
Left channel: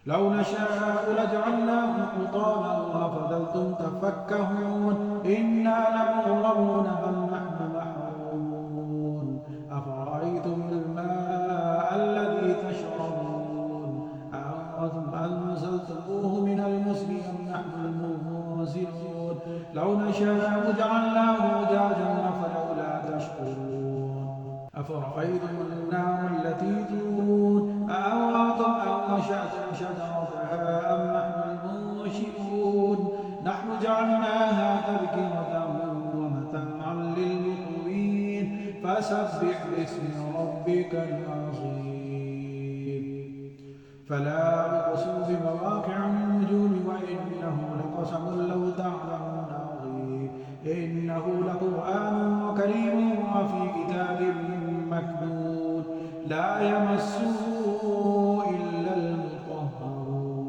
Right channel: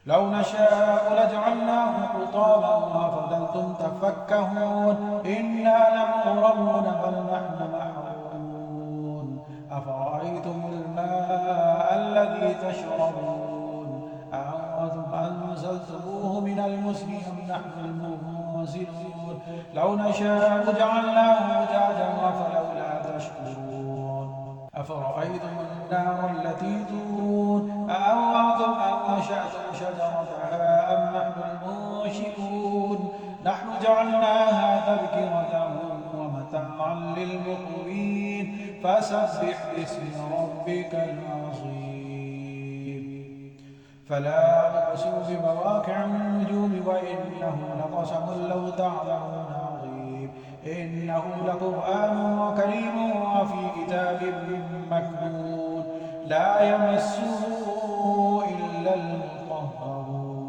لو نشاء لجعلناه حطاما وفضلتم تفكهون إنا لمغرمون بل نحن محرومون أفرأيتم الماء الذي تشربون أأنتم أنزلتموه من المزن أم نحن المنزلون لو نشاء جعلناه أجاجا فلولا تشكرون أفرأيتم النار التي تورون أأنتم أنشأتم شجرتها أم نحن المنشئون نحن جعلناها تذكرة ومتاعا للمقوين فسبح باسم ربك العظيم فلا أقسم بمواقع النجوم وإنه لقسم لو تعلمون عظيم إنه لقرآن كريم وفي كتاب مكنون لا يمسه إلا المطهرون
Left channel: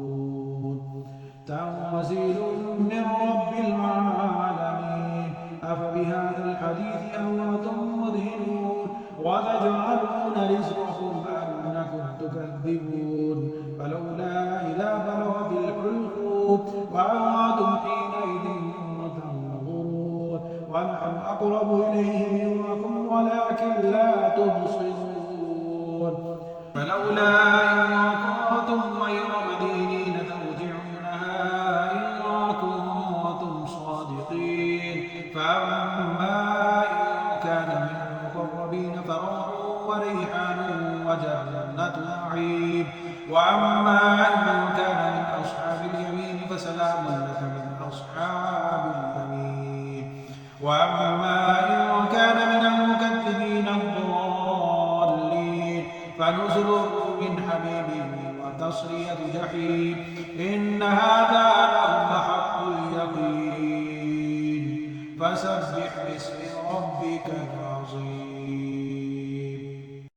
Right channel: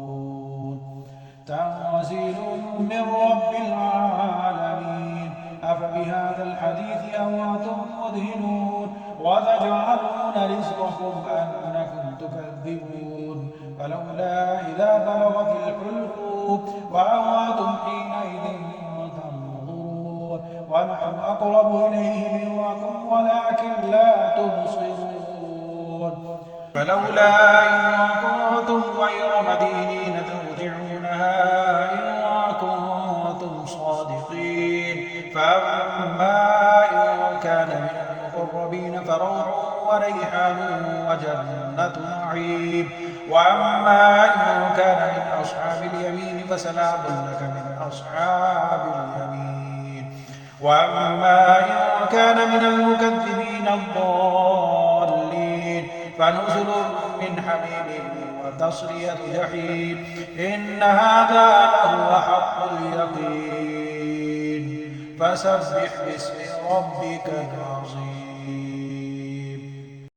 تنزيل من رب العالمين أفبهذا الحديث أنتم مدهنون وتجعلون رزقكم أنكم تكذبون فلولا إذا بلغت الحلقوم وأنتم حينئذ تنظرون ونحن أقرب إليه منكم ولكن لا تبصرون فلولا إن كنتم غير مدينين ترجعونها إن كنتم صادقين فأما إن كان من المقربين فروح وريحان وجنة نعيم وأما إن كان من أصحاب اليمين فسلام لك من أصحاب اليمين وأما إن كان من المكذبين الضالين فنزل من حميم وتصلية جحيم إن هذا لهو حق اليقين فسبح باسم ربك العظيم